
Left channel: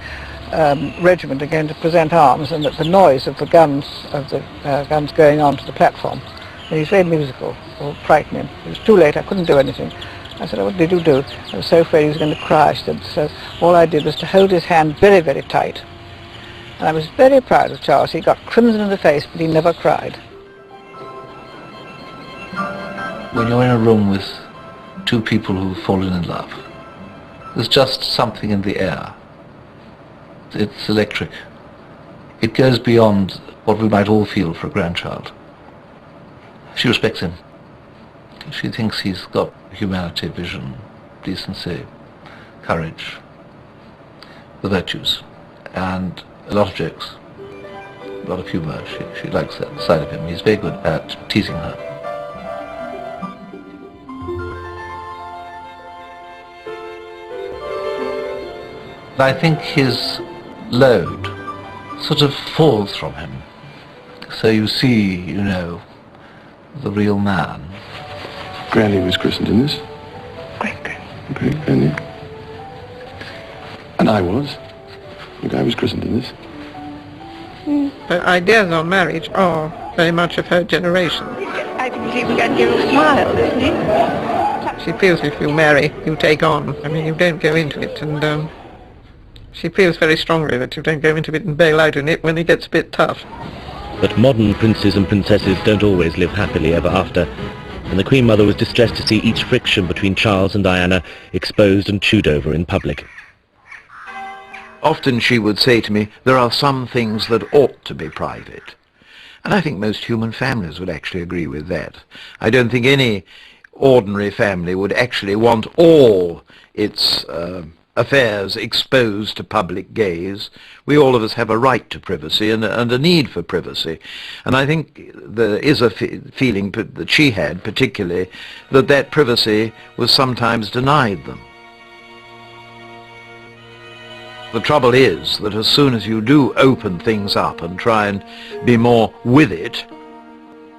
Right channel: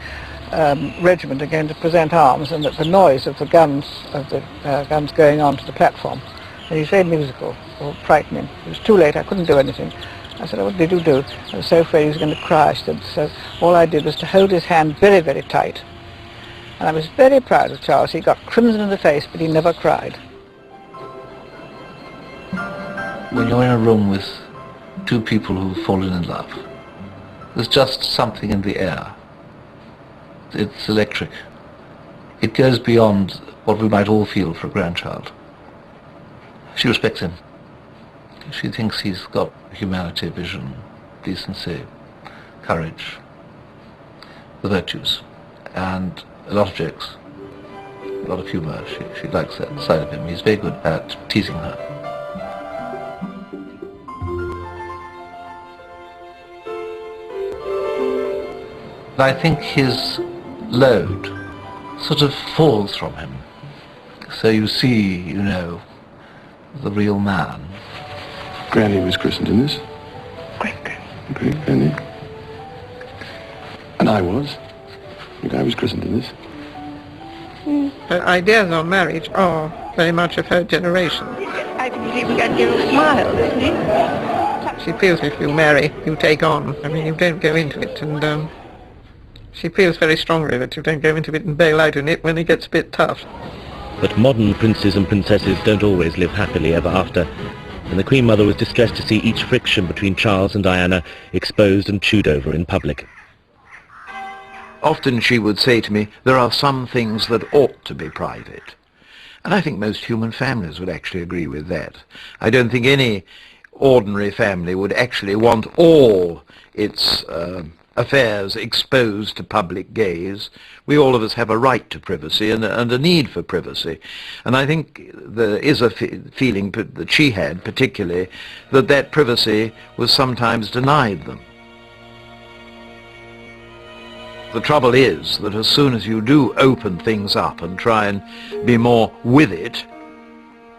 regiment are going to present arms and that the noise of the guns going on to the platform is very musical or frightening." It was too late. I couldn't do anything. I said, "Oh, what did you do?" I was so afraid he was going to cry. She said, so all I did was to hold his hand very, very tight. And I was very proud of Charles. He got crimson in the face, but he never cried. When you're in a room with two people who've fallen in love, there's just something in the air. It's electric. It goes beyond what we might all feel for a grandchild. She respects him. She thinks he's got humanity, vision, decency, courage, the virtues, and a lot of jokes, a lot of humour. She likes that side of him. He's very good at teasing her. I think his load sort of falls from him. So you see, you know, the real man. Granny was christened in this. Granny. And I was. I think I was christened in this. Her ideas on marriage are very much of her generation. I think he would give a smile, doesn't he? She feels if you marry, you take on. I mean, you don't go into it, and she feels very strongly that you don't go into it and bail out in it when it gets a bit tough. But modern princes and princesses don't always live happily ever after, and the Queen Mother was distressed to see each friction between Charles and Diana exposed and chewed over in public. Often she would say to me, there are some things that ought to be private. And I think most human families would actually agree with that. I don't think any ordinary family would actually want all its affairs exposed to public gaze. We all of us have a right to privacy and a need for privacy. And I think there is a feeling that she had, particularly, that privacy was sometimes denied them. The trouble is that as soon as you do open things up and try and be more with it,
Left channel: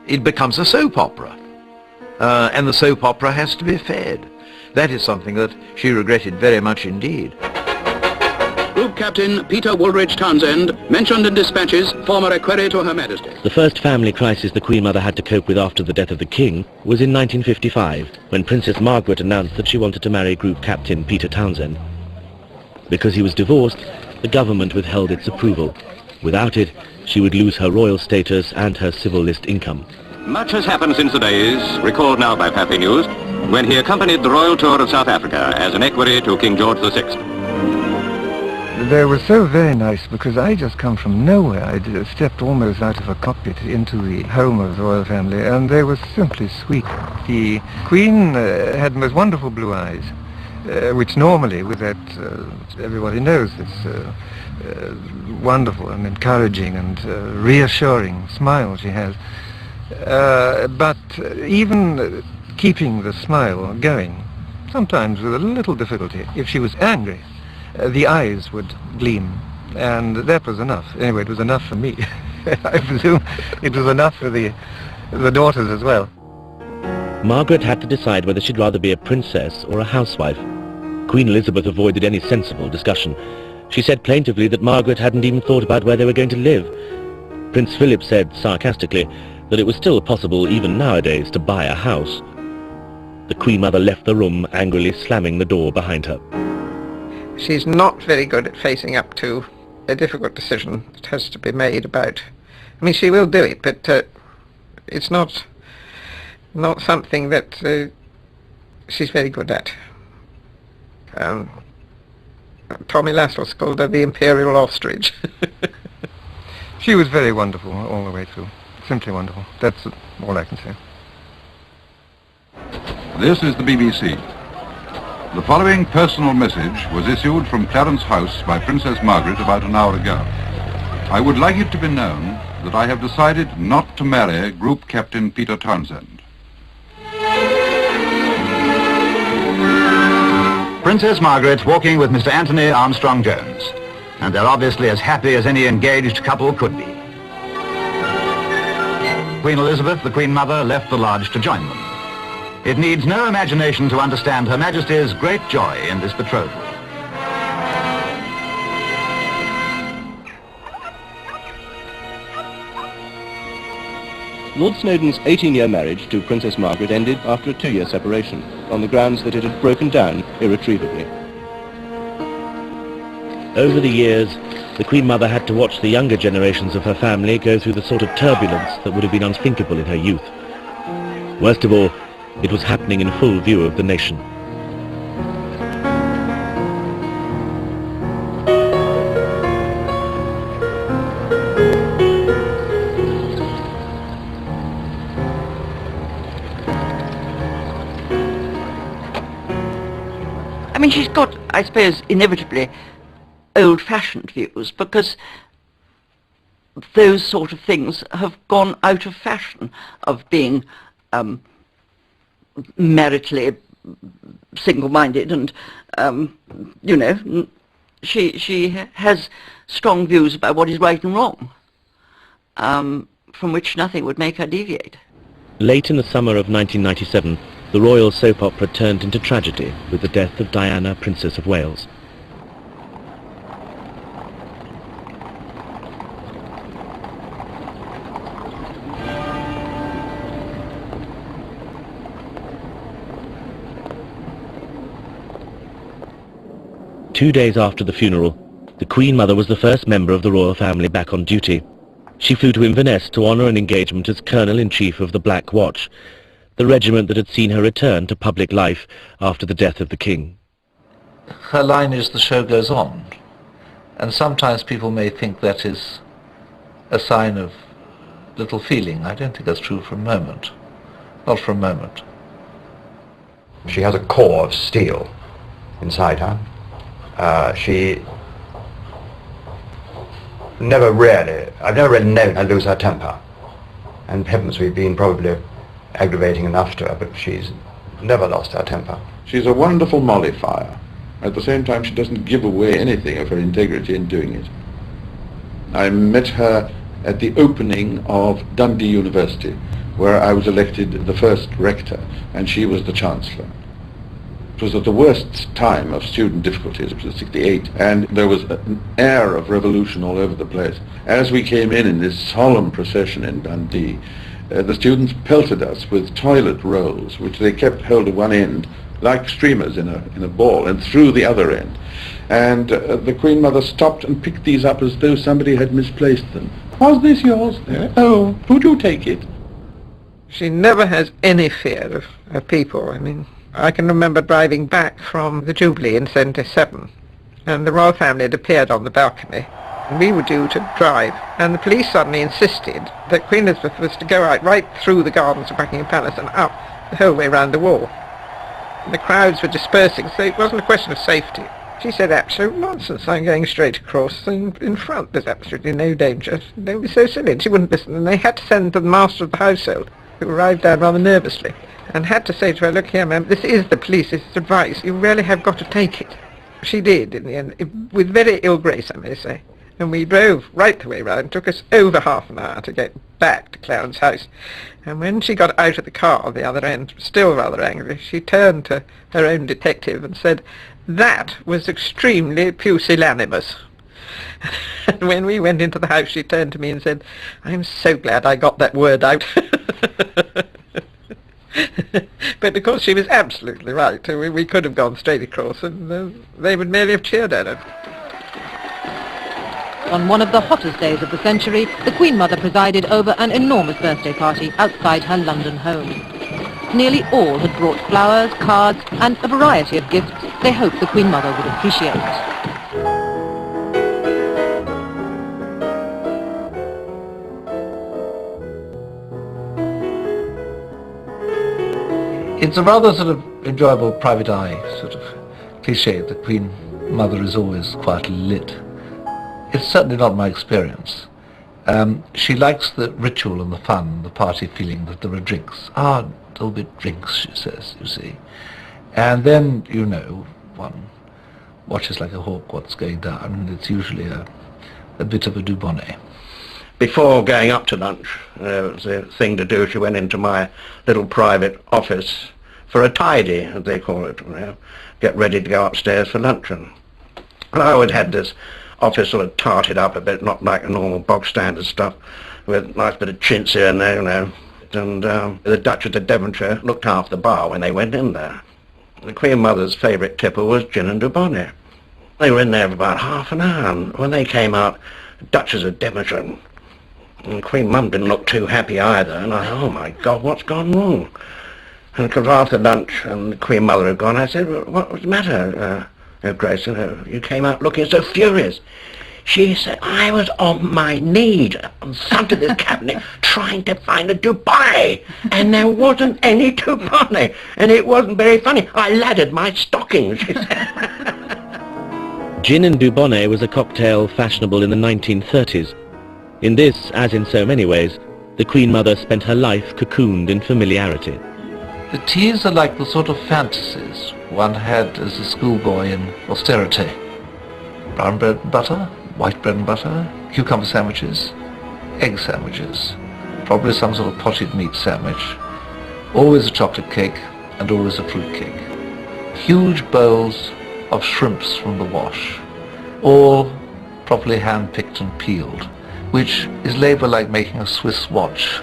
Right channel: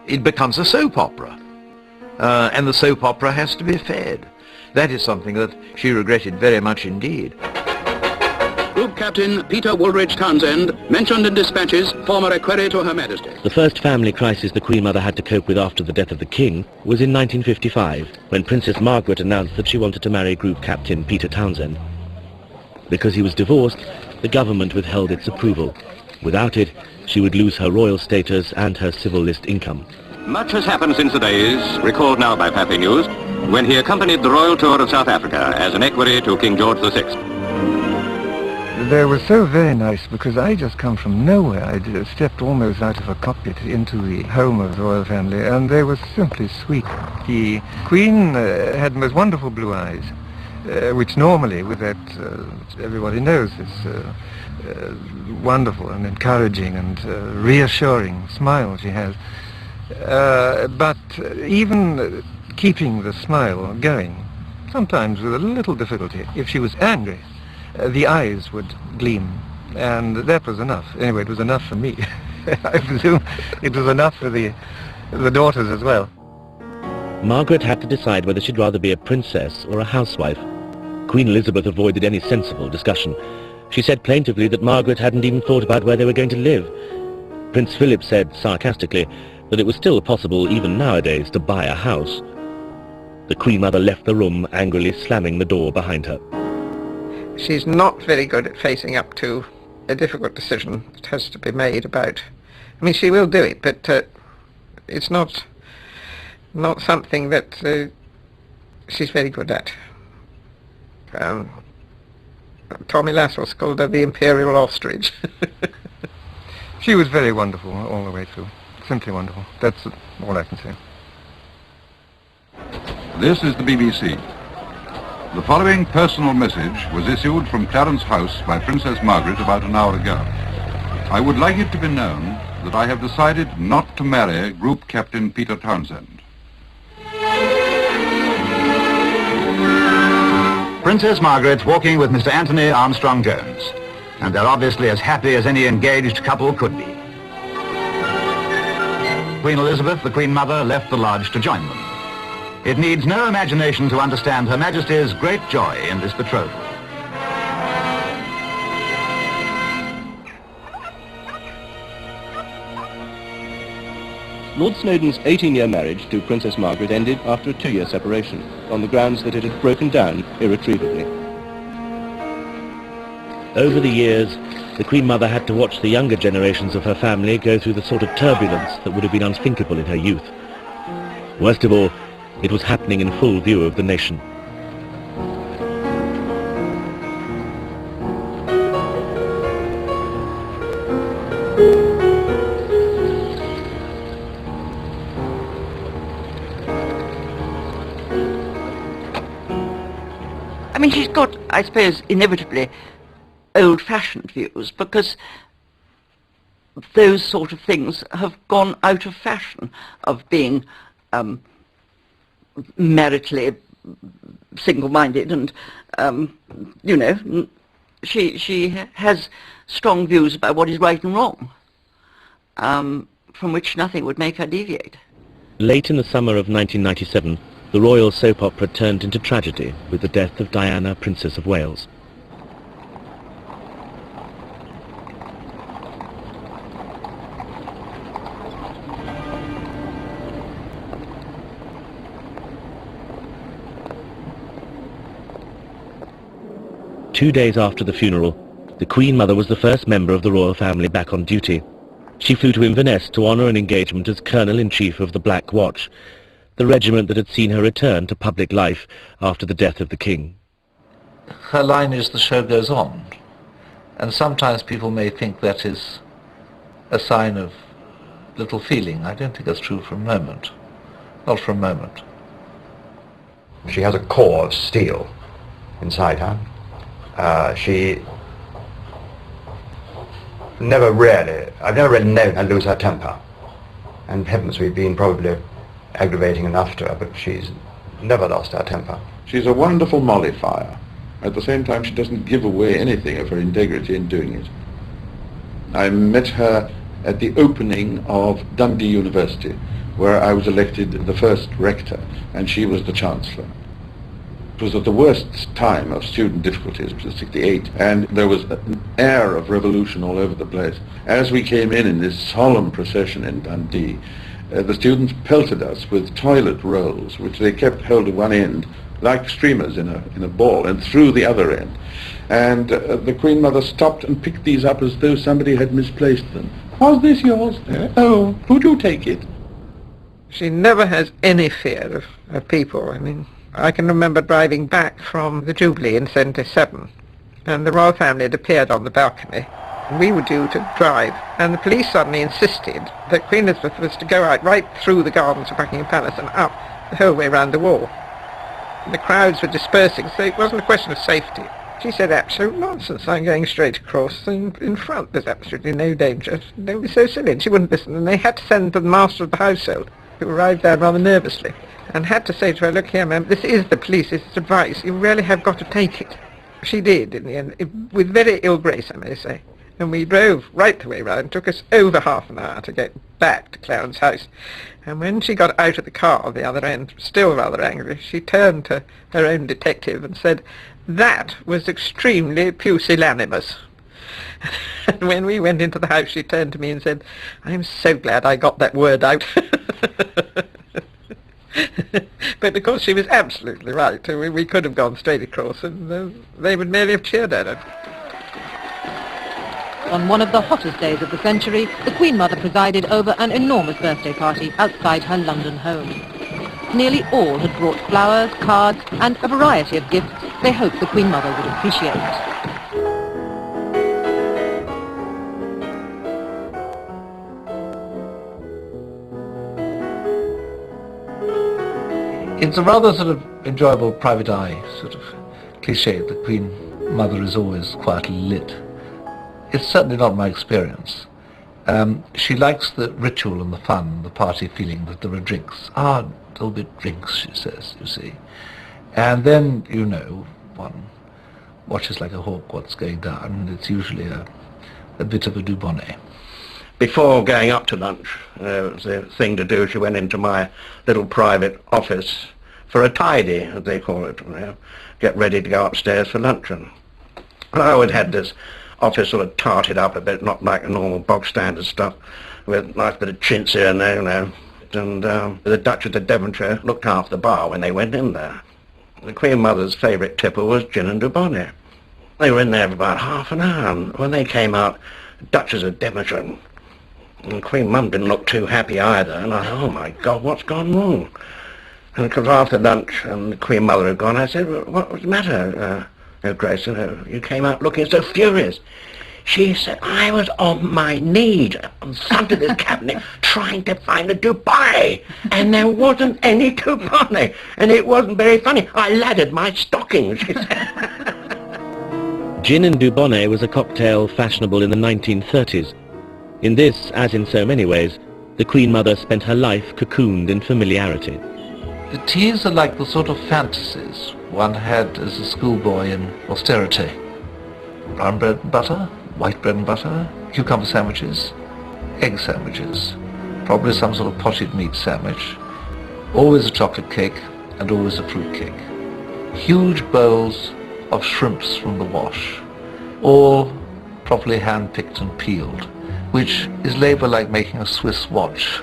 it becomes a soap opera. And the soap opera has to be fed. That is something that she regretted very much indeed. Group Captain Peter Woolridge Townsend, mentioned in dispatches, former equerry to Her Majesty. The first family crisis the Queen Mother had to cope with after the death of the King was in 1955, when Princess Margaret announced that she wanted to marry Group Captain Peter Townsend. Because he was divorced, the government withheld its approval. Without it, she would lose her royal status and her civil list income. Much has happened since the days, recalled now by Pathé News, when he accompanied the royal tour of South Africa as an equerry to King George VI. They were so very nice because I just come from nowhere. I stepped almost out of a cockpit into the home of the royal family, and they were simply sweet. The Queen had most wonderful blue eyes, which normally, with that, everybody knows, it's wonderful and encouraging and reassuring smile she has. But even keeping the smile going, sometimes with a little difficulty, if she was angry, the eyes would gleam, and that was enough. Anyway, it was enough for me. I presume it was enough for the daughters as well. Margaret had to decide whether she'd rather be a princess or a housewife. Queen Elizabeth avoided any sensible discussion. She said plaintively that Margaret hadn't even thought about where they were going to live. Prince Philip said sarcastically that it was still possible, even nowadays, to buy a house. The Queen Mother left the room, angrily slamming the door behind her. She's not very good at facing up to a difficult decision that has to be made about... I mean, she will do it, but it's not something that she's very good at. Tommy Lassos called her the Imperial ostrich. She was very wonderful all the way through. Simply wonderful. That's all I can say. This is the BBC. The following personal message was issued from Clarence House by Princess Margaret about an hour ago. I would like it to be known that I have decided not to marry Group Captain Peter Townsend. Princess Margaret walking with Mr. Anthony Armstrong-Jones, and they're obviously as happy as any engaged couple could be. Queen Elizabeth, the Queen Mother, left the lodge to join them. It needs no imagination to understand Her Majesty's great joy in this betrothal. Lord Snowdon's 18-year marriage to Princess Margaret ended after a 2-year separation, on the grounds that it had broken down irretrievably. Over the years, the Queen Mother had to watch the younger generations of her family go through the sort of turbulence that would have been unthinkable in her youth. Worst of all, it was happening in full view of the nation. I mean, she's got, I suppose, inevitably old-fashioned views, because those sort of things have gone out of fashion, of being maritally single-minded, and, you know, she has strong views about what is right and wrong, from which nothing would make her deviate. Late in the summer of 1997, the royal soap opera turned into tragedy with the death of Diana, Princess of Wales. 2 days after the funeral, the Queen Mother was the first member of the royal family back on duty. She flew to Inverness to honour an engagement as Colonel-in-Chief of the Black Watch, the regiment that had seen her return to public life after the death of the King. Her line is "the show goes on," and sometimes people may think that is a sign of little feeling. I don't think that's true for a moment. Not for a moment. She has a core of steel inside her. She I've never really known her lose her temper. And heavens, we've been probably aggravating enough to her, but she's never lost her temper. She's a wonderful mollifier. At the same time, she doesn't give away anything of her integrity in doing it. I met her at the opening of Dundee University, where I was elected the first rector, and she was the chancellor. It was at the worst time of student difficulties, it was 68, and there was an air of revolution all over the place. As we came in this solemn procession in Dundee, the students pelted us with toilet rolls, which they kept held at one end, like streamers in a ball, and through the other end. And the Queen Mother stopped and picked these up as though somebody had misplaced them. Was this yours? Oh, would you take it? She never has any fear of people. I mean, I can remember driving back from the Jubilee in 77, and the royal family had appeared on the balcony. We were due to drive, and the police suddenly insisted that Queen Elizabeth was to go right through the gardens of Buckingham Palace and out the whole way round the wall. The crowds were dispersing, so it wasn't a question of safety. She said, absolute nonsense, I'm going straight across, and in front there's absolutely no danger. They were so silly, and she wouldn't listen, and they had to send to the master of the household, who arrived there rather nervously, and had to say to her, look here, ma'am, this is the police, this is advice, you really have got to take it. She did, in the end, with very ill grace, I may say. And we drove right the way round. It took us over half an hour to get back to Clarence House. And when she got out of the car at the other end, still rather angry, she turned to her own detective and said, that was extremely pusillanimous. And when we went into the house, she turned to me and said, I'm so glad I got that word out. But of course she was absolutely right. We could have gone straight across, and they would merely have cheered at it. On one of the hottest days of the century, the Queen Mother presided over an enormous birthday party outside her London home. Nearly all had brought flowers, cards, and a variety of gifts they hoped the Queen Mother would appreciate. It's a rather sort of enjoyable private eye sort of cliché. The Queen Mother is always quietly lit. It's certainly not my experience. She likes the ritual and the fun, the party feeling that there are drinks. There'll be drinks, she says, you see. And then, you know, one watches like a hawk what's going down, and it's usually a bit of a dubonnet. Before going up to lunch, there was a thing to do. She went into my little private office for a tidy, as they call it. Get ready to go upstairs for luncheon. And I always had this office sort of tarted up a bit, not like a normal bog standard stuff, with a nice bit of chintz here and there, you know. And the Duchess of Devonshire looked after the bar when they went in there. The Queen Mother's favourite tipple was gin and dubonnet. They were in there for about half an hour, and when they came out, the Duchess of Devonshire and Queen Mum didn't look too happy either, and I said, oh my God, what's gone wrong? And it was after lunch, and the Queen Mother had gone. I said, well, what was the matter, Her Grace? You came out looking so furious. She said, I was on my knees on front of this cabinet trying to find a dubonnet, and there wasn't any dubonnet, and it wasn't very funny. I laddered my stockings, she said. Gin and dubonnet was a cocktail fashionable in the 1930s. In this, as in so many ways, the Queen Mother spent her life cocooned in familiarity. The teas are like the sort of fantasies one had as a schoolboy in austerity. Brown bread and butter, white bread and butter, cucumber sandwiches, egg sandwiches, probably some sort of potted meat sandwich, always a chocolate cake and always a fruit cake. Huge bowls of shrimps from the wash, all properly hand-picked and peeled, which is labour like making a Swiss watch.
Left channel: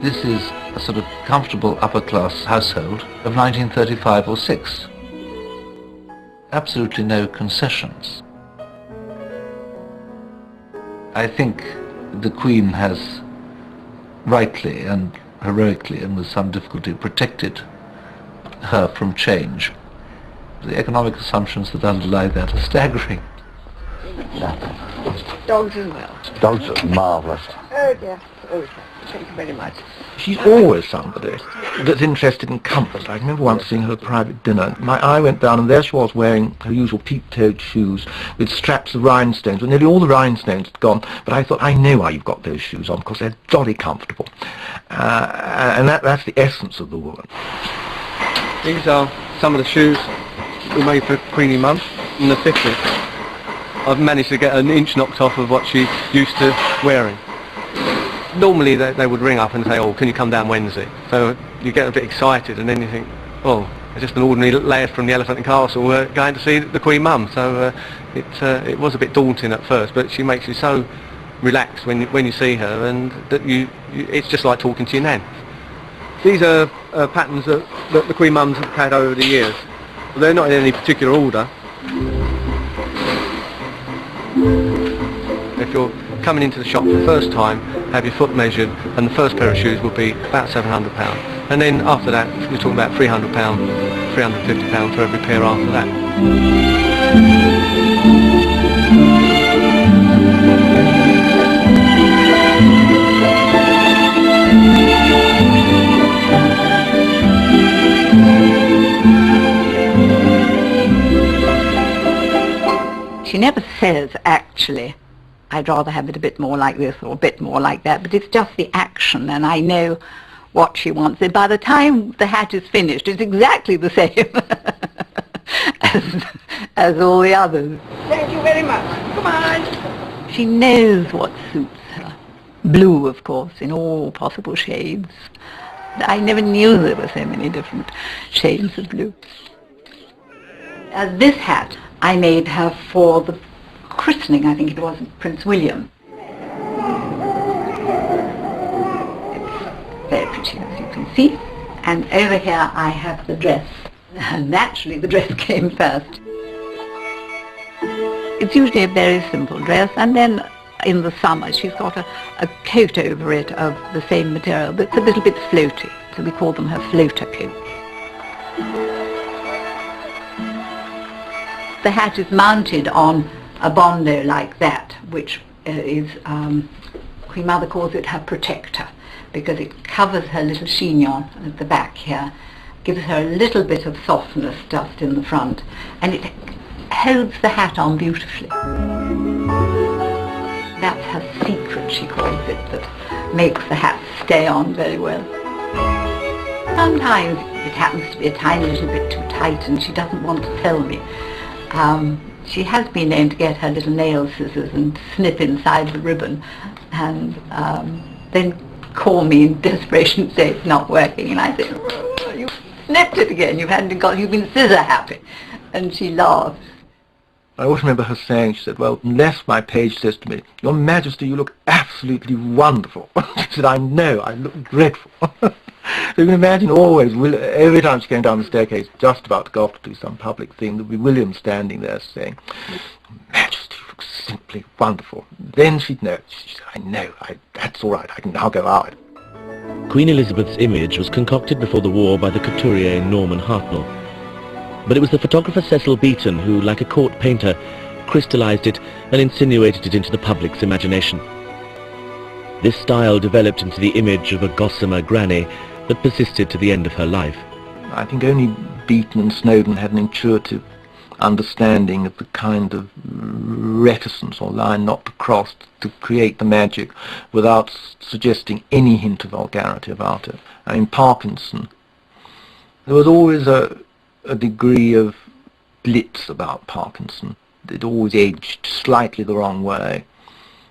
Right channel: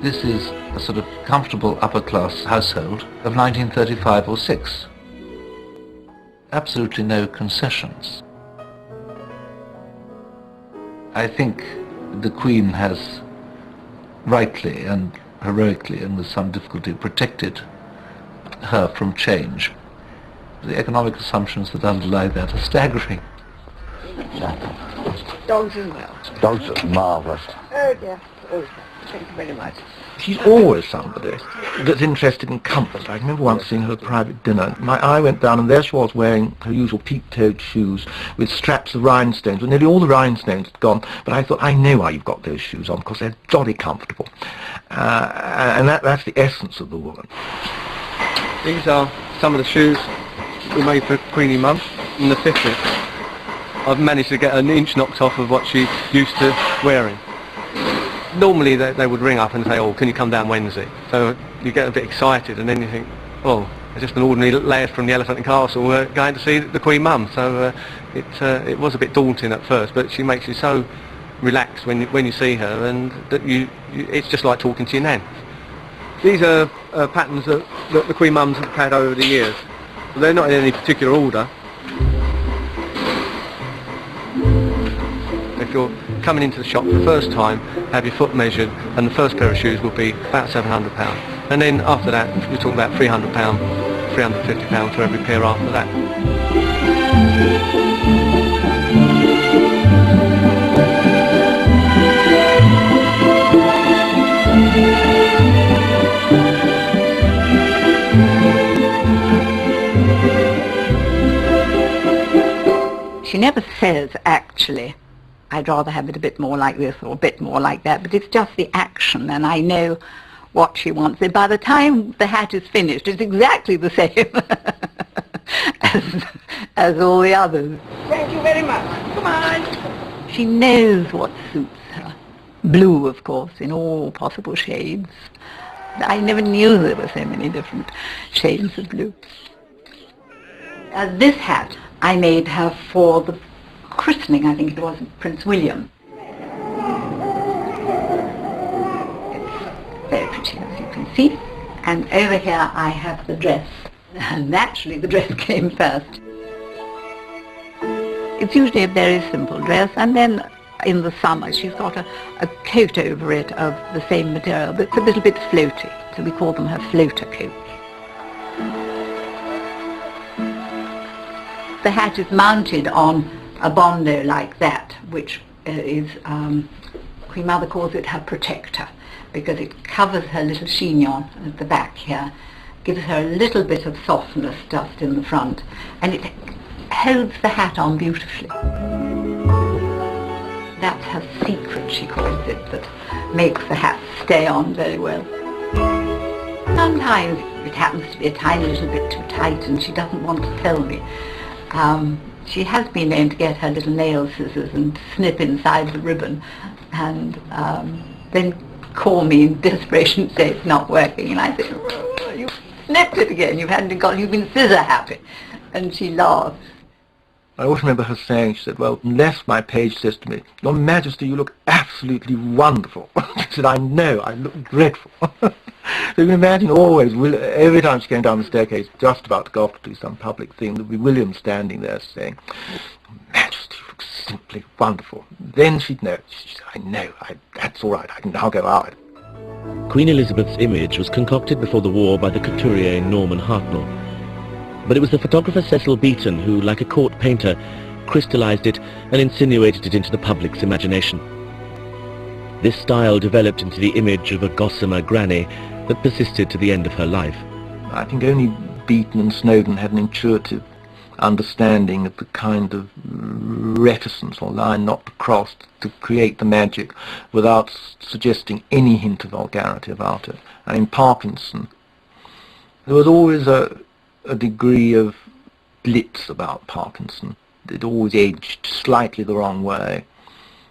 This is a sort of comfortable upper-class household of 1935 or 6. absolutely no concessions. I think the Queen has rightly and heroically, and with some difficulty, protected her from change. The economic assumptions that underlie that are staggering. Dogs as well. Dogs are marvellous. Oh dear. Oh, thank you very much. She's always somebody that's interested in comfort. I remember once seeing her at a private dinner. My eye went down and there she was wearing her usual peak-toed shoes with straps of rhinestones. And nearly all the rhinestones had gone, but I thought, I know why you've got those shoes on, because they're jolly comfortable. And that's the essence of the woman. These are some of the shoes we made for Queenie Mum in the 50s. I've managed to get an inch knocked off of what she's used to wearing. Normally they would ring up and say, oh, can you come down Wednesday? So you get a bit excited and then you think, oh, it's just an ordinary lad from the Elephant and Castle going to see the Queen Mum. So it was a bit daunting at first, but she makes you so relaxed when you see her, and that it's just like talking to your nan. These are patterns that the Queen Mums have had over the years. They're not in any particular order. If you're coming into the shop for the first time, have your foot measured, and the first pair of shoes will be about £700. And then after that, we're talking about £300, £350 for every pair after that. She never says, actually, I'd rather have it a bit more like this or a bit more like that, but it's just the action, and I know what she wants. And by the time the hat is finished, it's exactly the same as all the others. Thank you very much. Goodbye. She knows what suits her. Blue, of course, in all possible shades. I never knew there were so many different shades of blue. This hat I made her for the christening, I think it was, Prince William. It's very pretty, as you can see. And over here I have the dress. And naturally the dress came first. It's usually a very simple dress, and then in the summer she's got a coat over it of the same material, but it's a little bit floaty, so we call them her floater coats. The hat is mounted on a bondo like that, which is, Queen Mother calls it her protector, because it covers her little chignon at the back here, gives her a little bit of softness just in the front, and it holds the hat on beautifully. That's her secret, she calls it, that makes the hat stay on very well. Sometimes it happens to be a tiny little bit too tight and she doesn't want to tell me. She has been known to get her little nail scissors and snip inside the ribbon, and then call me in desperation and say it's not working, and I say, you snipped it again, you've been scissor happy, and she laughs. I always remember her saying, she said, well, unless my page says to me, Your Majesty, you look absolutely wonderful. She said, I know, I look dreadful. And imagine always, every time she came down the staircase, just about to go off to do some public thing, there'd be William standing there saying, Majesty, you look simply wonderful. Then she'd know, I know, that's all right, I can now go out. Queen Elizabeth's image was concocted before the war by the couturier Norman Hartnell. But it was the photographer Cecil Beaton who, like a court painter, crystallized it and insinuated it into the public's imagination. This style developed into the image of a gossamer granny that persisted to the end of her life. I think only Beaton and Snowden had an intuitive understanding of the kind of reticence or line not to cross to create the magic without suggesting any hint of vulgarity about it. In Parkinson, there was always a degree of Blitz about Parkinson. It always edged slightly the wrong way.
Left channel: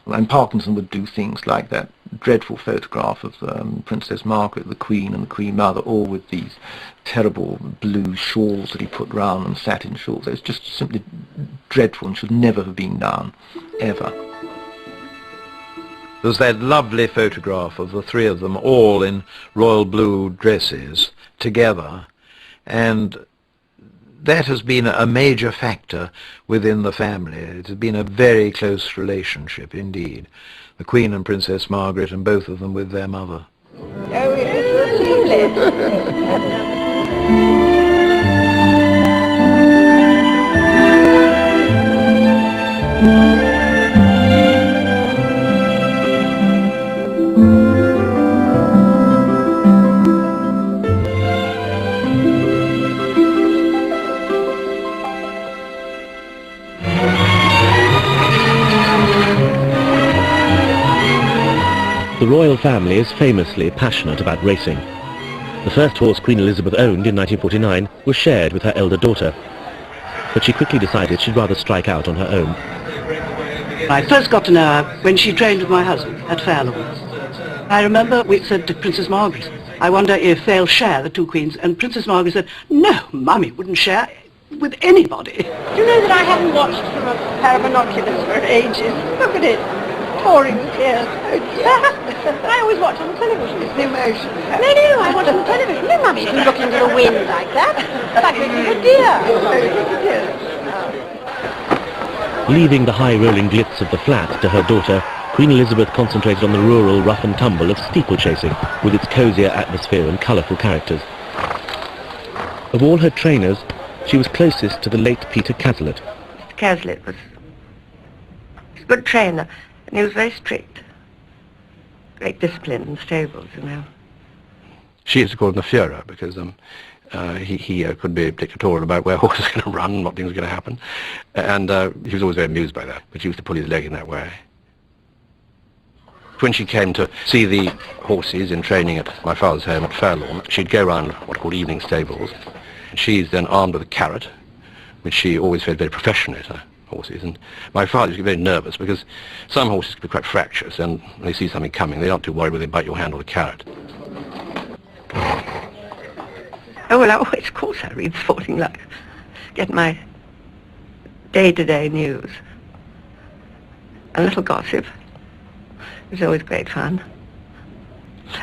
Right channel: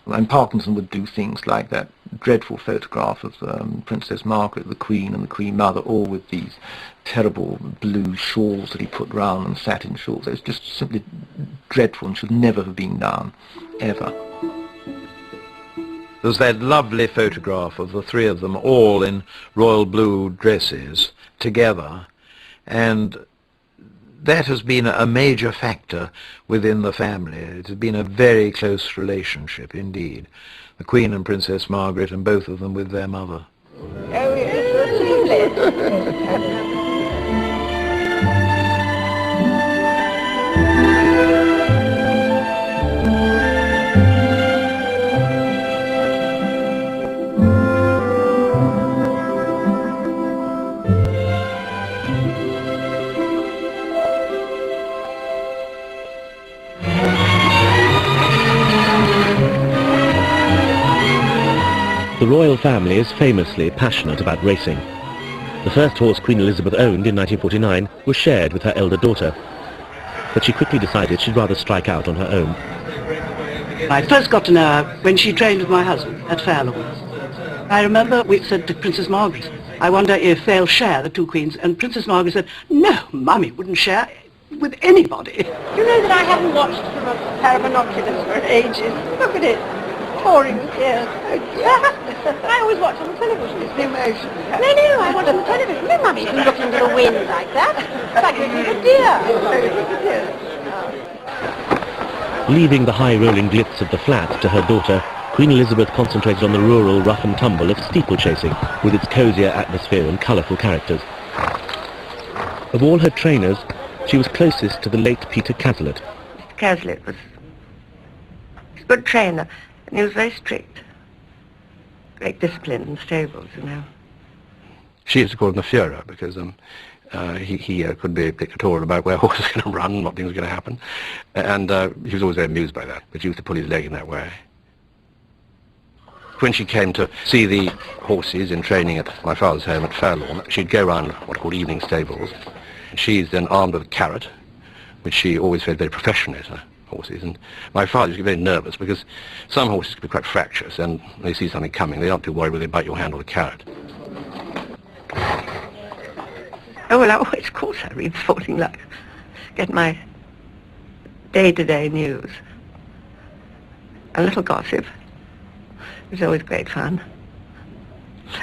And Parkinson would do things like that dreadful photograph of Princess Margaret, the Queen, and the Queen Mother, all with these terrible blue shawls that he put round them, satin shawls. It's just simply dreadful and should never have been done, ever. There's that lovely photograph of the three of them all in royal blue dresses together, and that has been a major factor within the family. It has been a very close relationship indeed. The Queen and Princess Margaret, and both of them with their mother. The royal family is famously passionate about racing. The first horse Queen Elizabeth owned in 1949 was shared with her elder daughter, but she quickly decided she'd rather strike out on her own. I first got to know her when she trained with my husband at Fairlawn. I remember we said to Princess Margaret, I wonder if they'll share, the two queens, and Princess Margaret said, no, Mummy wouldn't share with anybody. Do you know that I haven't watched a pair of binoculars for ages? Look at it. Pouring tears. I always watch on television. It's the emotion. No, I watch on television. No, Mummy, you look into the wind like that. Like a dear. Leaving the high-rolling glitz of the flat to her daughter, Queen Elizabeth concentrated on the rural rough and tumble of steeplechasing, with its cosier atmosphere and colourful characters. Of all her trainers, she was closest to the late Peter Castlett. Castlett was a good trainer, and he was very strict. Great discipline in the stables, you know. She is called the Führer because he could be dictatorial about where horses are going to run, what things are going to happen, and he was always very amused by that, but he used to pull his leg in that way. When she came to see the horses in training at my father's home at Fairlawn, she'd go round what are called evening stables. She's then armed with a carrot, which she always felt very professional at her horses, and my father used to get very nervous because some horses can be quite fractious, and when they see something coming, they aren't too worried whether they bite your hand or the carrot. Oh, well, of course I read Sporting Life. Get my day-to-day news. A little gossip. It's always great fun.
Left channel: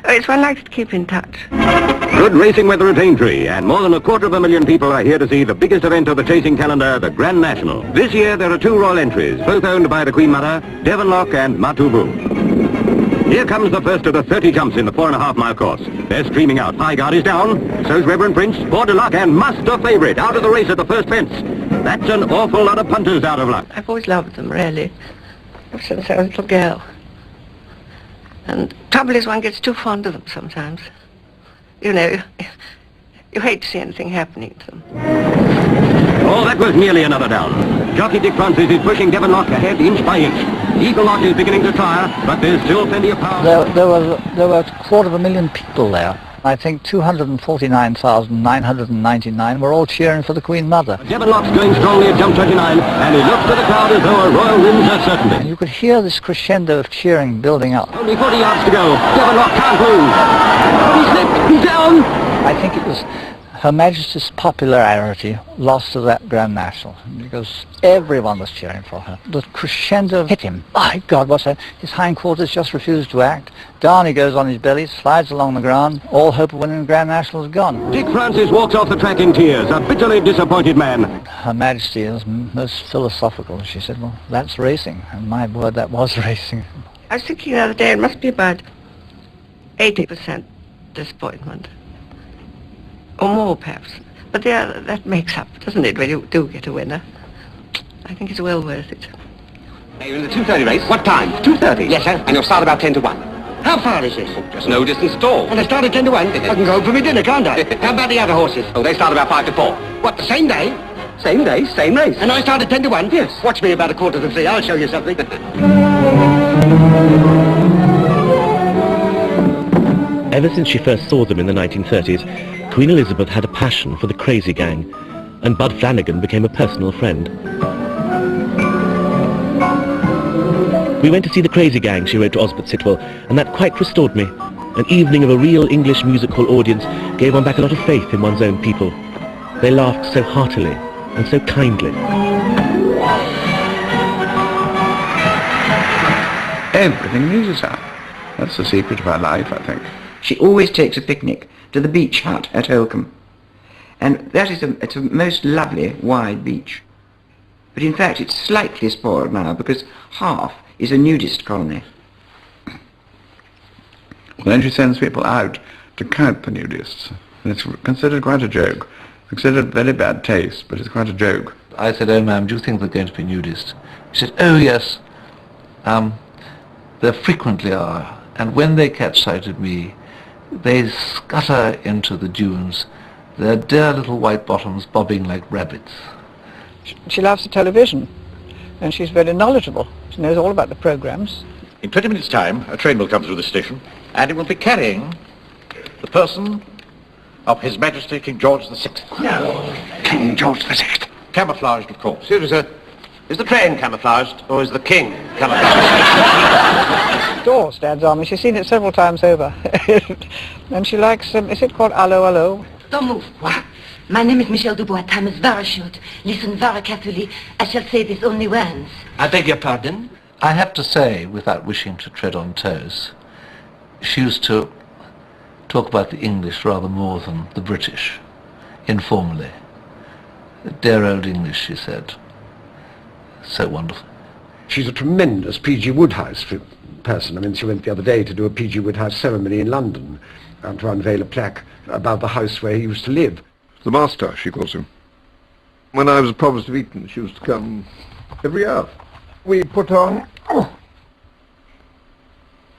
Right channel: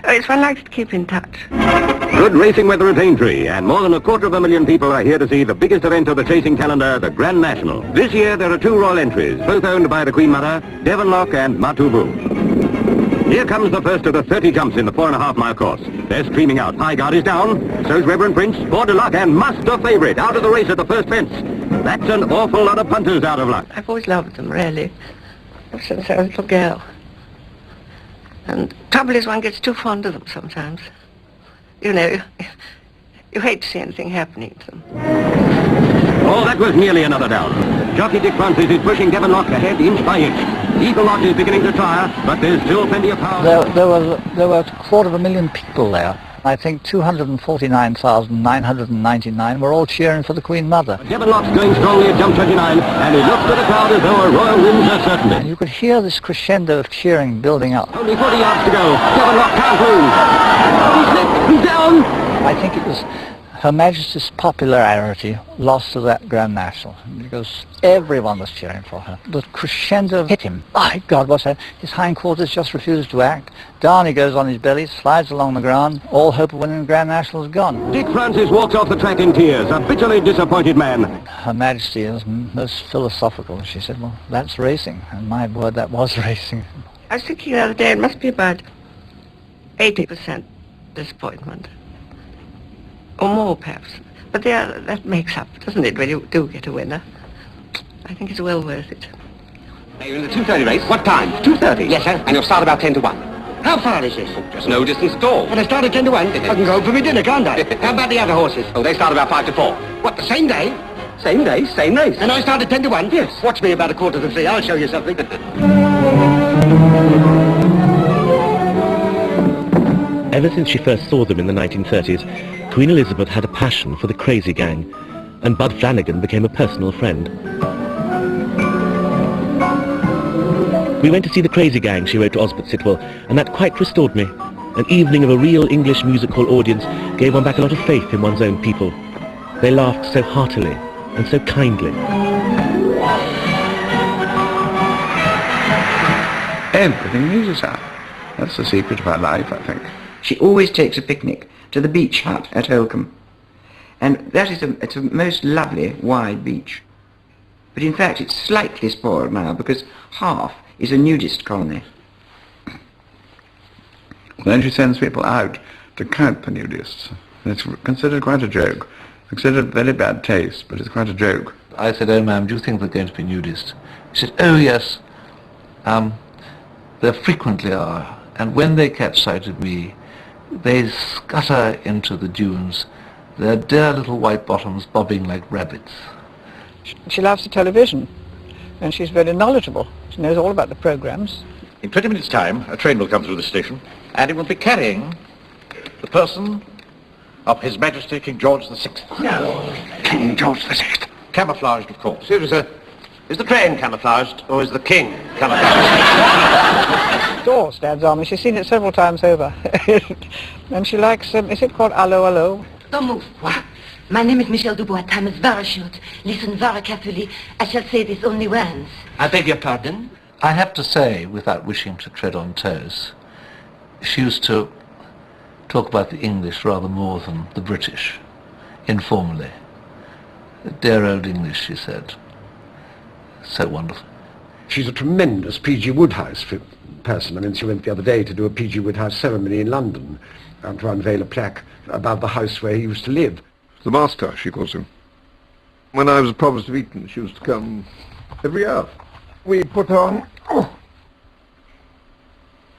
Oh, it's one likes to keep in touch. Good racing weather at Aintree, and more than 250,000 people are here to see the biggest event of the chasing calendar, the Grand National. This year there are two royal entries, both owned by the Queen Mother, Devonlock and Matoubu. Here comes the first of the 30 jumps in the 4.5-mile course. They're streaming out. High guard is down. So's Reverend Prince, Bordelock and Master Favourite out of the race at the first fence. That's an awful lot of punters out of luck. I've always loved them, really, ever since I was a little girl. And the trouble is one gets too fond of them sometimes. You know, you hate to see anything happening to them. Oh, that was nearly another down. Jockey Dick Francis is pushing Devonlock ahead inch by inch. Eagle Lock is beginning to tire, but there's still plenty of power. There were 250,000 people there. I think 249,999 were all cheering for the Queen Mother. Devonlock's going strongly at jump 29, and it looks to the crowd as though a royal wins are certain. You could hear this crescendo of cheering building up. Only 40 yards to go. Devonlock can't win. He's down. I think it was Her Majesty's popularity lost to that Grand National because everyone was cheering for her. The crescendo hit him. My God, what's that? His hindquarters just refused to act. Down he goes on his belly, slides along the ground. All hope of winning the Grand National is gone. Dick Francis walks off the track in tears, a bitterly disappointed man. Her Majesty is most philosophical. She said, well, that's racing. And my word, that was racing. I was thinking the other day, it must be about 80% disappointment. Or more, perhaps. But yeah, that makes up, doesn't it, when you do get a winner? I think it's well worth it. You're in the 2:30 race. What time? 2:30. Yes, sir. And you'll start about 10 to 1. How far is this? There's no distance at all. And I start at 10 to 1. I can go for my dinner, can't I? How about the other horses? Oh, they start about 5 to 4. What, the same day? Same day, same race. And I start at 10 to 1? Yes. Watch me about 2:45. I'll show you something. Ever since she first saw them in the 1930s, Queen Elizabeth had a passion for the crazy gang, and Bud Flanagan became a personal friend. We went to see the crazy gang, she wrote to Osbert Sitwell, and that quite restored me. An evening of a real English musical audience gave one back a lot of faith in one's own people. They laughed so heartily and so kindly. Everything pleases her. That's the secret of her life, I think. She always takes a picnic to the beach hut at Oakham. And that is it's a most lovely wide beach. But in fact it's slightly spoiled now because half is a nudist colony. Then she sends people out to count the nudists. It's considered quite a joke. Considered very bad taste, but it's quite a joke. I said, "Oh, ma'am, do you think they're going to be nudists?" She said, "Oh, yes. There frequently are. And when they catch sight of me, they scutter into the dunes, their dear little white bottoms bobbing like rabbits." She loves the television, and she's very knowledgeable. She knows all about the programs. In 20 minutes' time, a train will come through the station, and it will be carrying the person of His Majesty King George VI. No, King George VI. Camouflaged, of course. Excuse me, sir. Is the train camouflaged, or is the king camouflaged? It almost stands on me. She's seen it several times over. And she likes, is it called Allo Allo? Don't move. My name is Michel Dubois, Thomas very short. Listen very carefully. I shall say this only once. I beg your pardon? I have to say, without wishing to tread on toes, she used to talk about the English rather more than the British, informally. The dear old English, she said. So wonderful. She's a tremendous P.G. Wodehouse person. I mean, she went the other day to do a P.G. Wodehouse ceremony in London and to unveil a plaque above the house where he used to live. The master, she calls him. When I was at Provost of Eton, she used to come every hour. We put on...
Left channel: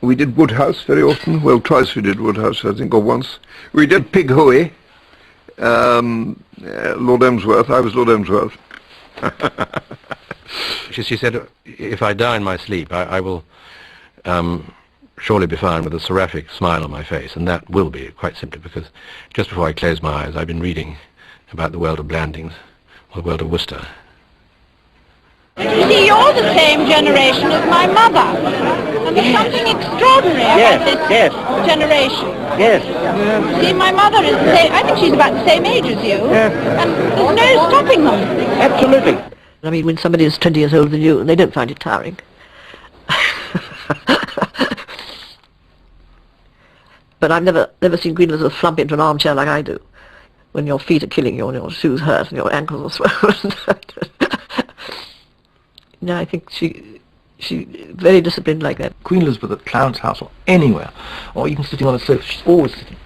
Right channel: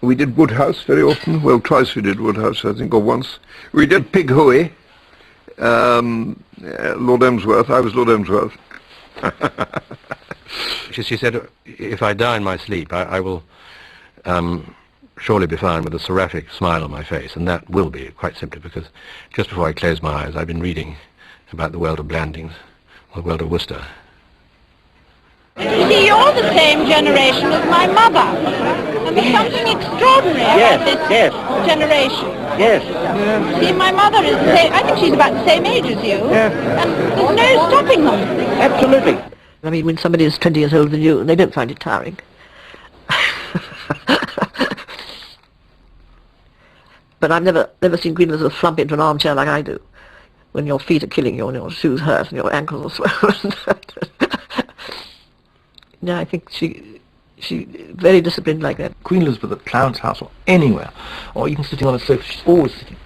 We did Wodehouse very often. Well, twice we did Wodehouse, I think, or once. We did Pig Hooey. Lord Emsworth. I was Lord Emsworth. She said, if I die in my sleep, I will surely be fine with a seraphic smile on my face, and that will be quite simply because just before I close my eyes, I've been reading about the world of Blandings, or the world of Worcester. See, you're the same generation as my mother. And there's something extraordinary about this generation. Yes. See, my mother is the same, I think she's about the same age as you. Yes. And no stopping them. Absolutely. I mean, when somebody is 20 years older than you, they don't find it tiring. But I've never seen Green Elizabeth flump into an armchair like I do, when your feet are killing you and your shoes hurt and your ankles are swollen. No, I think she's very disciplined like that. Queen Elizabeth at Clarence House or anywhere, or even sitting on a sofa, she's always sitting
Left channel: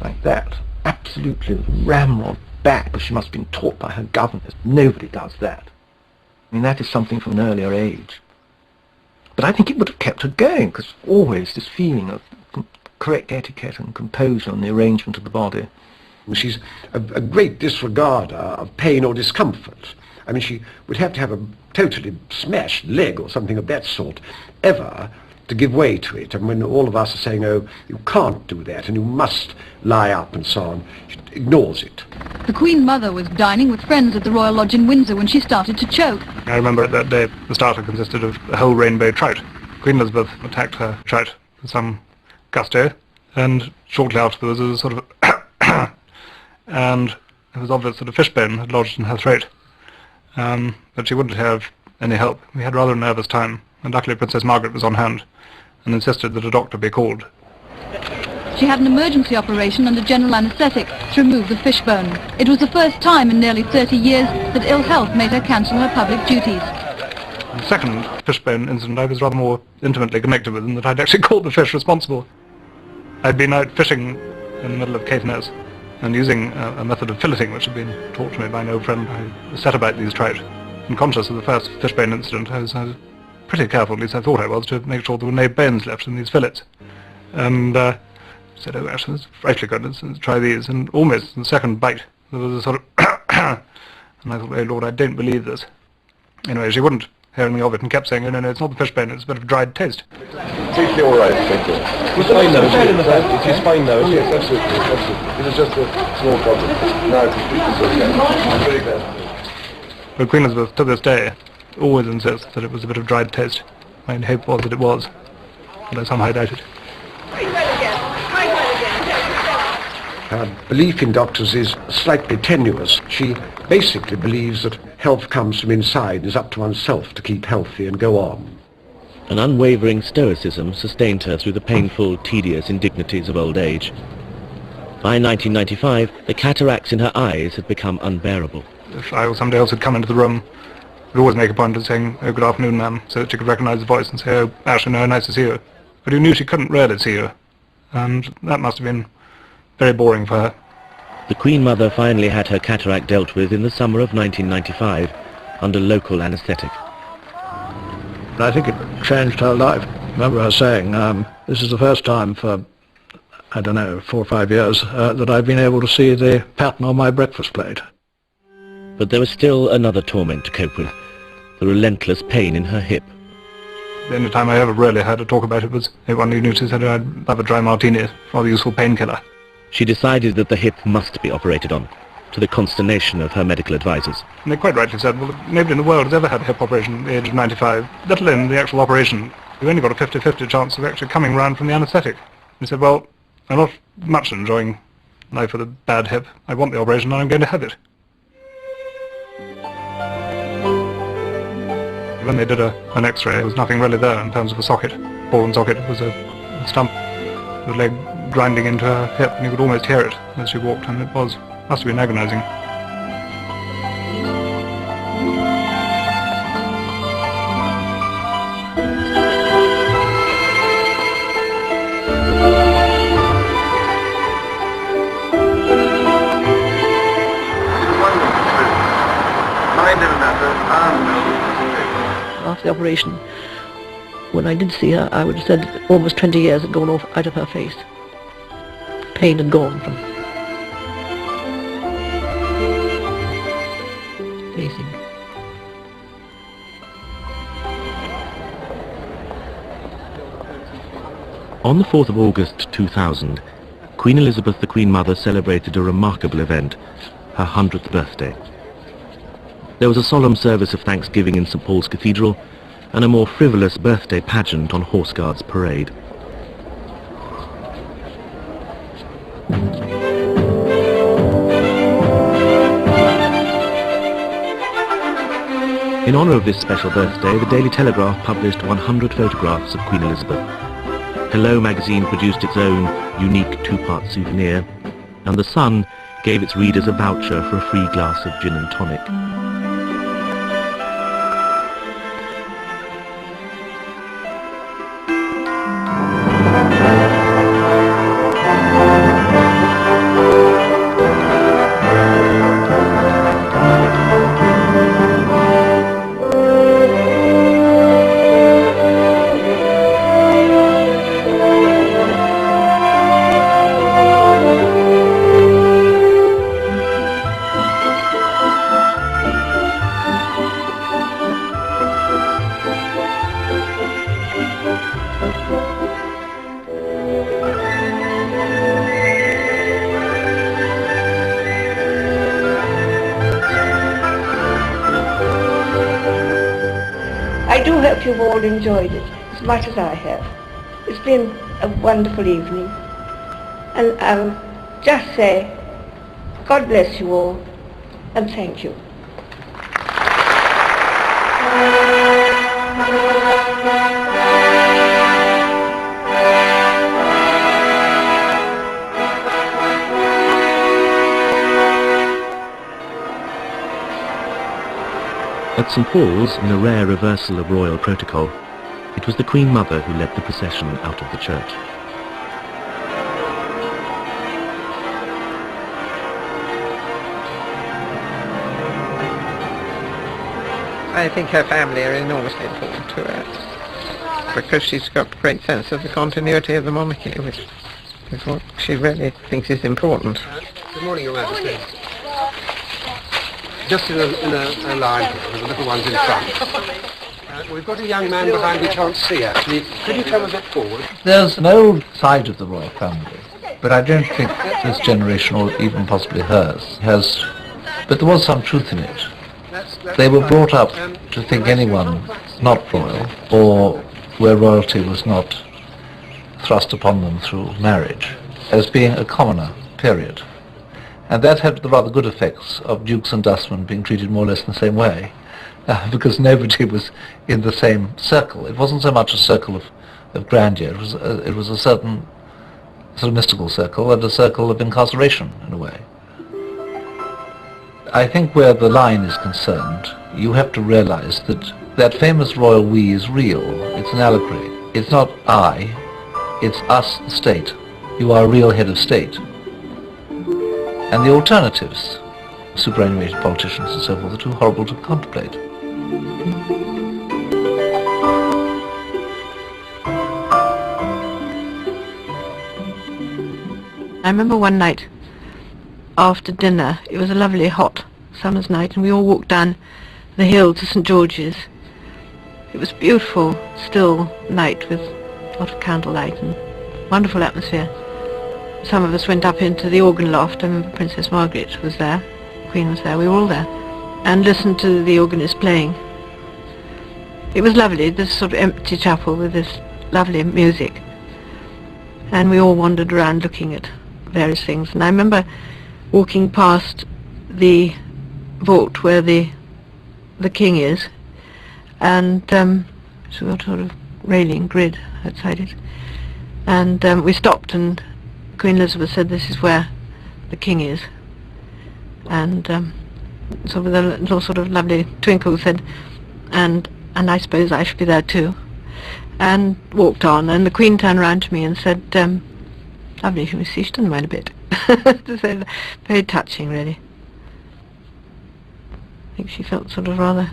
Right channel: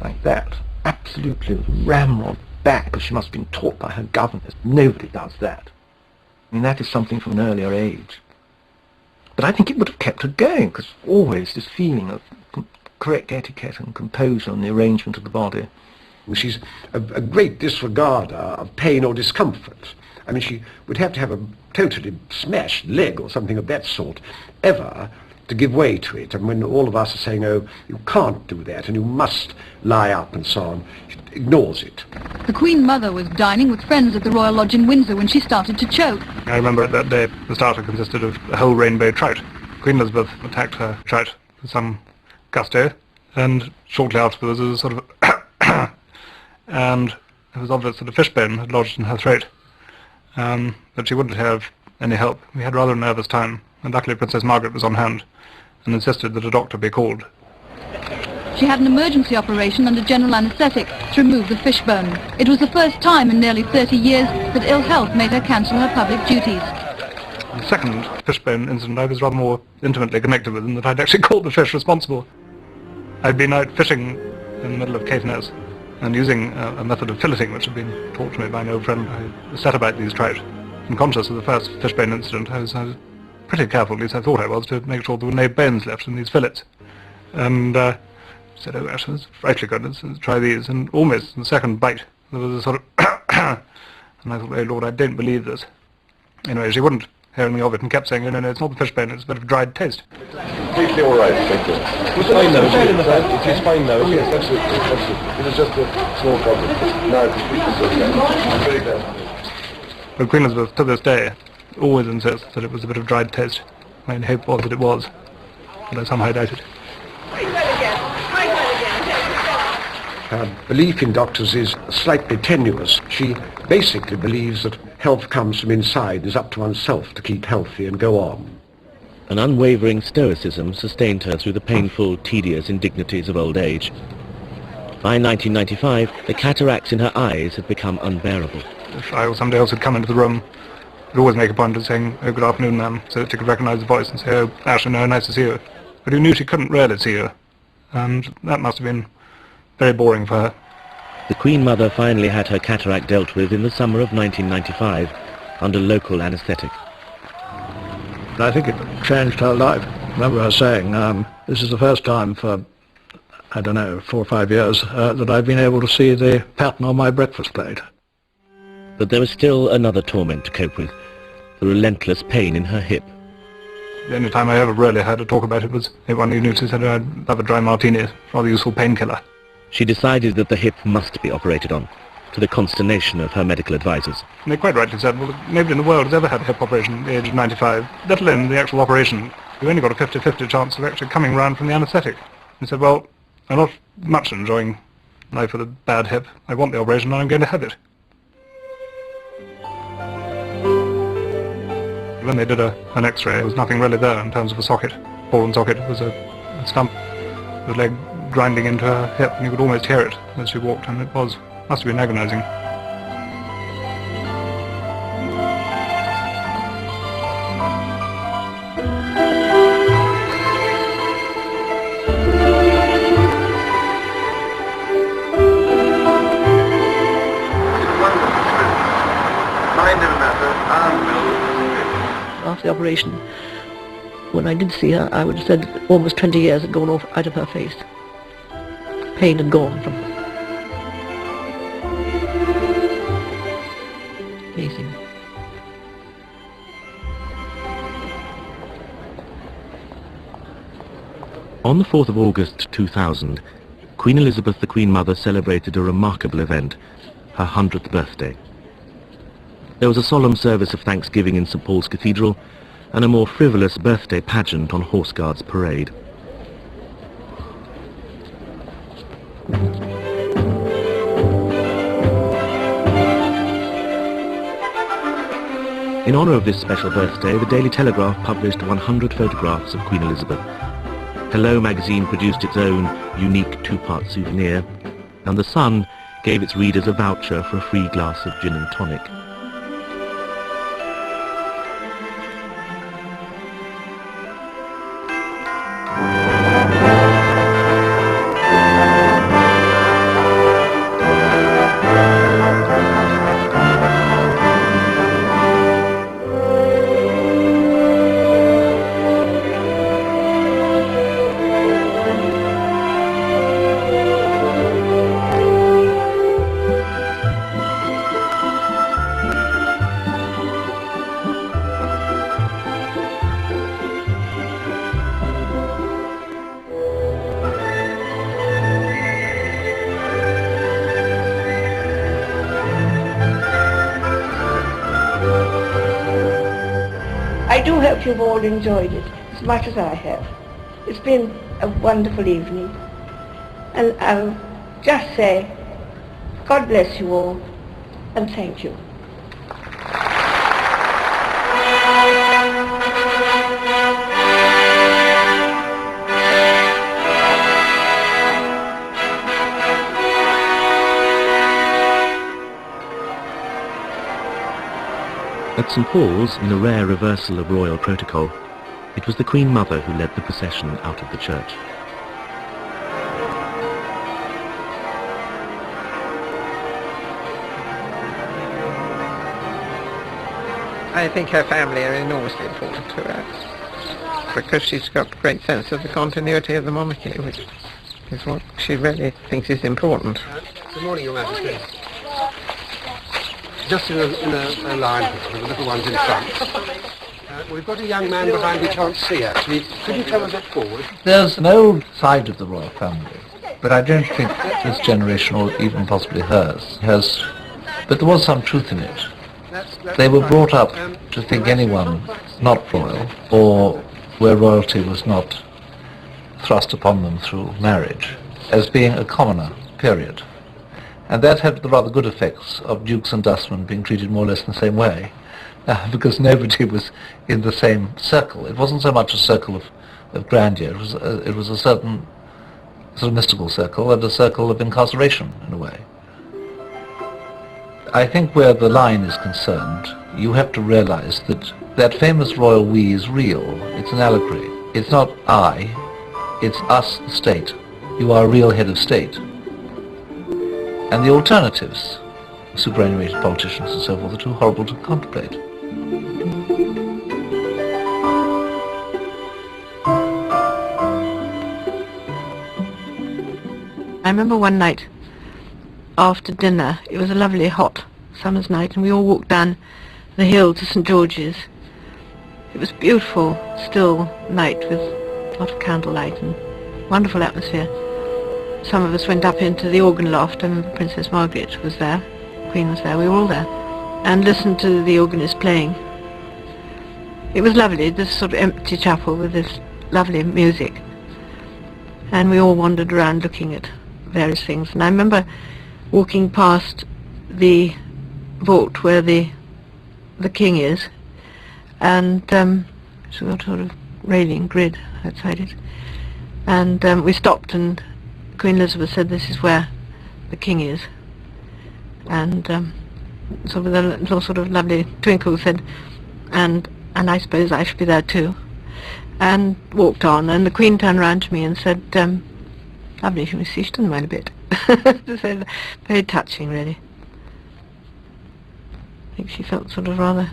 like that, absolutely ramrod back, because she must have been taught by her governess. Nobody does that. I mean, that is something from an earlier age. But I think it would have kept her going, because always this feeling of correct etiquette and composure and the arrangement of the body. She's a great disregarder of pain or discomfort. I mean, she would have to have a totally smashed leg or something of that sort, ever, to give way to it. And when all of us are saying, oh, you can't do that, and you must lie up and so on, she ignores it. The Queen Mother was dining with friends at the Royal Lodge in Windsor when she started to choke. I remember that day the starter consisted of a whole rainbow trout. Queen Elizabeth attacked her trout with some gusto, and shortly afterwards there was a sort of and it was obvious that a fishbone had lodged in her throat. But she wouldn't have any help. We had rather a nervous time, and luckily Princess Margaret was on hand and insisted that a doctor be called. She had an emergency operation under general anaesthetic to remove the fishbone. It was the first time in nearly 30 years that ill health made her cancel her public duties. The second fishbone incident I was rather more intimately connected with, in that I'd actually called the fish responsible. I'd been out fishing in the middle of Caithness and using a method of filleting which had been taught to me by an old friend who set about these trout. And conscious of the first fishbone incident, I was pretty careful, at least I thought I was, to make sure there were no bones left in these fillets. And she said, oh, Ashton, it's frightfully good, let's try these. And almost in the second bite, there was a sort of and I thought, oh Lord, I don't believe this. Anyway, she wouldn't hear anything of it and kept saying, oh, no, it's not the fishbone, it's a bit of dried toast. Thank you, all right, thank you. It's fine though, it's fine though. Yes, that's it. It was just a small problem. But Queen Elizabeth, to this day, always insists that it was a bit of dried toast. My hope was that it was, although somehow I doubt it. Her belief in doctors is slightly tenuous. She basically believes that health comes from inside. It's up to oneself to keep healthy and go on. An unwavering stoicism sustained her through the painful, tedious indignities of old age. By 1995, the cataracts in her eyes had become unbearable. If I or somebody else had come into the room, we'd always make a point of saying, "Oh, good afternoon, ma'am," so that she could recognise the voice and say, "Oh, Ashley, no, nice to see you." But you knew she couldn't really see you, and that must have been very boring for her. The Queen Mother finally had her cataract dealt with in the summer of 1995, under local anaesthetic. I think it changed her life. I remember her saying, this is the first time for, I don't know, 4 or 5 years, that I've been able to see the pattern on my breakfast plate. But there was still another torment to cope with, the relentless pain in her hip. The only time I ever really heard her talk about it was one evening she said, "I'd love a dry martini, rather useful painkiller." She decided that the hip must be operated on, to the consternation of her medical advisors. And they quite rightly said, "Well, nobody in the world has ever had a hip operation at the age of 95, let alone the actual operation. You've only got a 50-50 chance of actually coming round from the anaesthetic." They said, "Well, I'm not much enjoying life with a bad hip. I want the operation and I'm going to have it." When they did an X-ray, there was nothing really there in terms of a socket, ball and socket. It was a stump, the leg grinding into her hip, and you could almost hear it as she walked, and it must have been agonizing. After the operation, when I did see her, I would have said that almost 20 years had gone off out of her face. Pain had gone from her. Amazing. On the 4th of August 2000, Queen Elizabeth the Queen Mother celebrated a remarkable event, her 100th birthday. There was a solemn service of thanksgiving in St Paul's Cathedral and a more frivolous birthday pageant on Horse Guards Parade. In honour of this special birthday, the Daily Telegraph published 100 photographs of Queen Elizabeth. Hello magazine produced its own unique 2-part souvenir, and The Sun gave its readers a voucher for a free glass of gin and tonic. I do hope you've all enjoyed it as much as I have. It's been a wonderful evening. And I'll just say, God bless you all, and thank you. At St Paul's, in a rare reversal of royal protocol, it was the Queen Mother who led the procession out of the church. I think her family are enormously important to her, because she's got a great sense of the continuity of the monarchy, which is what she really thinks is important. Good morning, Your Majesty. Just in a line with the little ones in front. We've got a young man behind who can't see, actually. Can you tell us what forward? There's an old side of the royal family, but I don't think this generation, or even possibly hers, has... But there was some truth in it. They were brought up to think anyone not royal, or where royalty was not thrust upon them through marriage, as being a commoner, period. And that had the rather good effects of dukes and dustmen being treated more or less in the same way, because nobody was in the same circle. It wasn't so much a circle of grandeur, it was a certain sort of mystical circle and a circle of incarceration, in a way. I think where the line is concerned, you have to realize that that famous royal we is real. It's an allegory. It's not I, it's us, the state. You are a real head of state. And the alternatives, superannuated politicians and so forth, are too horrible to contemplate. I remember one night after dinner, it was a lovely hot summer's night, and we all walked down the hill to St. George's. It was beautiful, still night with a lot of candlelight and wonderful atmosphere. Some of us went up into the organ loft, and Princess Margaret was there, the Queen was there, we were all there, and listened to the organist playing. It was lovely, this sort of empty chapel with this lovely music. And we all wandered around looking at various things. And I remember walking past the vault where the king is, and so we got a sort of railing grid outside it, and we stopped, and Queen Elizabeth said, "This is where the king is," and so with a little sort of lovely twinkle said, and I suppose I should be there too, and walked on, and the Queen turned round to me and said, "Lovely, can we see still a bit?" To say that, very touching, really. I think she felt sort of rather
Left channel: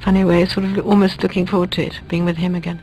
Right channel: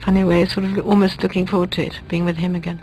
funny way, sort of almost looking forward to it, being with him again.